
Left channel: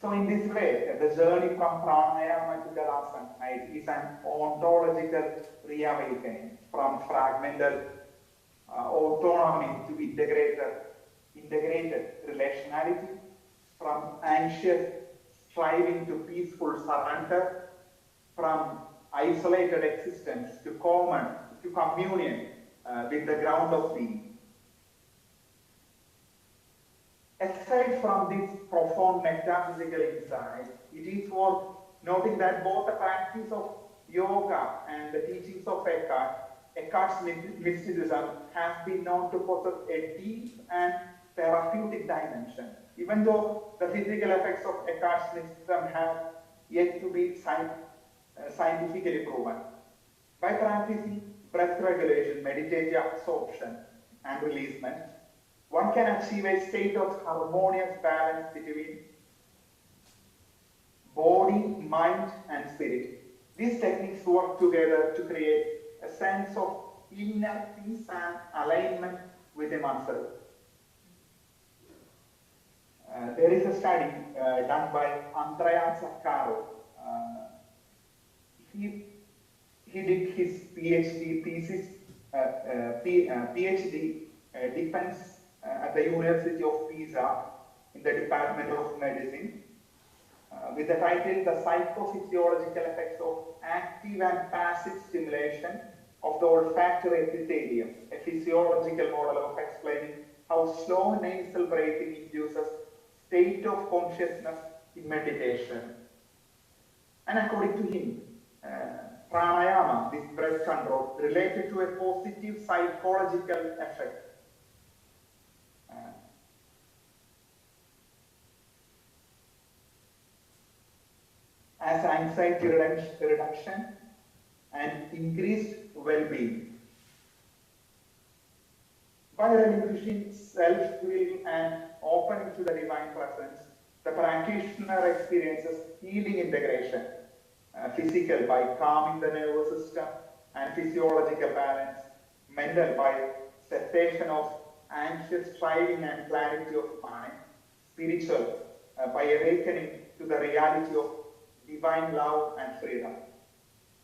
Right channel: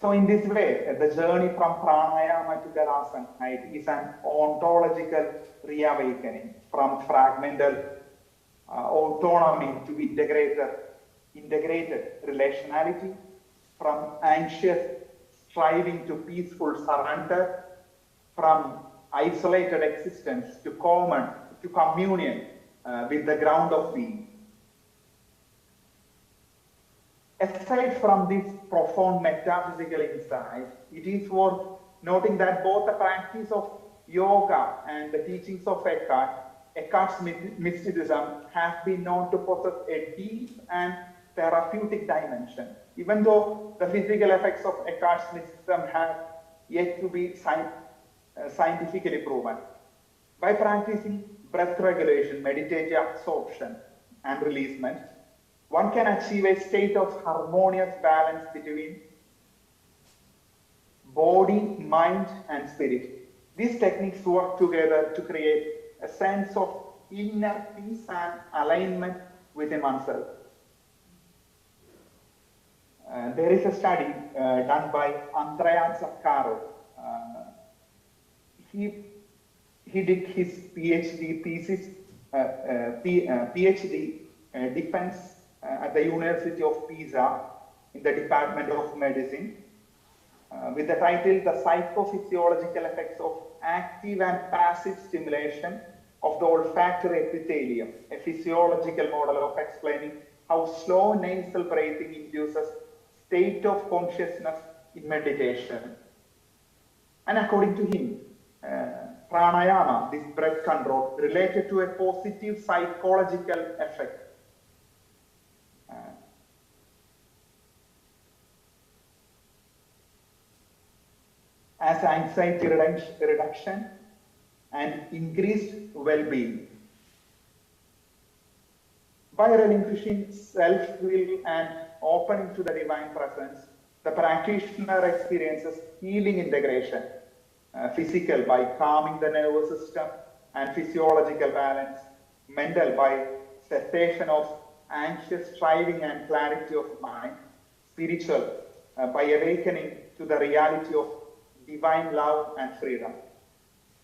So in this way, the journey from pranayama to Darasana is an ontological reawakening from fragmented autonomy to integrated relationality, from anxious striving to peaceful surrender, from isolated existence to communion with the ground of being. Aside from this profound metaphysical insight, it is worth noting that both the practice of yoga and the teachings of Eckhart's mysticism have been known to possess a deep and therapeutic dimension, even though the physical effects of Eckhart's mysticism have yet to be scientifically proven. By practicing breath regulation, meditative absorption, and releasement, one can achieve a state of harmonious balance between body, mind, and spirit. These techniques work together to create a sense of inner peace and alignment within oneself. There is a study done by Andrea Zaccaro. He did his PhD thesis, PhD defense at the University of Pisa in the Department of Medicine with the title The Psychophysiological Effects of Active and Passive Stimulation of the Olfactory Epithelium, a physiological model of explaining how slow nasal breathing induces state of consciousness in meditation. And according to him, pranayama, this breath control, related to a positive psychological effect. As anxiety reduction and increased well-being. By relinquishing self-will and opening to the divine presence, the practitioner experiences healing integration, physical by calming the nervous system and physiological balance, mental by cessation of anxious striving and clarity of mind, spiritual by awakening to the reality of divine love and freedom.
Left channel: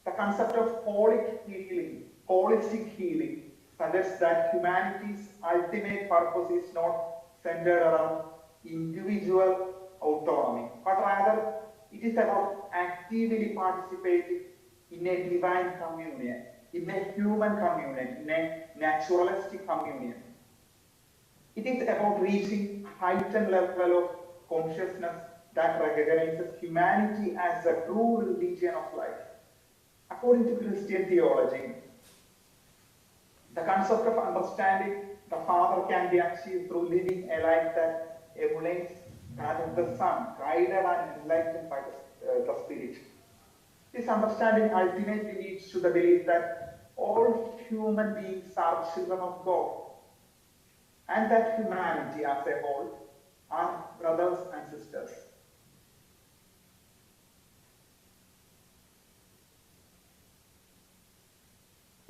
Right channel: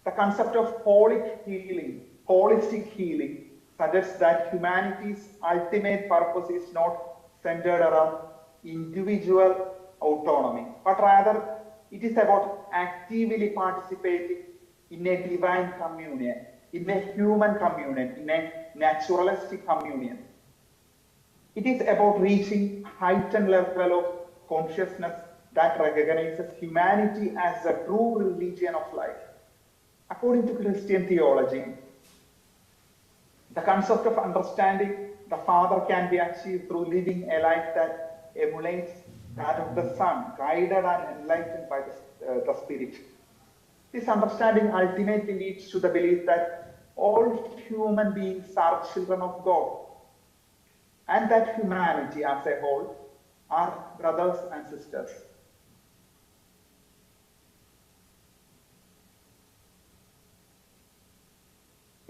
The concept of holistic healing suggests that humanity's ultimate purpose is not centered around individual autonomy, but rather it is about actively participating in a divine communion, in a human communion, in a naturalistic communion. It is about reaching heightened level of consciousness that recognizes humanity as a true religion of life. According to Christian theology, the concept of understanding the Father can be achieved through living a life that emulates that of the Son, guided and enlightened by the Spirit. This understanding ultimately leads to the belief that all human beings are children of God, and that humanity as a whole are brothers and sisters.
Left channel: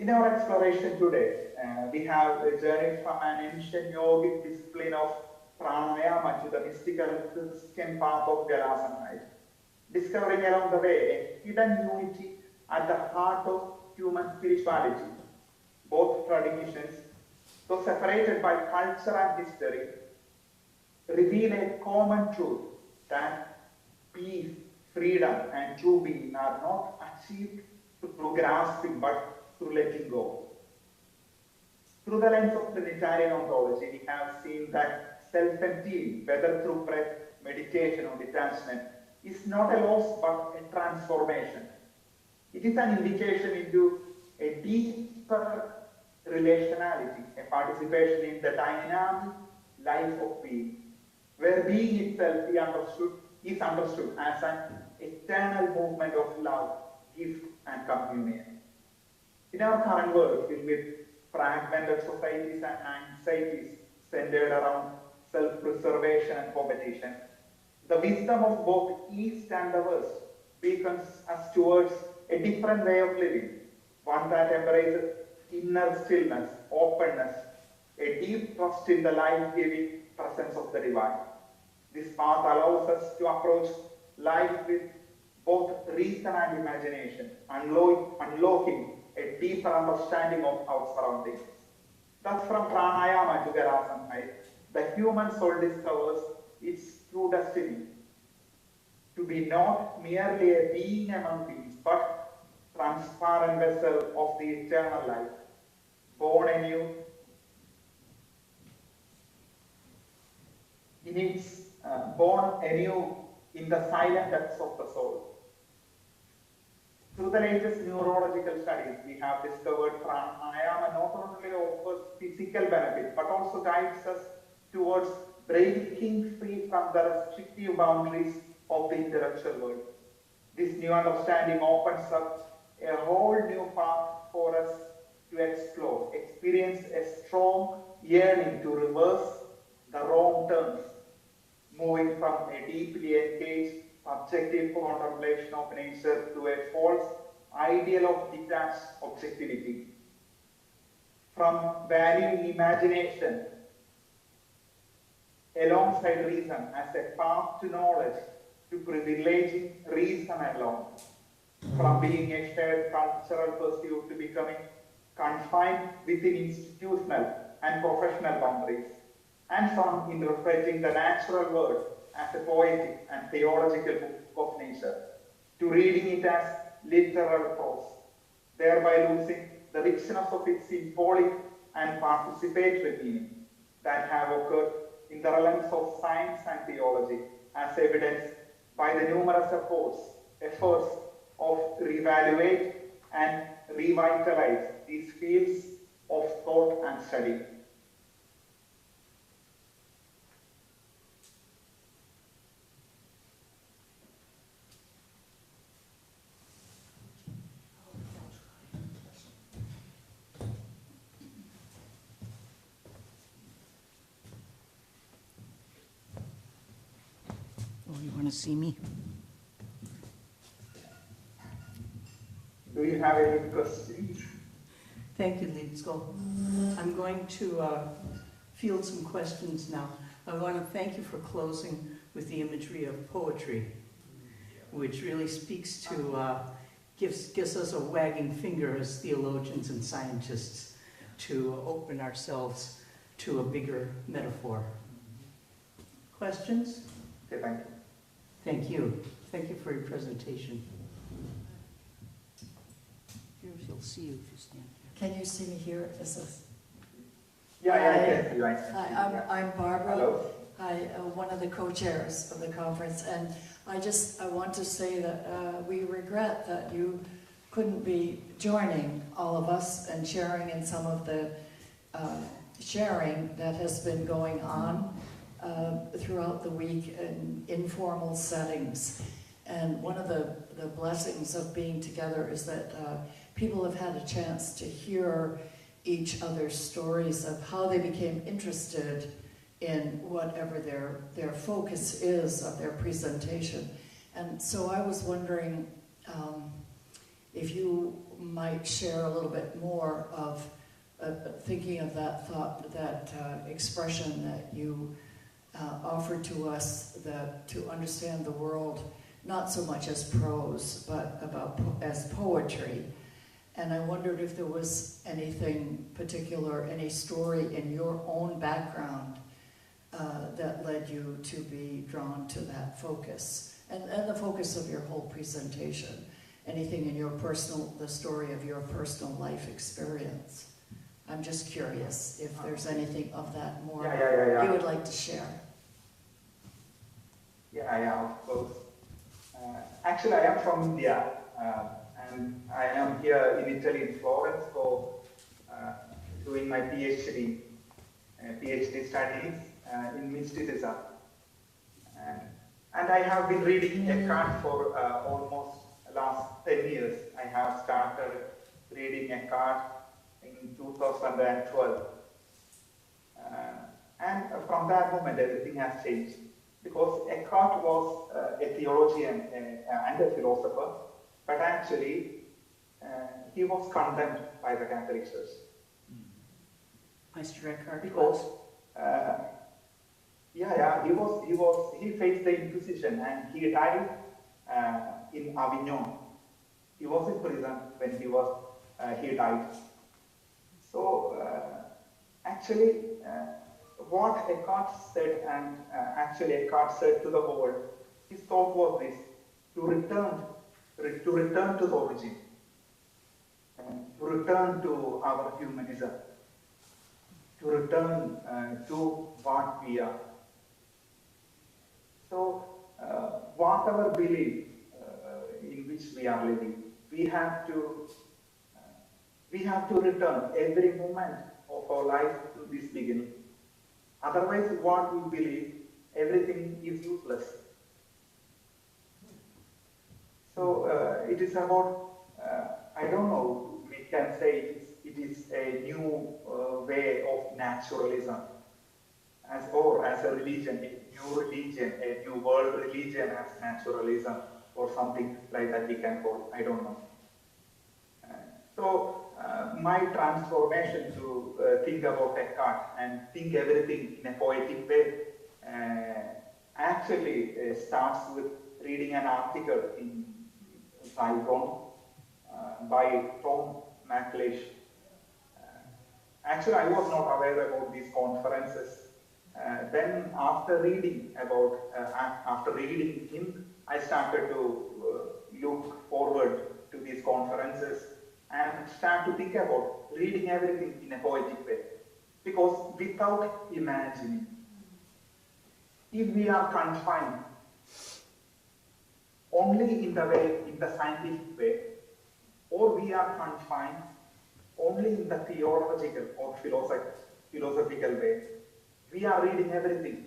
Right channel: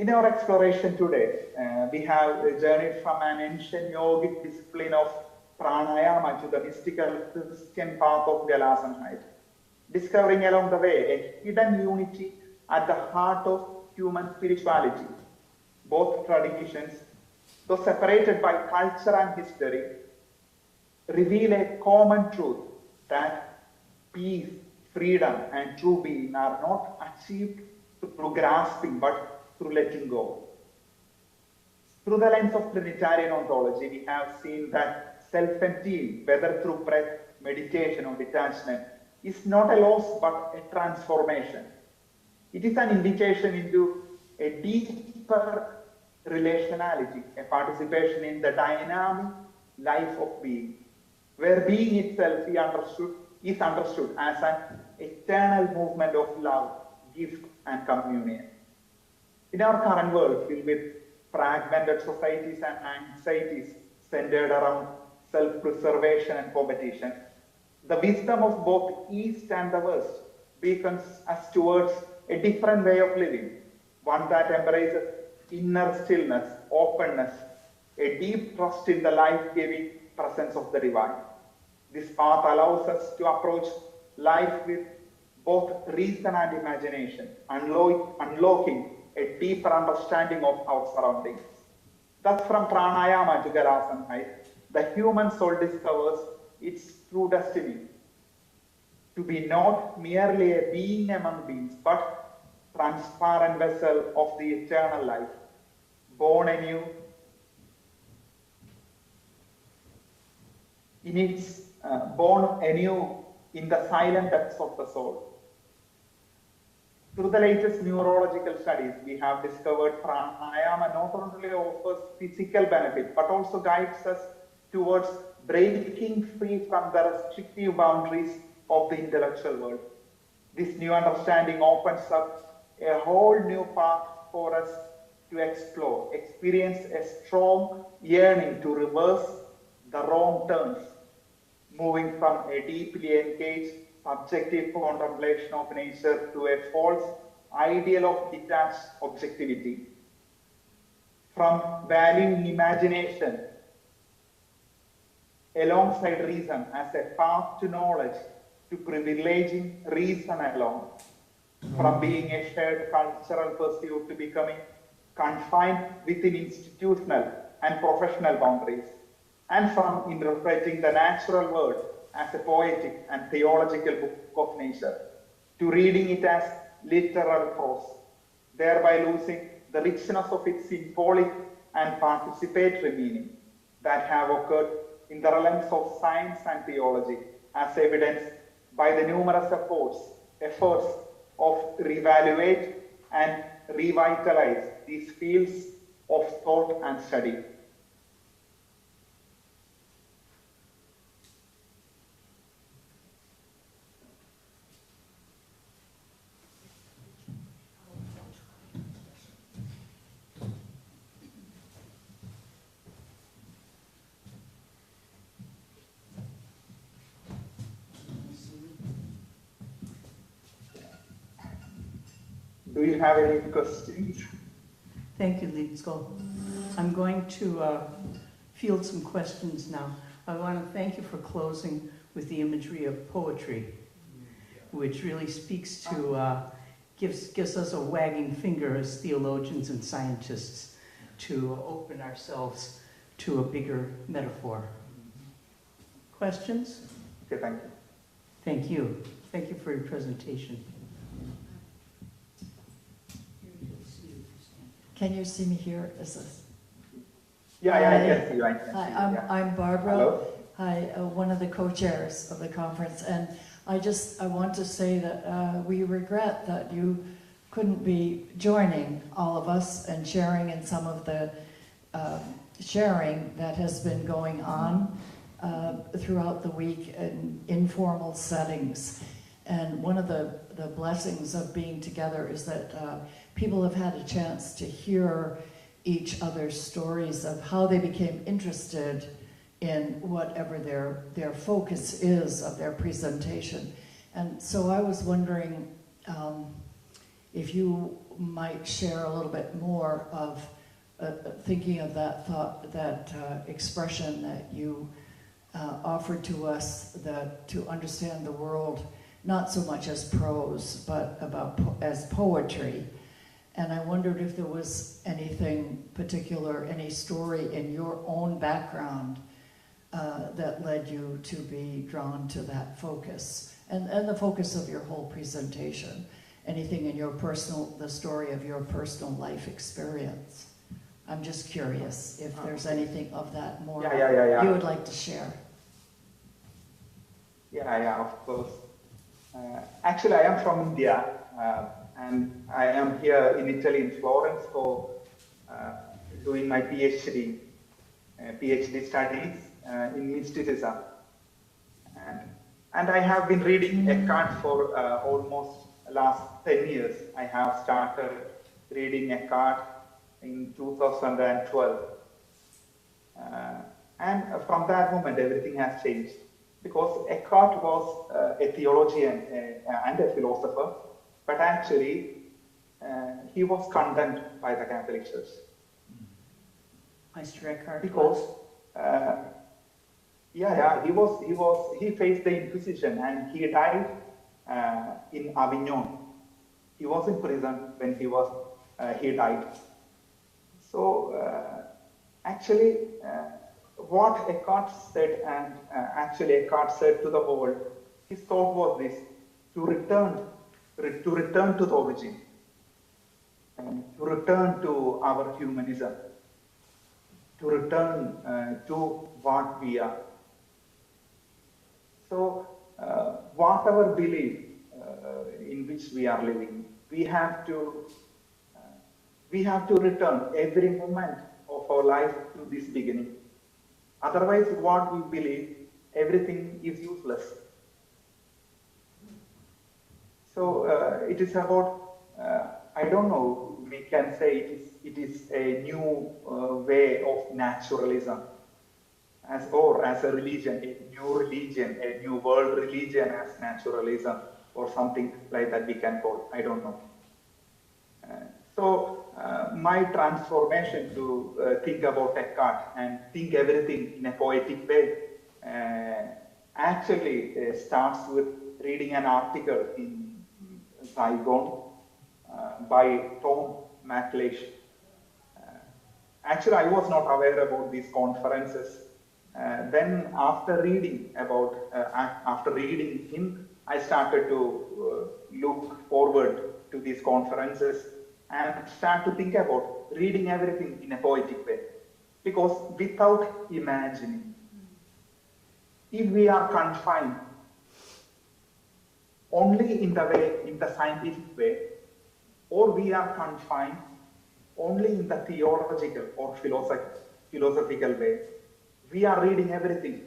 In our exploration today, we have journeyed from an ancient yogic discipline of pranayama to the mystical Christian path of Galasanhite, discovering along the way a hidden unity at the heart of human spirituality. Both traditions, though separated by culture and history, reveal a common truth that peace, freedom, and true being are not achieved through grasping but through letting go. Through the lens of Trinitarian ontology, we have seen that self-emptying, whether through breath, meditation, or detachment, is not a loss but a transformation. It is an invitation into a deeper relationality, a participation in the dynamic life of being, where being itself is understood as an eternal movement of love, gift, and communion. In our current world, filled with fragmented societies and anxieties centered around self-preservation and competition, the wisdom of both East and the West beacons us towards a different way of living, one that embraces inner stillness, openness, a deep trust in the life-giving presence of the divine. This path allows us to approach life with both reason and imagination, unlocking a deeper understanding of our surroundings. Thus, from pranayama to Galasanhite, the human soul discovers its true destiny, to be not merely a being among beings, but transparent vessel of the eternal life, born anew in the silent depths of the soul. Through the latest neurological studies, we have discovered pranayama not only offers physical benefit, but also guides us towards breaking free from the restrictive boundaries of the intellectual world. This new understanding opens up a whole new path for us to explore, experience a strong yearning to reverse the wrong turns, moving from a deeply engaged subjective contemplation of nature to a false ideal of detached objectivity. From valuing imagination alongside reason as a path to knowledge to privileging reason alone. From being a shared cultural pursuit to becoming confined within institutional and professional boundaries. And from interpreting the natural world as a poetic and theological book of nature, to reading it as literal prose, thereby losing the richness of its symbolic and participatory meaning that have occurred in the realms of science and theology, as evidenced by the numerous efforts of reevaluate and revitalize these fields of thought and study. See me? Do you have any questions? Thank you, Lidsko. I'm going to field some questions now. I want to thank you for closing with the imagery of poetry, which really speaks to, gives us a wagging finger as theologians and scientists to open ourselves to a bigger metaphor. Questions? Okay, thank you. Thank you. Thank you for your presentation. He'll see you if you stand there. Can you see me here? Is this? Yeah, I can see you. Hi, I'm Barbara. Hello. Hi, one of the co-chairs of the conference, and I want to say that we regret that you couldn't be joining all of us and sharing in some of the sharing that has been going on throughout the week in informal settings. And one of the blessings of being together is that people have had a chance to hear each other's stories of how they became interested in whatever their focus is of their presentation. And so I was wondering, if you might share a little bit more of thinking of that thought, that expression that you offered to us, that to understand the world not so much as prose, but as poetry. And I wondered if there was anything particular, any story in your own background that led you to be drawn to that focus, and the focus of your whole presentation. Anything in your the story of your personal life experience. I'm just curious if there's anything of that more you would like to share. Yeah, of course. Actually, I am from India, and I am here in Italy, in Florence, for doing my PhD studies in mysticism. And I have been reading Eckhart for almost last 10 years. I have started reading Eckhart in 2012. And from that moment, everything has changed. Because Eckhart was a theologian and a philosopher, but actually he was condemned by the Catholic Church. Meister Eckhart. Because he faced the Inquisition and he died in Avignon. He was in prison when he died. So actually, what Eckhart said, and actually Eckhart said to the world, his thought was this: to return to the origin, to return to our humanism, to return to what we are. So, whatever belief in which we are living, we have to return every moment of our life to this beginning. Otherwise, what we believe, everything is useless. So it is about, I don't know, we can say it is a new way of naturalism, as a religion, a new world religion as naturalism, or something like that we can call it, I don't know. So my transformation to think about Eckhart and think everything in a poetic way actually starts with reading an article in Saigon by Tom McLeish. Actually, I was not aware about these conferences. Then after reading him, I started to look forward to these conferences and start to think about reading everything in a poetic way. Because without imagining, if we are confined only in the scientific way, or we are confined only in the theological or philosophical way, we are reading everything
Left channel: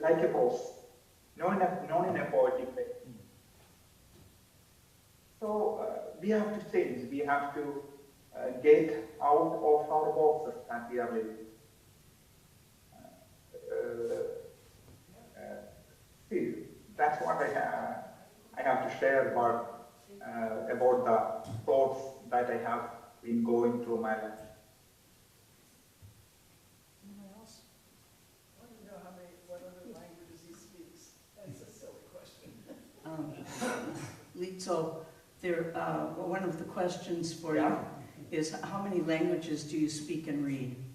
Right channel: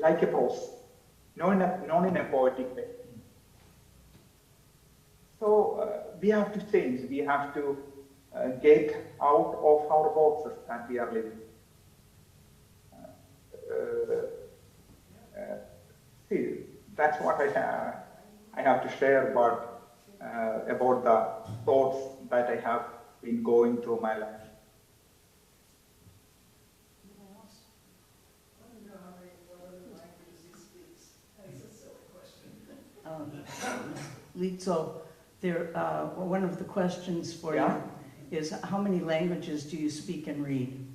like a prose, not in a poetic way. So we have to change. We have to get out of our boxes that we are living. See, that's what I have to share about the thoughts that I have been going through my life. Litzo, one of the questions for you is, how many languages do you speak and read?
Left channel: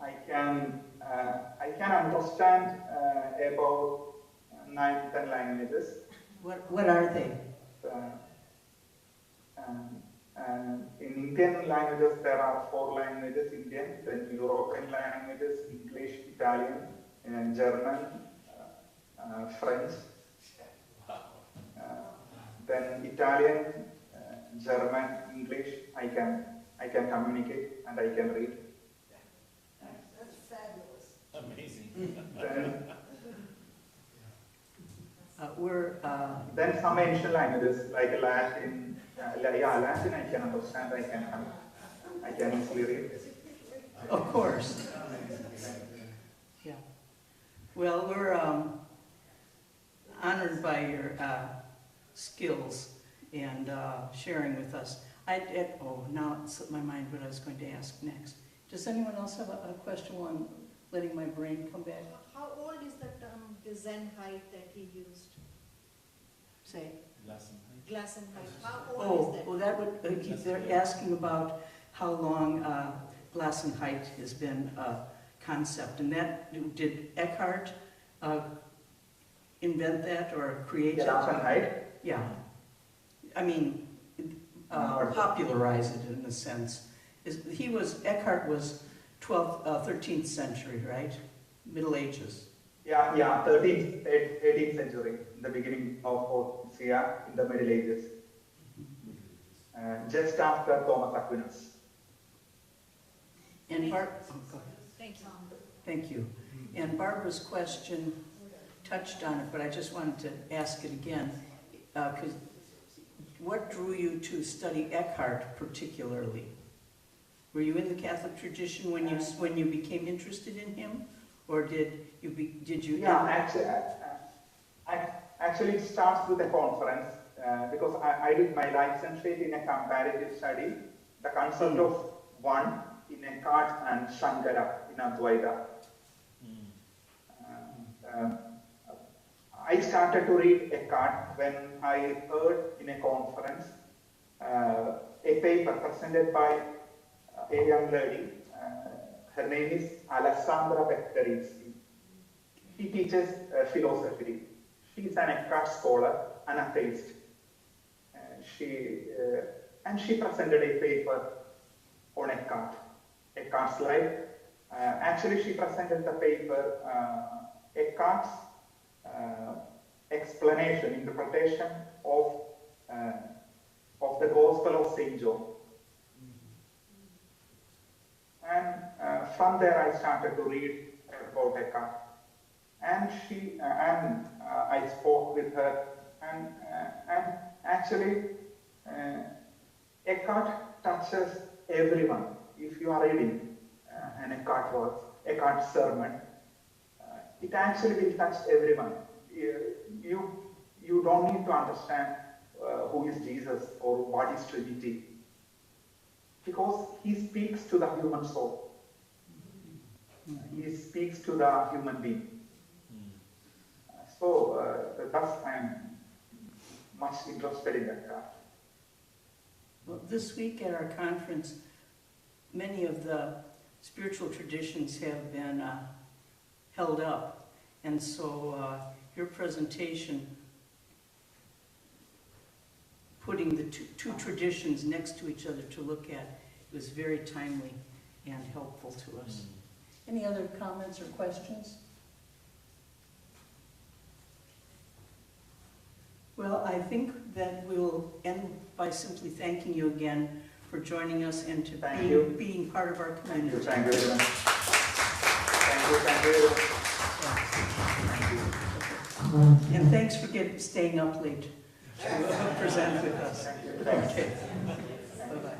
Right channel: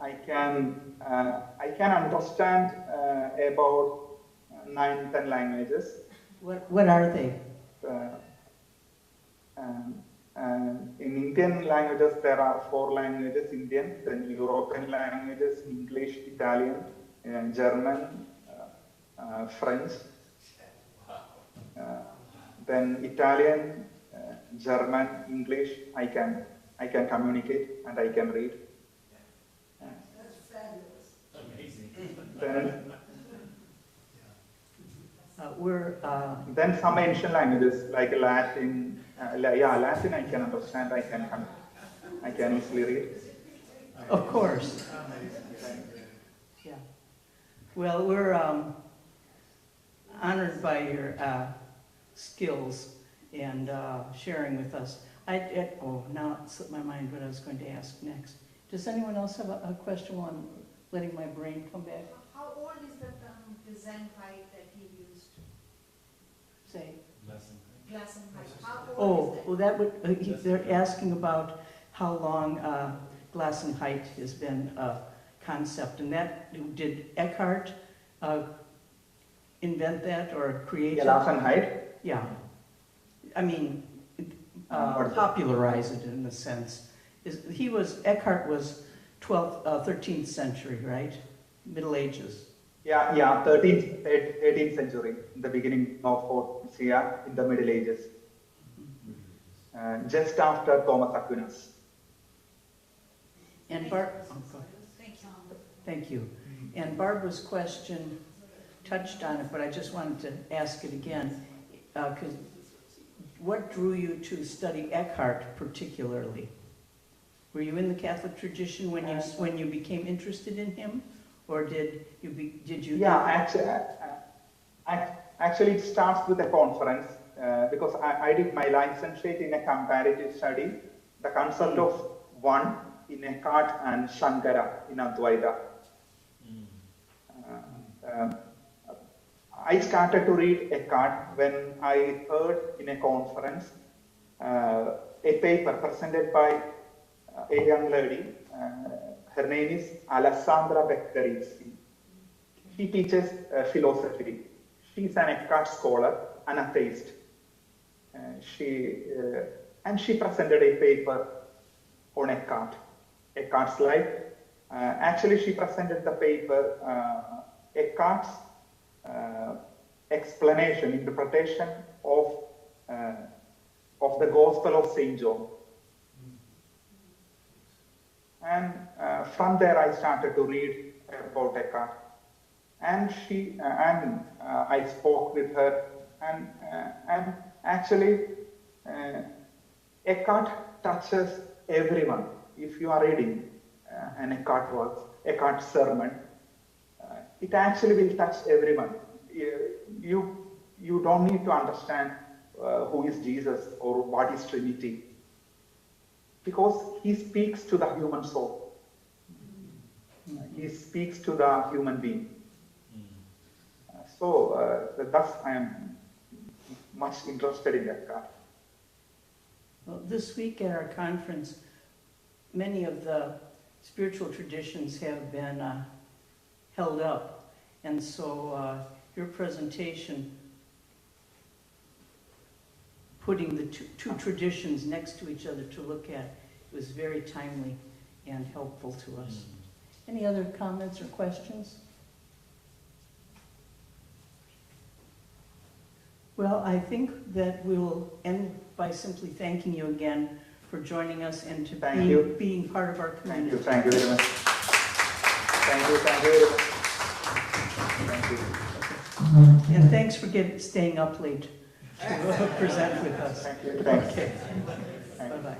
I can understand about 9-10 languages. What are they? In Indian languages, there are 4 languages: Indian, then European languages, English, Italian, German, French. Then Italian, German, English, I can communicate and I can read. That's fabulous. Amazing. Then some ancient languages like Latin. Latin I can understand. I can easily read. Of course. Yeah. Well, we're honored by your skills and sharing with us. Now it slipped my mind what I was going to ask next. Does anyone else have a question while I'm letting my brain come back? How old is the term Gesundheit that he used? Say. Gesundheit. How old Oh, is that? well, that would, they're asking about how long Gelassenheit has been a concept. And that, did Eckhart invent that or create it? Gelassenheit? Yeah. I mean, popularize it in a sense. Eckhart was 13th century, right? Middle Ages. Yeah, 13th, 18th century, the beginning of Portugal, in the Middle Ages. Just after Thomas Aquinas. And thank you. And Barbara's question touched on it, but I just wanted to ask it again. Because what drew you to study Eckhart particularly? Were you in the Catholic tradition when you became interested in him, or did you? Yeah, actually, it starts with a conference because I did my licentiate in a comparative study, the concept of one in Eckhart and Shankara in Advaita. I started to read Eckhart when I heard in a conference a paper presented by a young lady. Her name is Alessandra Beccarizzi. She teaches philosophy. She's an Eckhart scholar, an atheist. She presented a paper on Eckhart's life. Actually, she presented the paper Eckhart's explanation, interpretation of the Gospel of Saint John. And from there, I started to read about Eckhart. And I spoke with her. And actually, Eckhart touches everyone. If you are reading an Eckhart work, Eckhart sermon, it actually will touch everyone. You don't need to understand who is Jesus or what is Trinity, because he speaks to the human soul. He speaks to the human being. Thus I am much interested in Eckhart. Well, this week at our conference, many of the spiritual traditions have been held up. And so your presentation, putting the two traditions next to each other to look at, was very timely and helpful to us. Any other comments or questions? Well, I think that we will end by simply thanking you again for joining us and being part of our community. Thank you very much. Thank you. And thanks for staying up late to present with us. Okay. Bye-bye.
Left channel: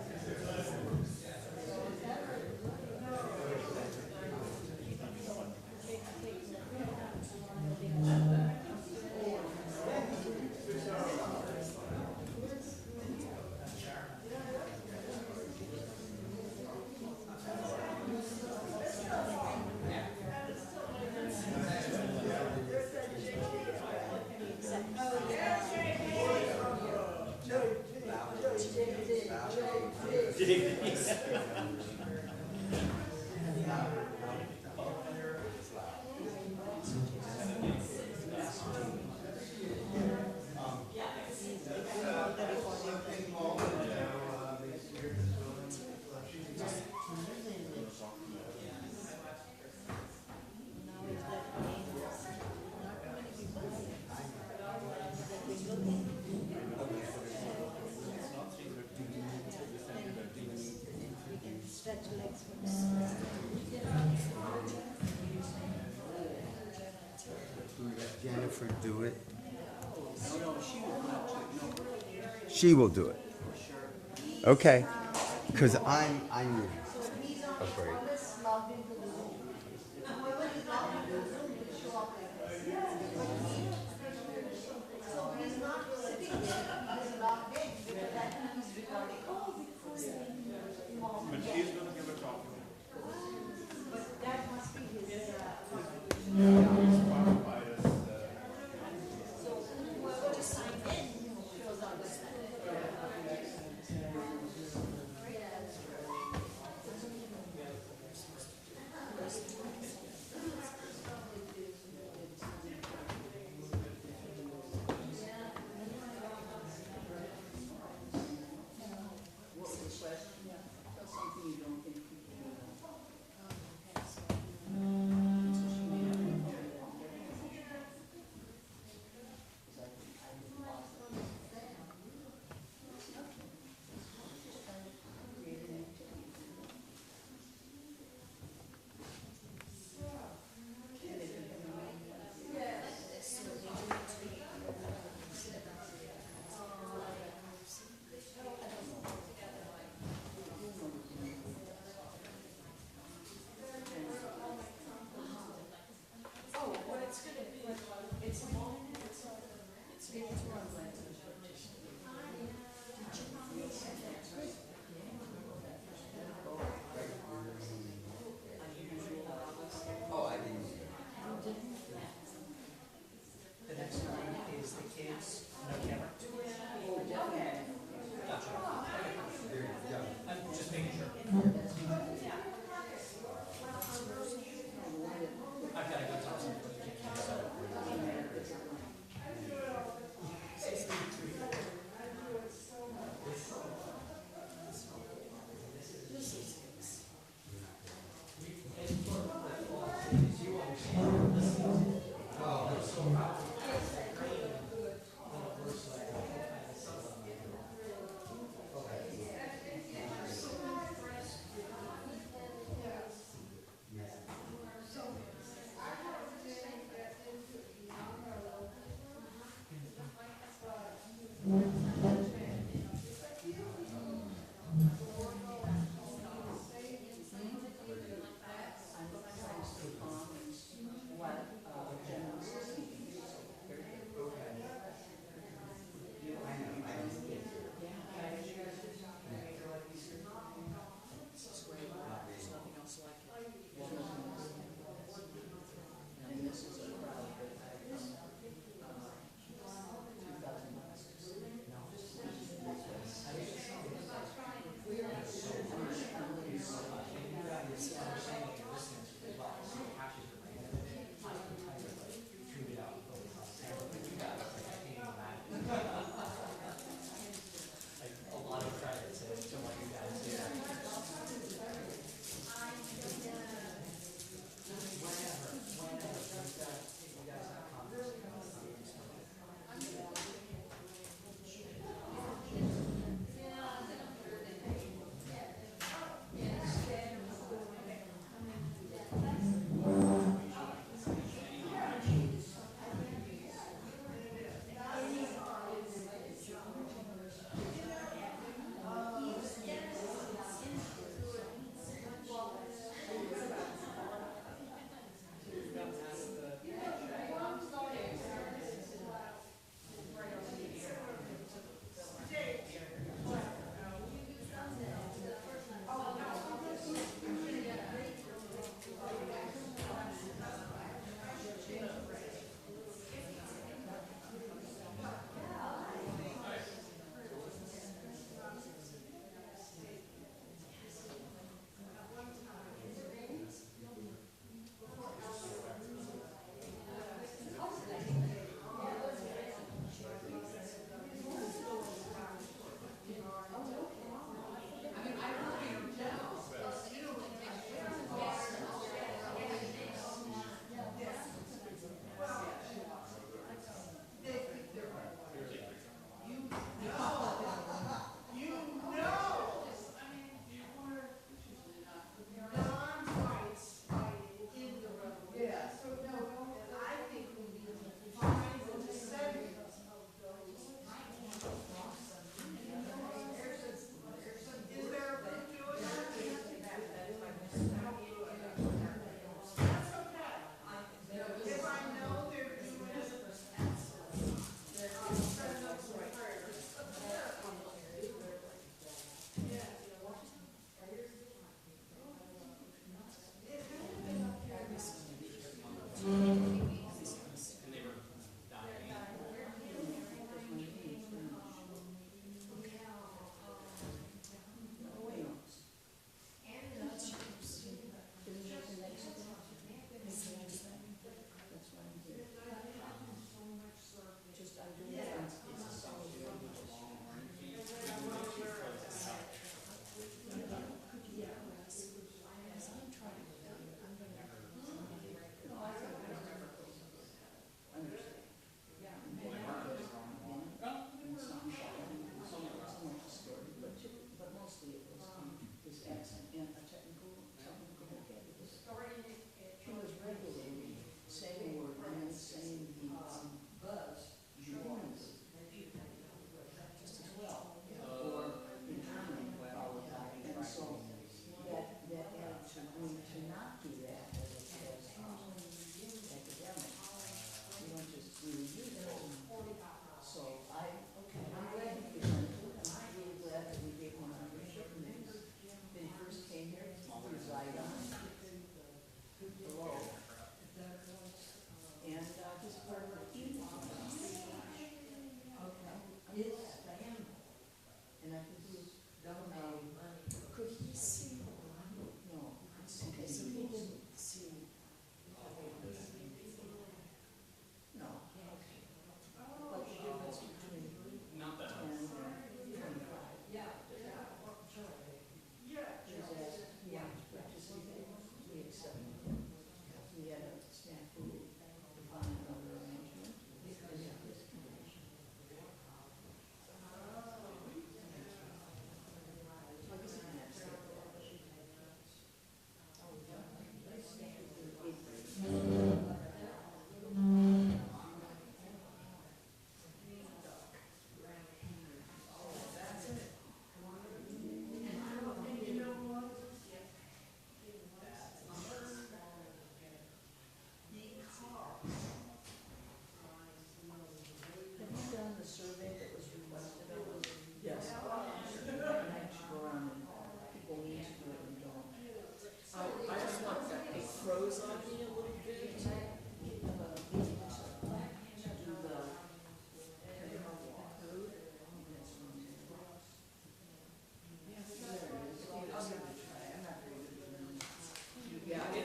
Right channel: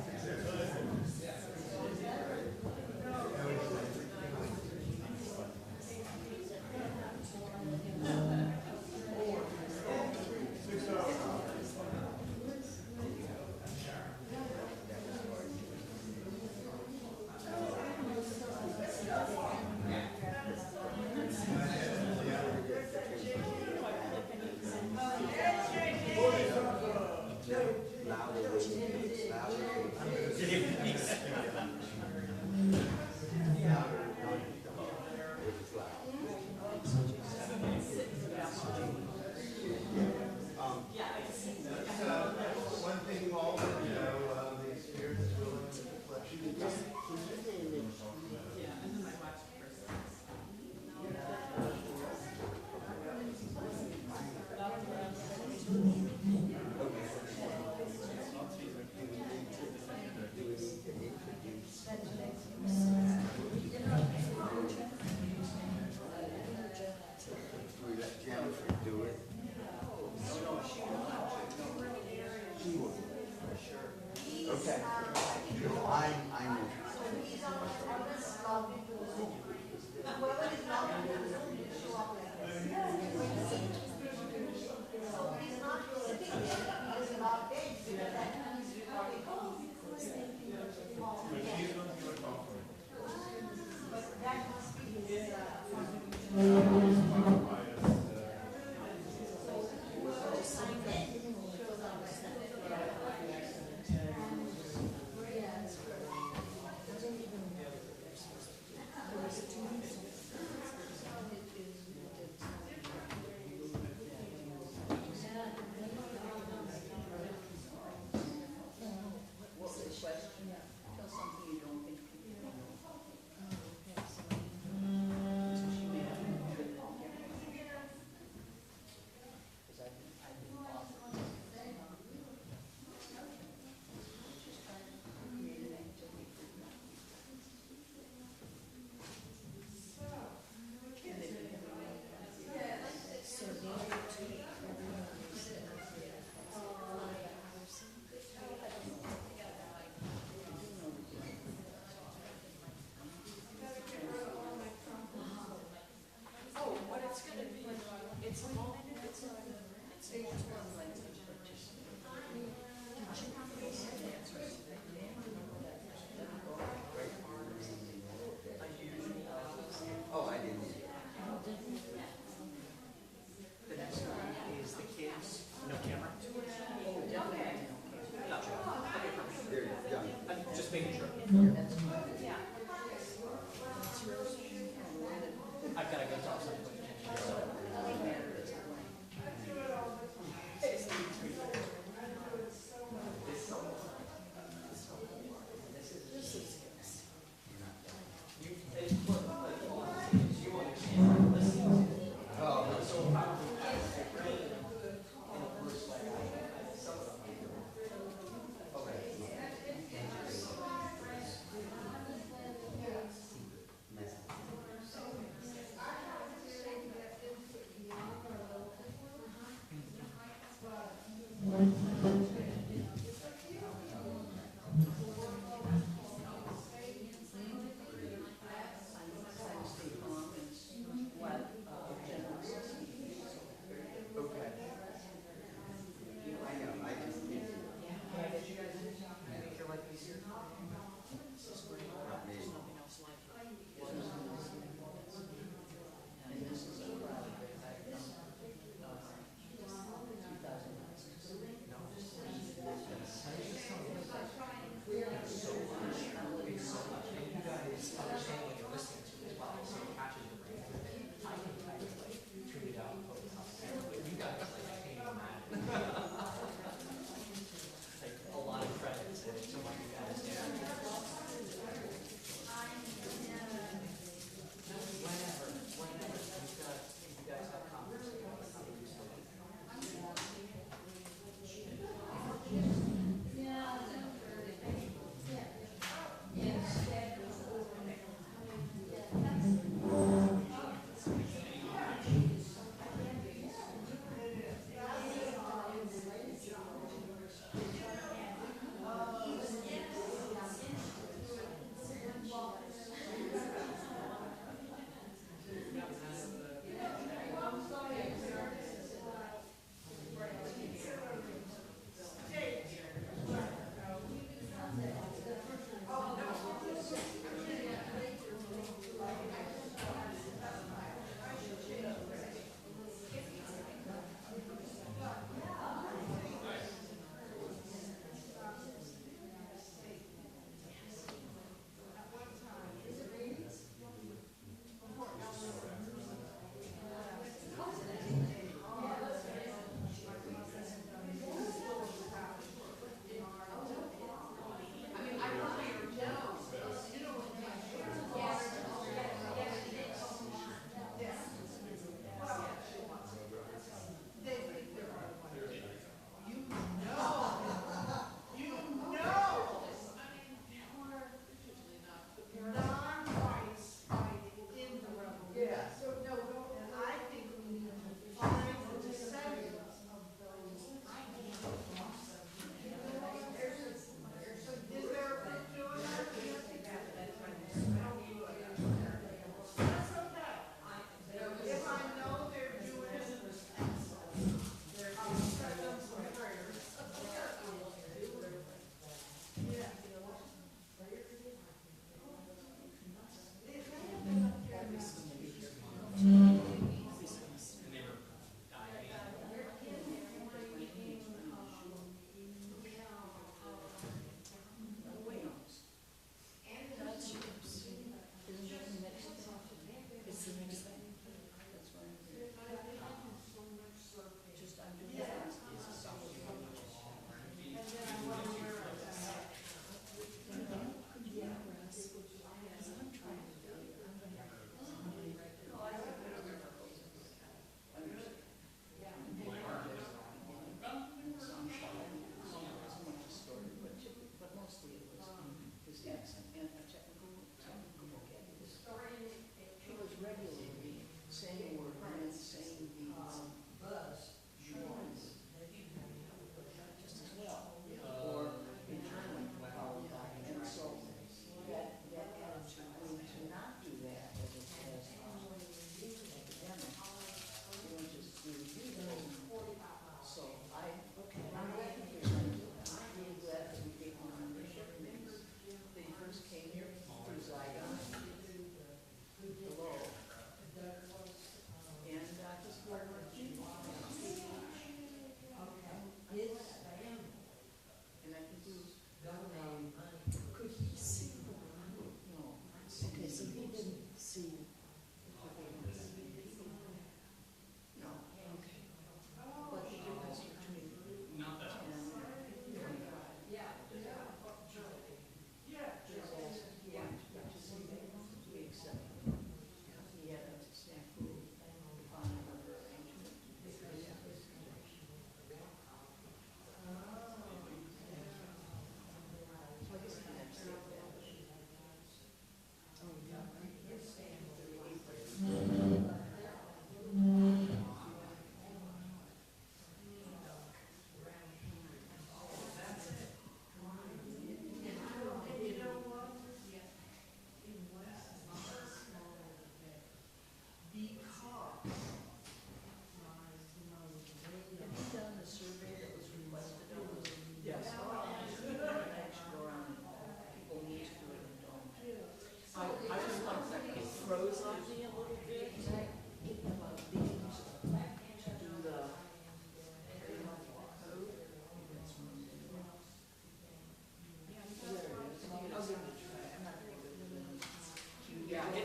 Jennifer do it? She will do it. Okay. Because I need a break.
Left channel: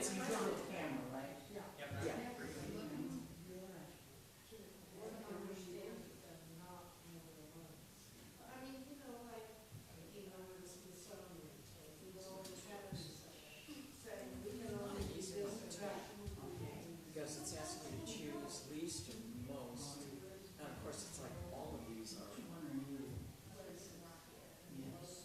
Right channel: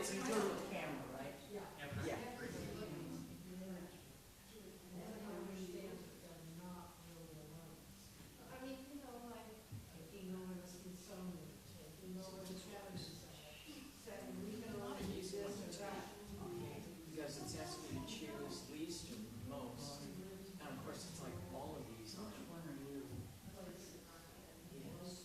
it's through the camera, right? Yeah. Yeah. Because it's asking you to choose least or most. And of course, it's like all of these are. Yes.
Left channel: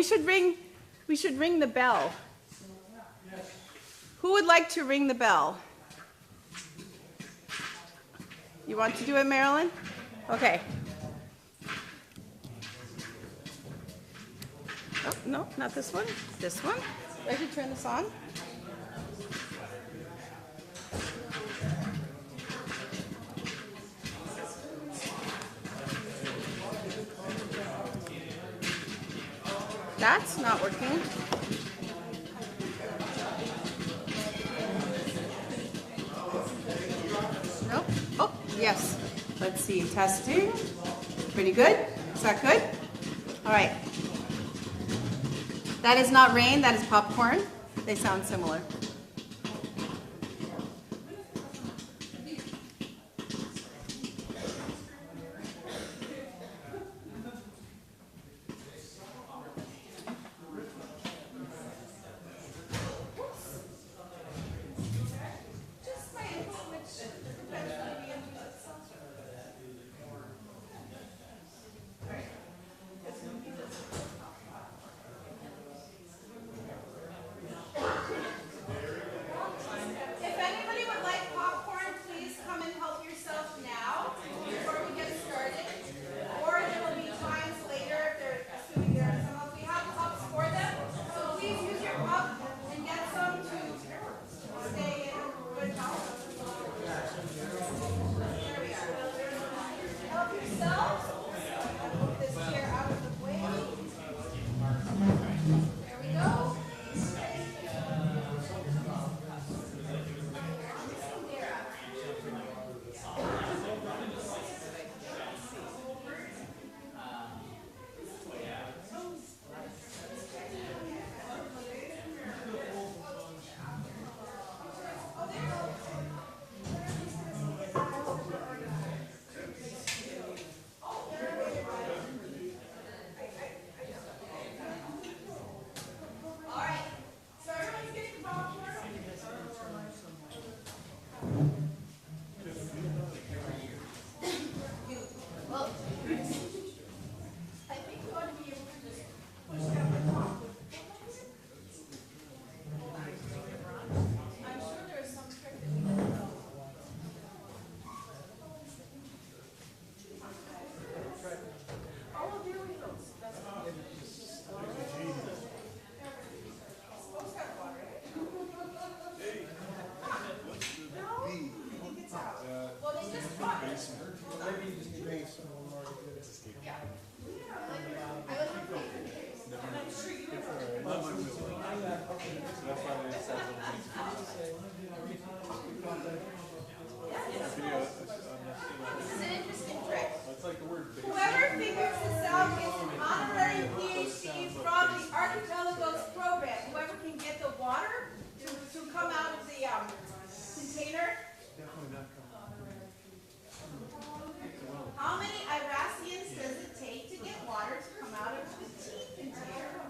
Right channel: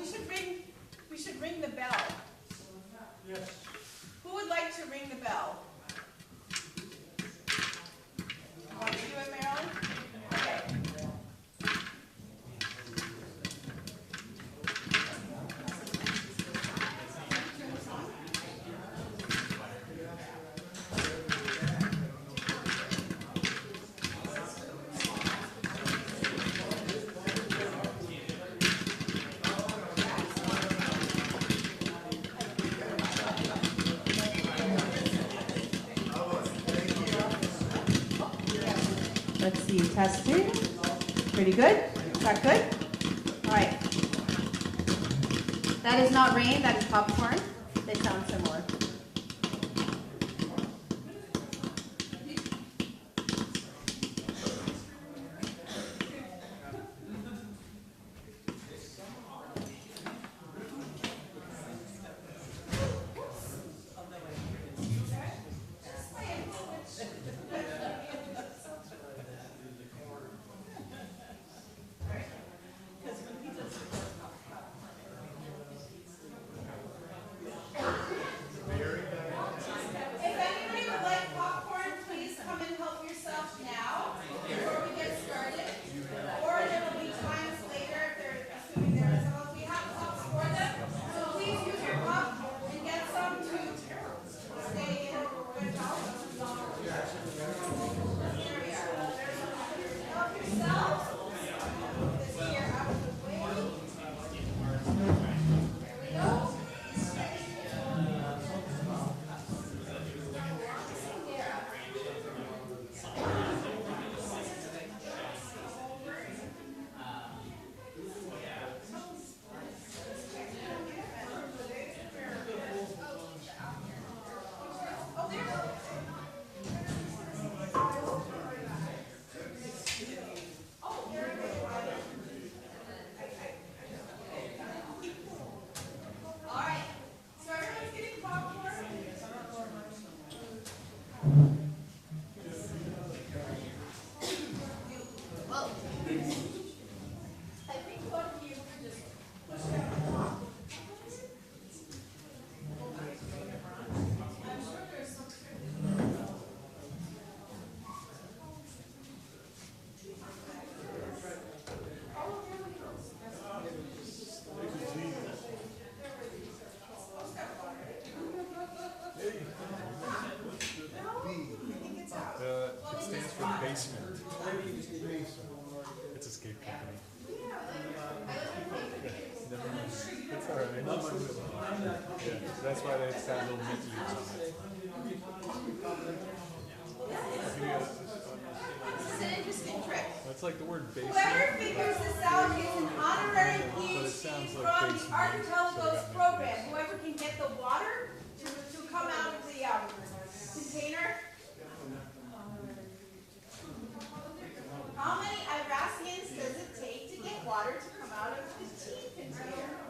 we should ring the bell. Who would like to ring the bell? You want to do it, Marilyn? Okay. Oh, no, not this one. This one. Let me turn this on. That's not working. Nope. Oh, yes. Let's see. Testing. Pretty good. Is that good? All right. That is not rain. That is popcorn. They sound similar. That's why they decided to mix This is an interesting trick. That's like the word base. Whoever figures this out gets an honorary PhD from the Archipelagos program. Whoever can get the water to come out of the container. How many Irasians does it take to get water to come out of the tea container?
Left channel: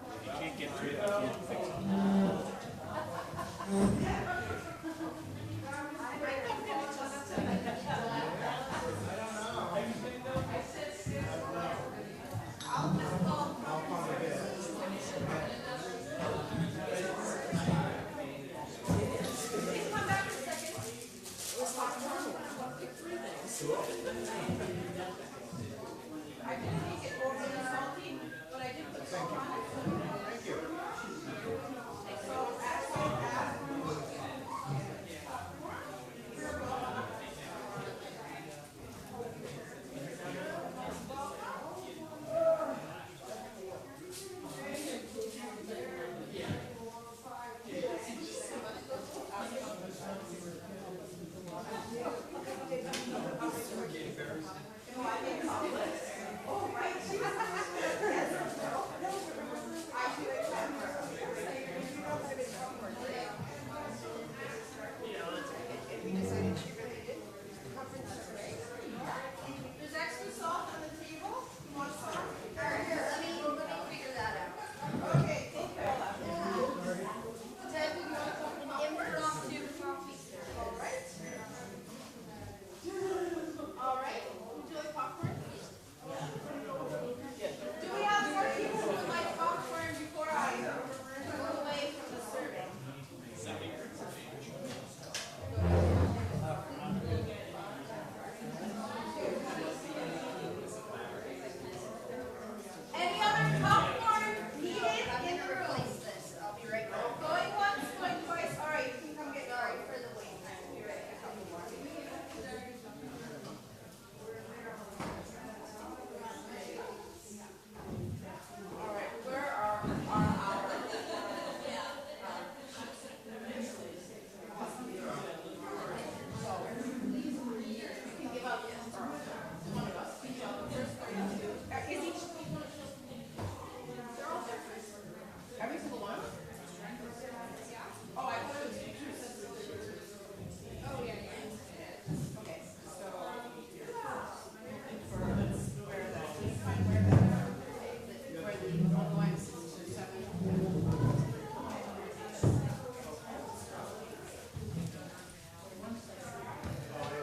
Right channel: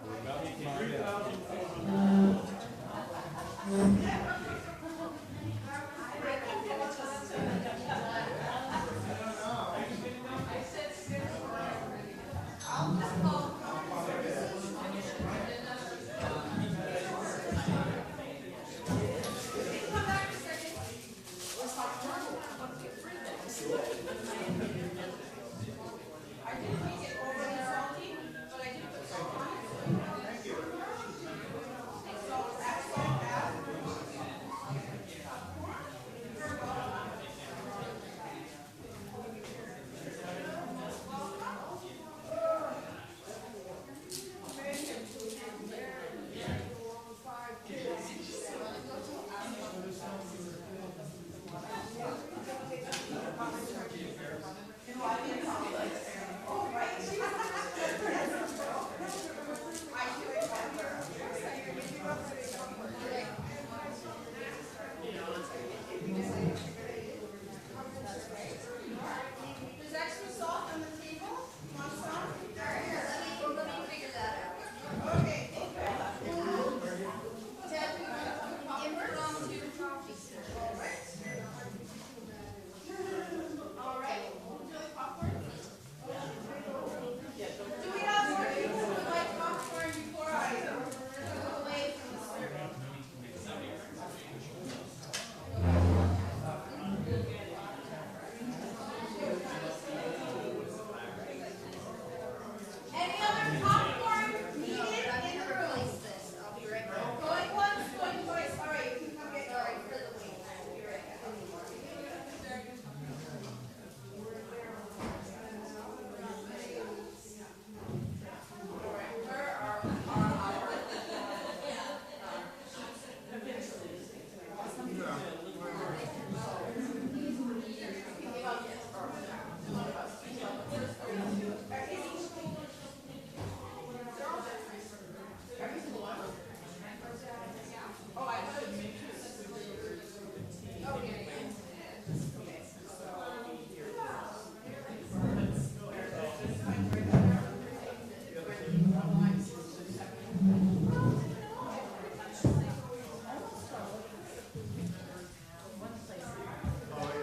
Think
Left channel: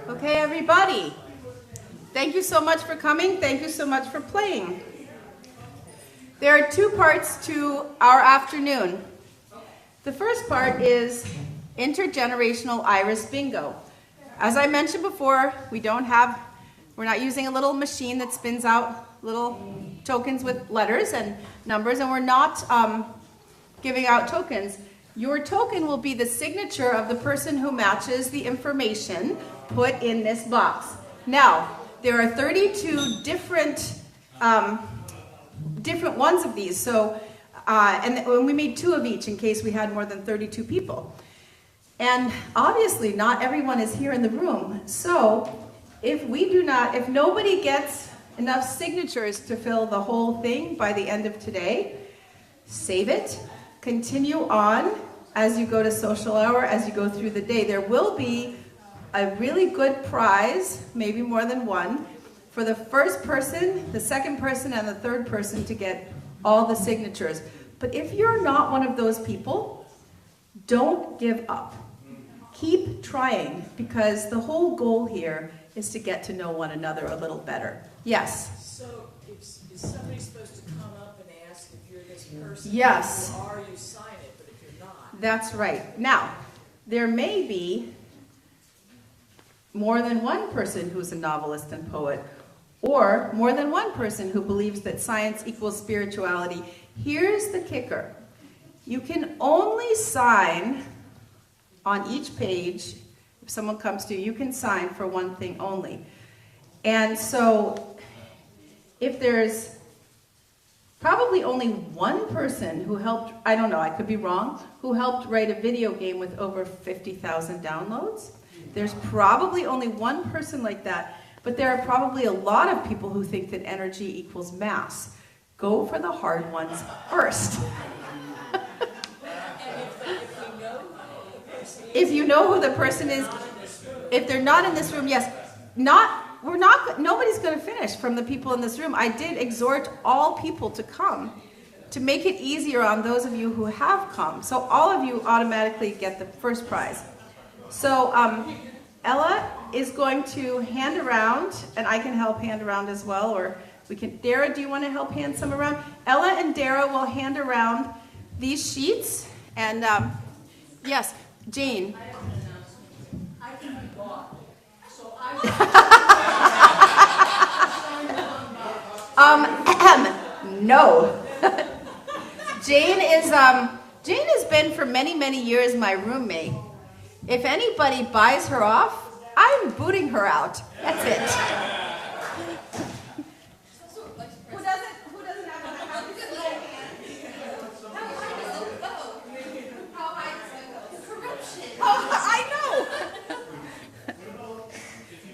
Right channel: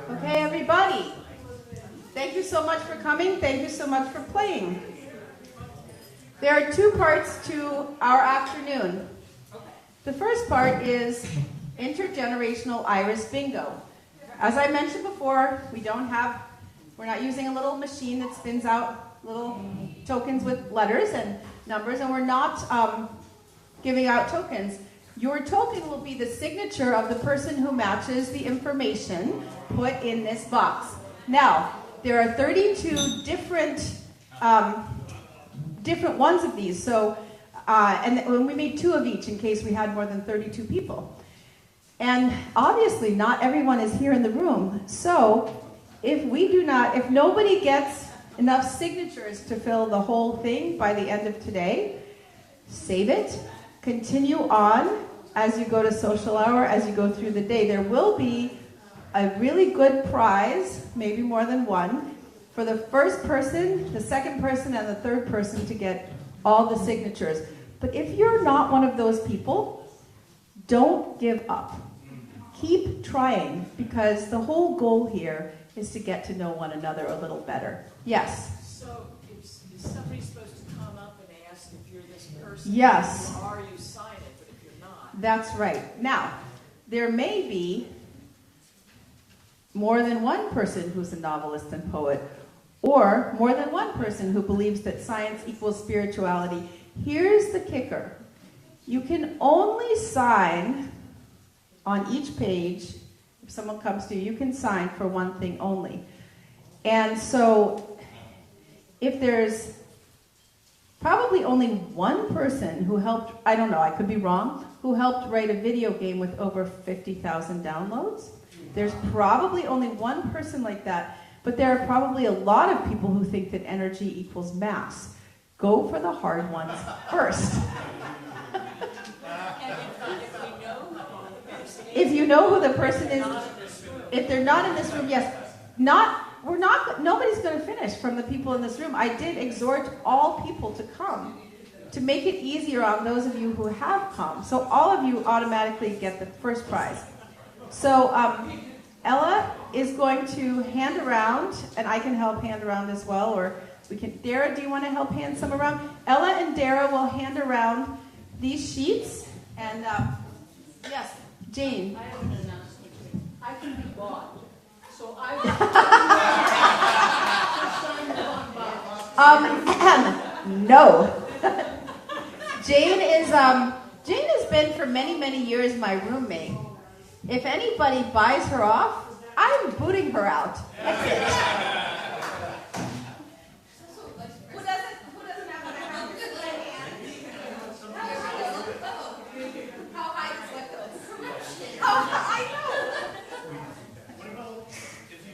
Okay, everybody. Thank you so much for coming. Thank you so much for playing. There are two parts to our afternoon. The first part is intergenerational IRAS bingo. As I mentioned before, we're not using a little machine that spins out little tokens with letters and numbers, and we're not giving out tokens. Your token will be the signature of the person who matches the information put in this box. Now, there are 32 different ones of these, so and we made 2 of each in case we had more than 32 people. And obviously, not everyone is here in the room. So, if nobody gets enough signatures to fill the whole thing by the end of today, save it, continue on as you go to social hour, as you go through the day. There will be a really good prize, maybe more than one, for the first person, the second person, and the third person to get all the signatures. But if you're not one of those people, don't give up. Keep trying, because the whole goal here is to get to know one another a little better. Yes? So, is somebody supposed to come up and ask if you're this person? Yes. Or you sign it, but if you're not? That's right. Now, there may be more than one person who's a novelist and poet, or more than one person who believes that science equals spirituality. Here's the kicker. You can only sign on each page. If someone comes to you, you can sign for one thing only. And so, if there's probably only one person who helped, I don't know, I could be wrong, who helped write a video game with over 50,000 downloads, there's probably only one person like that, but there are probably a lot of people who think that energy equals mass. Go for the hard ones first. If you know who the person is, if they're not in this room, yes, nobody's going to finish from the people in this room. I did exhort all people to come to make it easier on those of you who have come. So all of you automatically get the first prize. So Ella is going to hand around, and I can help hand around as well, or we can. Dara, do you want to help hand some around? Ella and Dara will hand around these sheets, and yes. Jane. I can be bought. So I no. Jane has been for many, many years my roommate. If anybody buys her off, I'm booting her out. That's it. Who doesn't have a house? Oh, I know.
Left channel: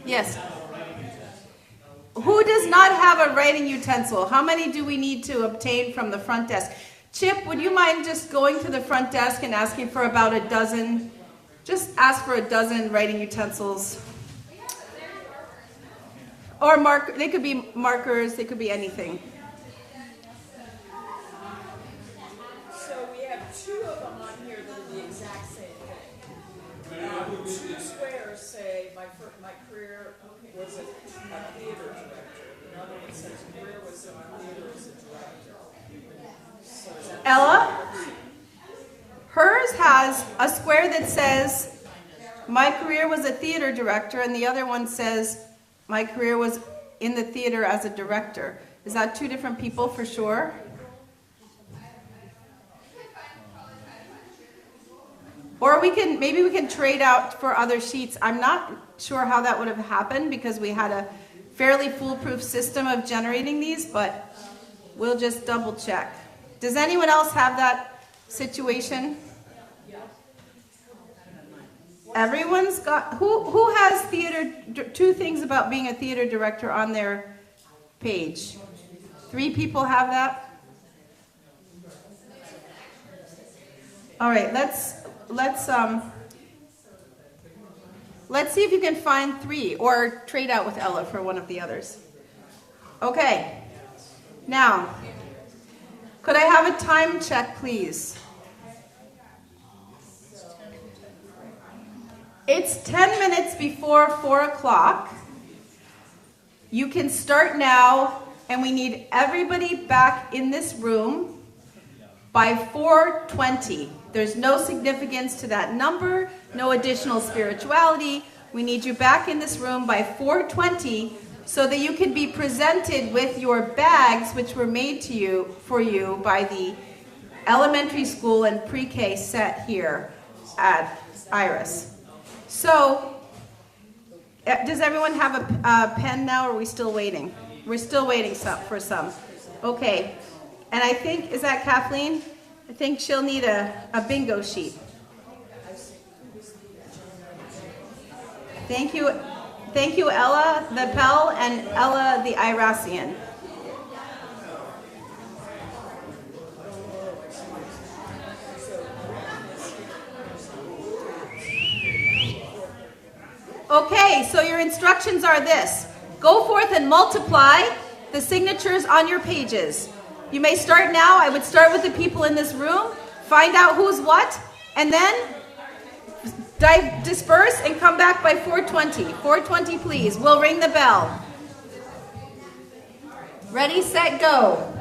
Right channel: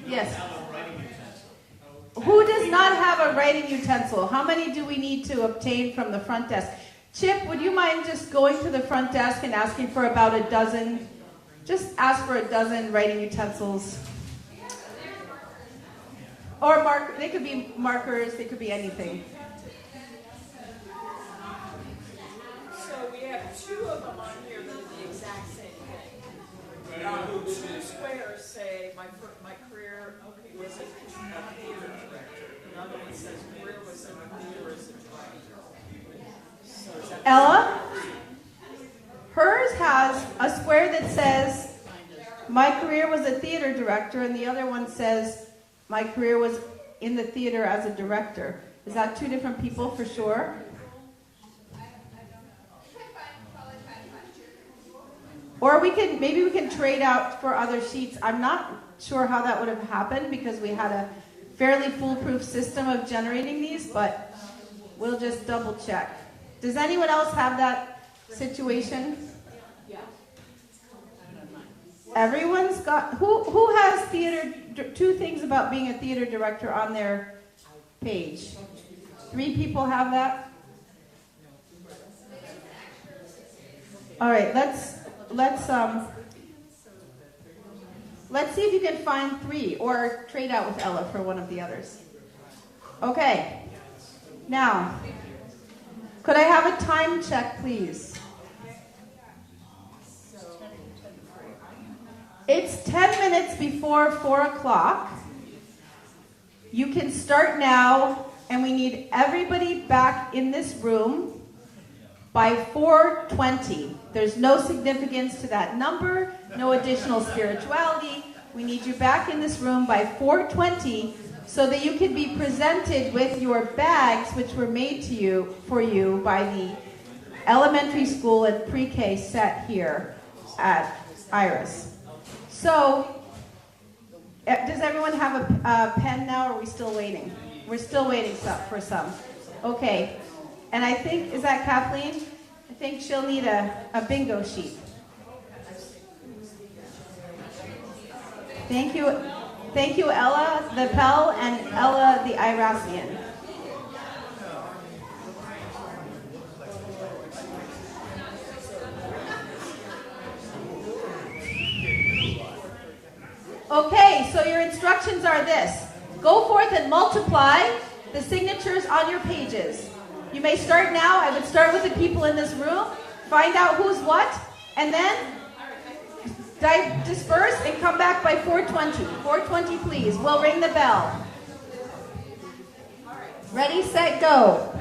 Yes. Who does not have a writing utensil? How many do we need to obtain from the front desk? Chip, would you mind just going to the front desk and asking for about a dozen? Just ask for a dozen writing utensils. Or they could be markers, they could be anything. So we have 2 of them on here that are the exact same thing. 2 squares say my career was a theater director. Another one says career was a theater as a director. Ella, hers has a square that says my career was a theater director, and the other one says my career was in the theater as a director. Is that 2 different people for sure? Or maybe we can trade out for other sheets. I'm not sure how that would have happened because we had a fairly foolproof system of generating these, but we'll just double check. Does anyone else have that situation? Everyone's got, who has theater, 2 things about being a theater director on their page? 3 people have that? All right, let's see if you can find 3 or trade out with Ella for one of the others. Okay. Now, could I have a time check, please? It's 10 minutes before 4 o'clock. You can start now, and we need everybody back in this room by 4:20. There's no significance to that number, no additional spirituality. We need you back in this room by 4:20 so that you can be presented with your bags, which were made to you for you by the elementary school and pre-K set here at IRAS. So, does everyone have a pen now, or are we still waiting? We're still waiting for some. Okay. And I think, is that Kathleen? I think she'll need a bingo sheet. Thank you. Thank you, Ella the Pell and Ella the Irasian. Okay, so your instructions are this. Go forth and multiply the signatures on your pages. You may start now. I would start with the people in this room, find out who's what, and then disperse and come back by 4:20. 4:20, please. We'll ring the bell. Ready, set, go.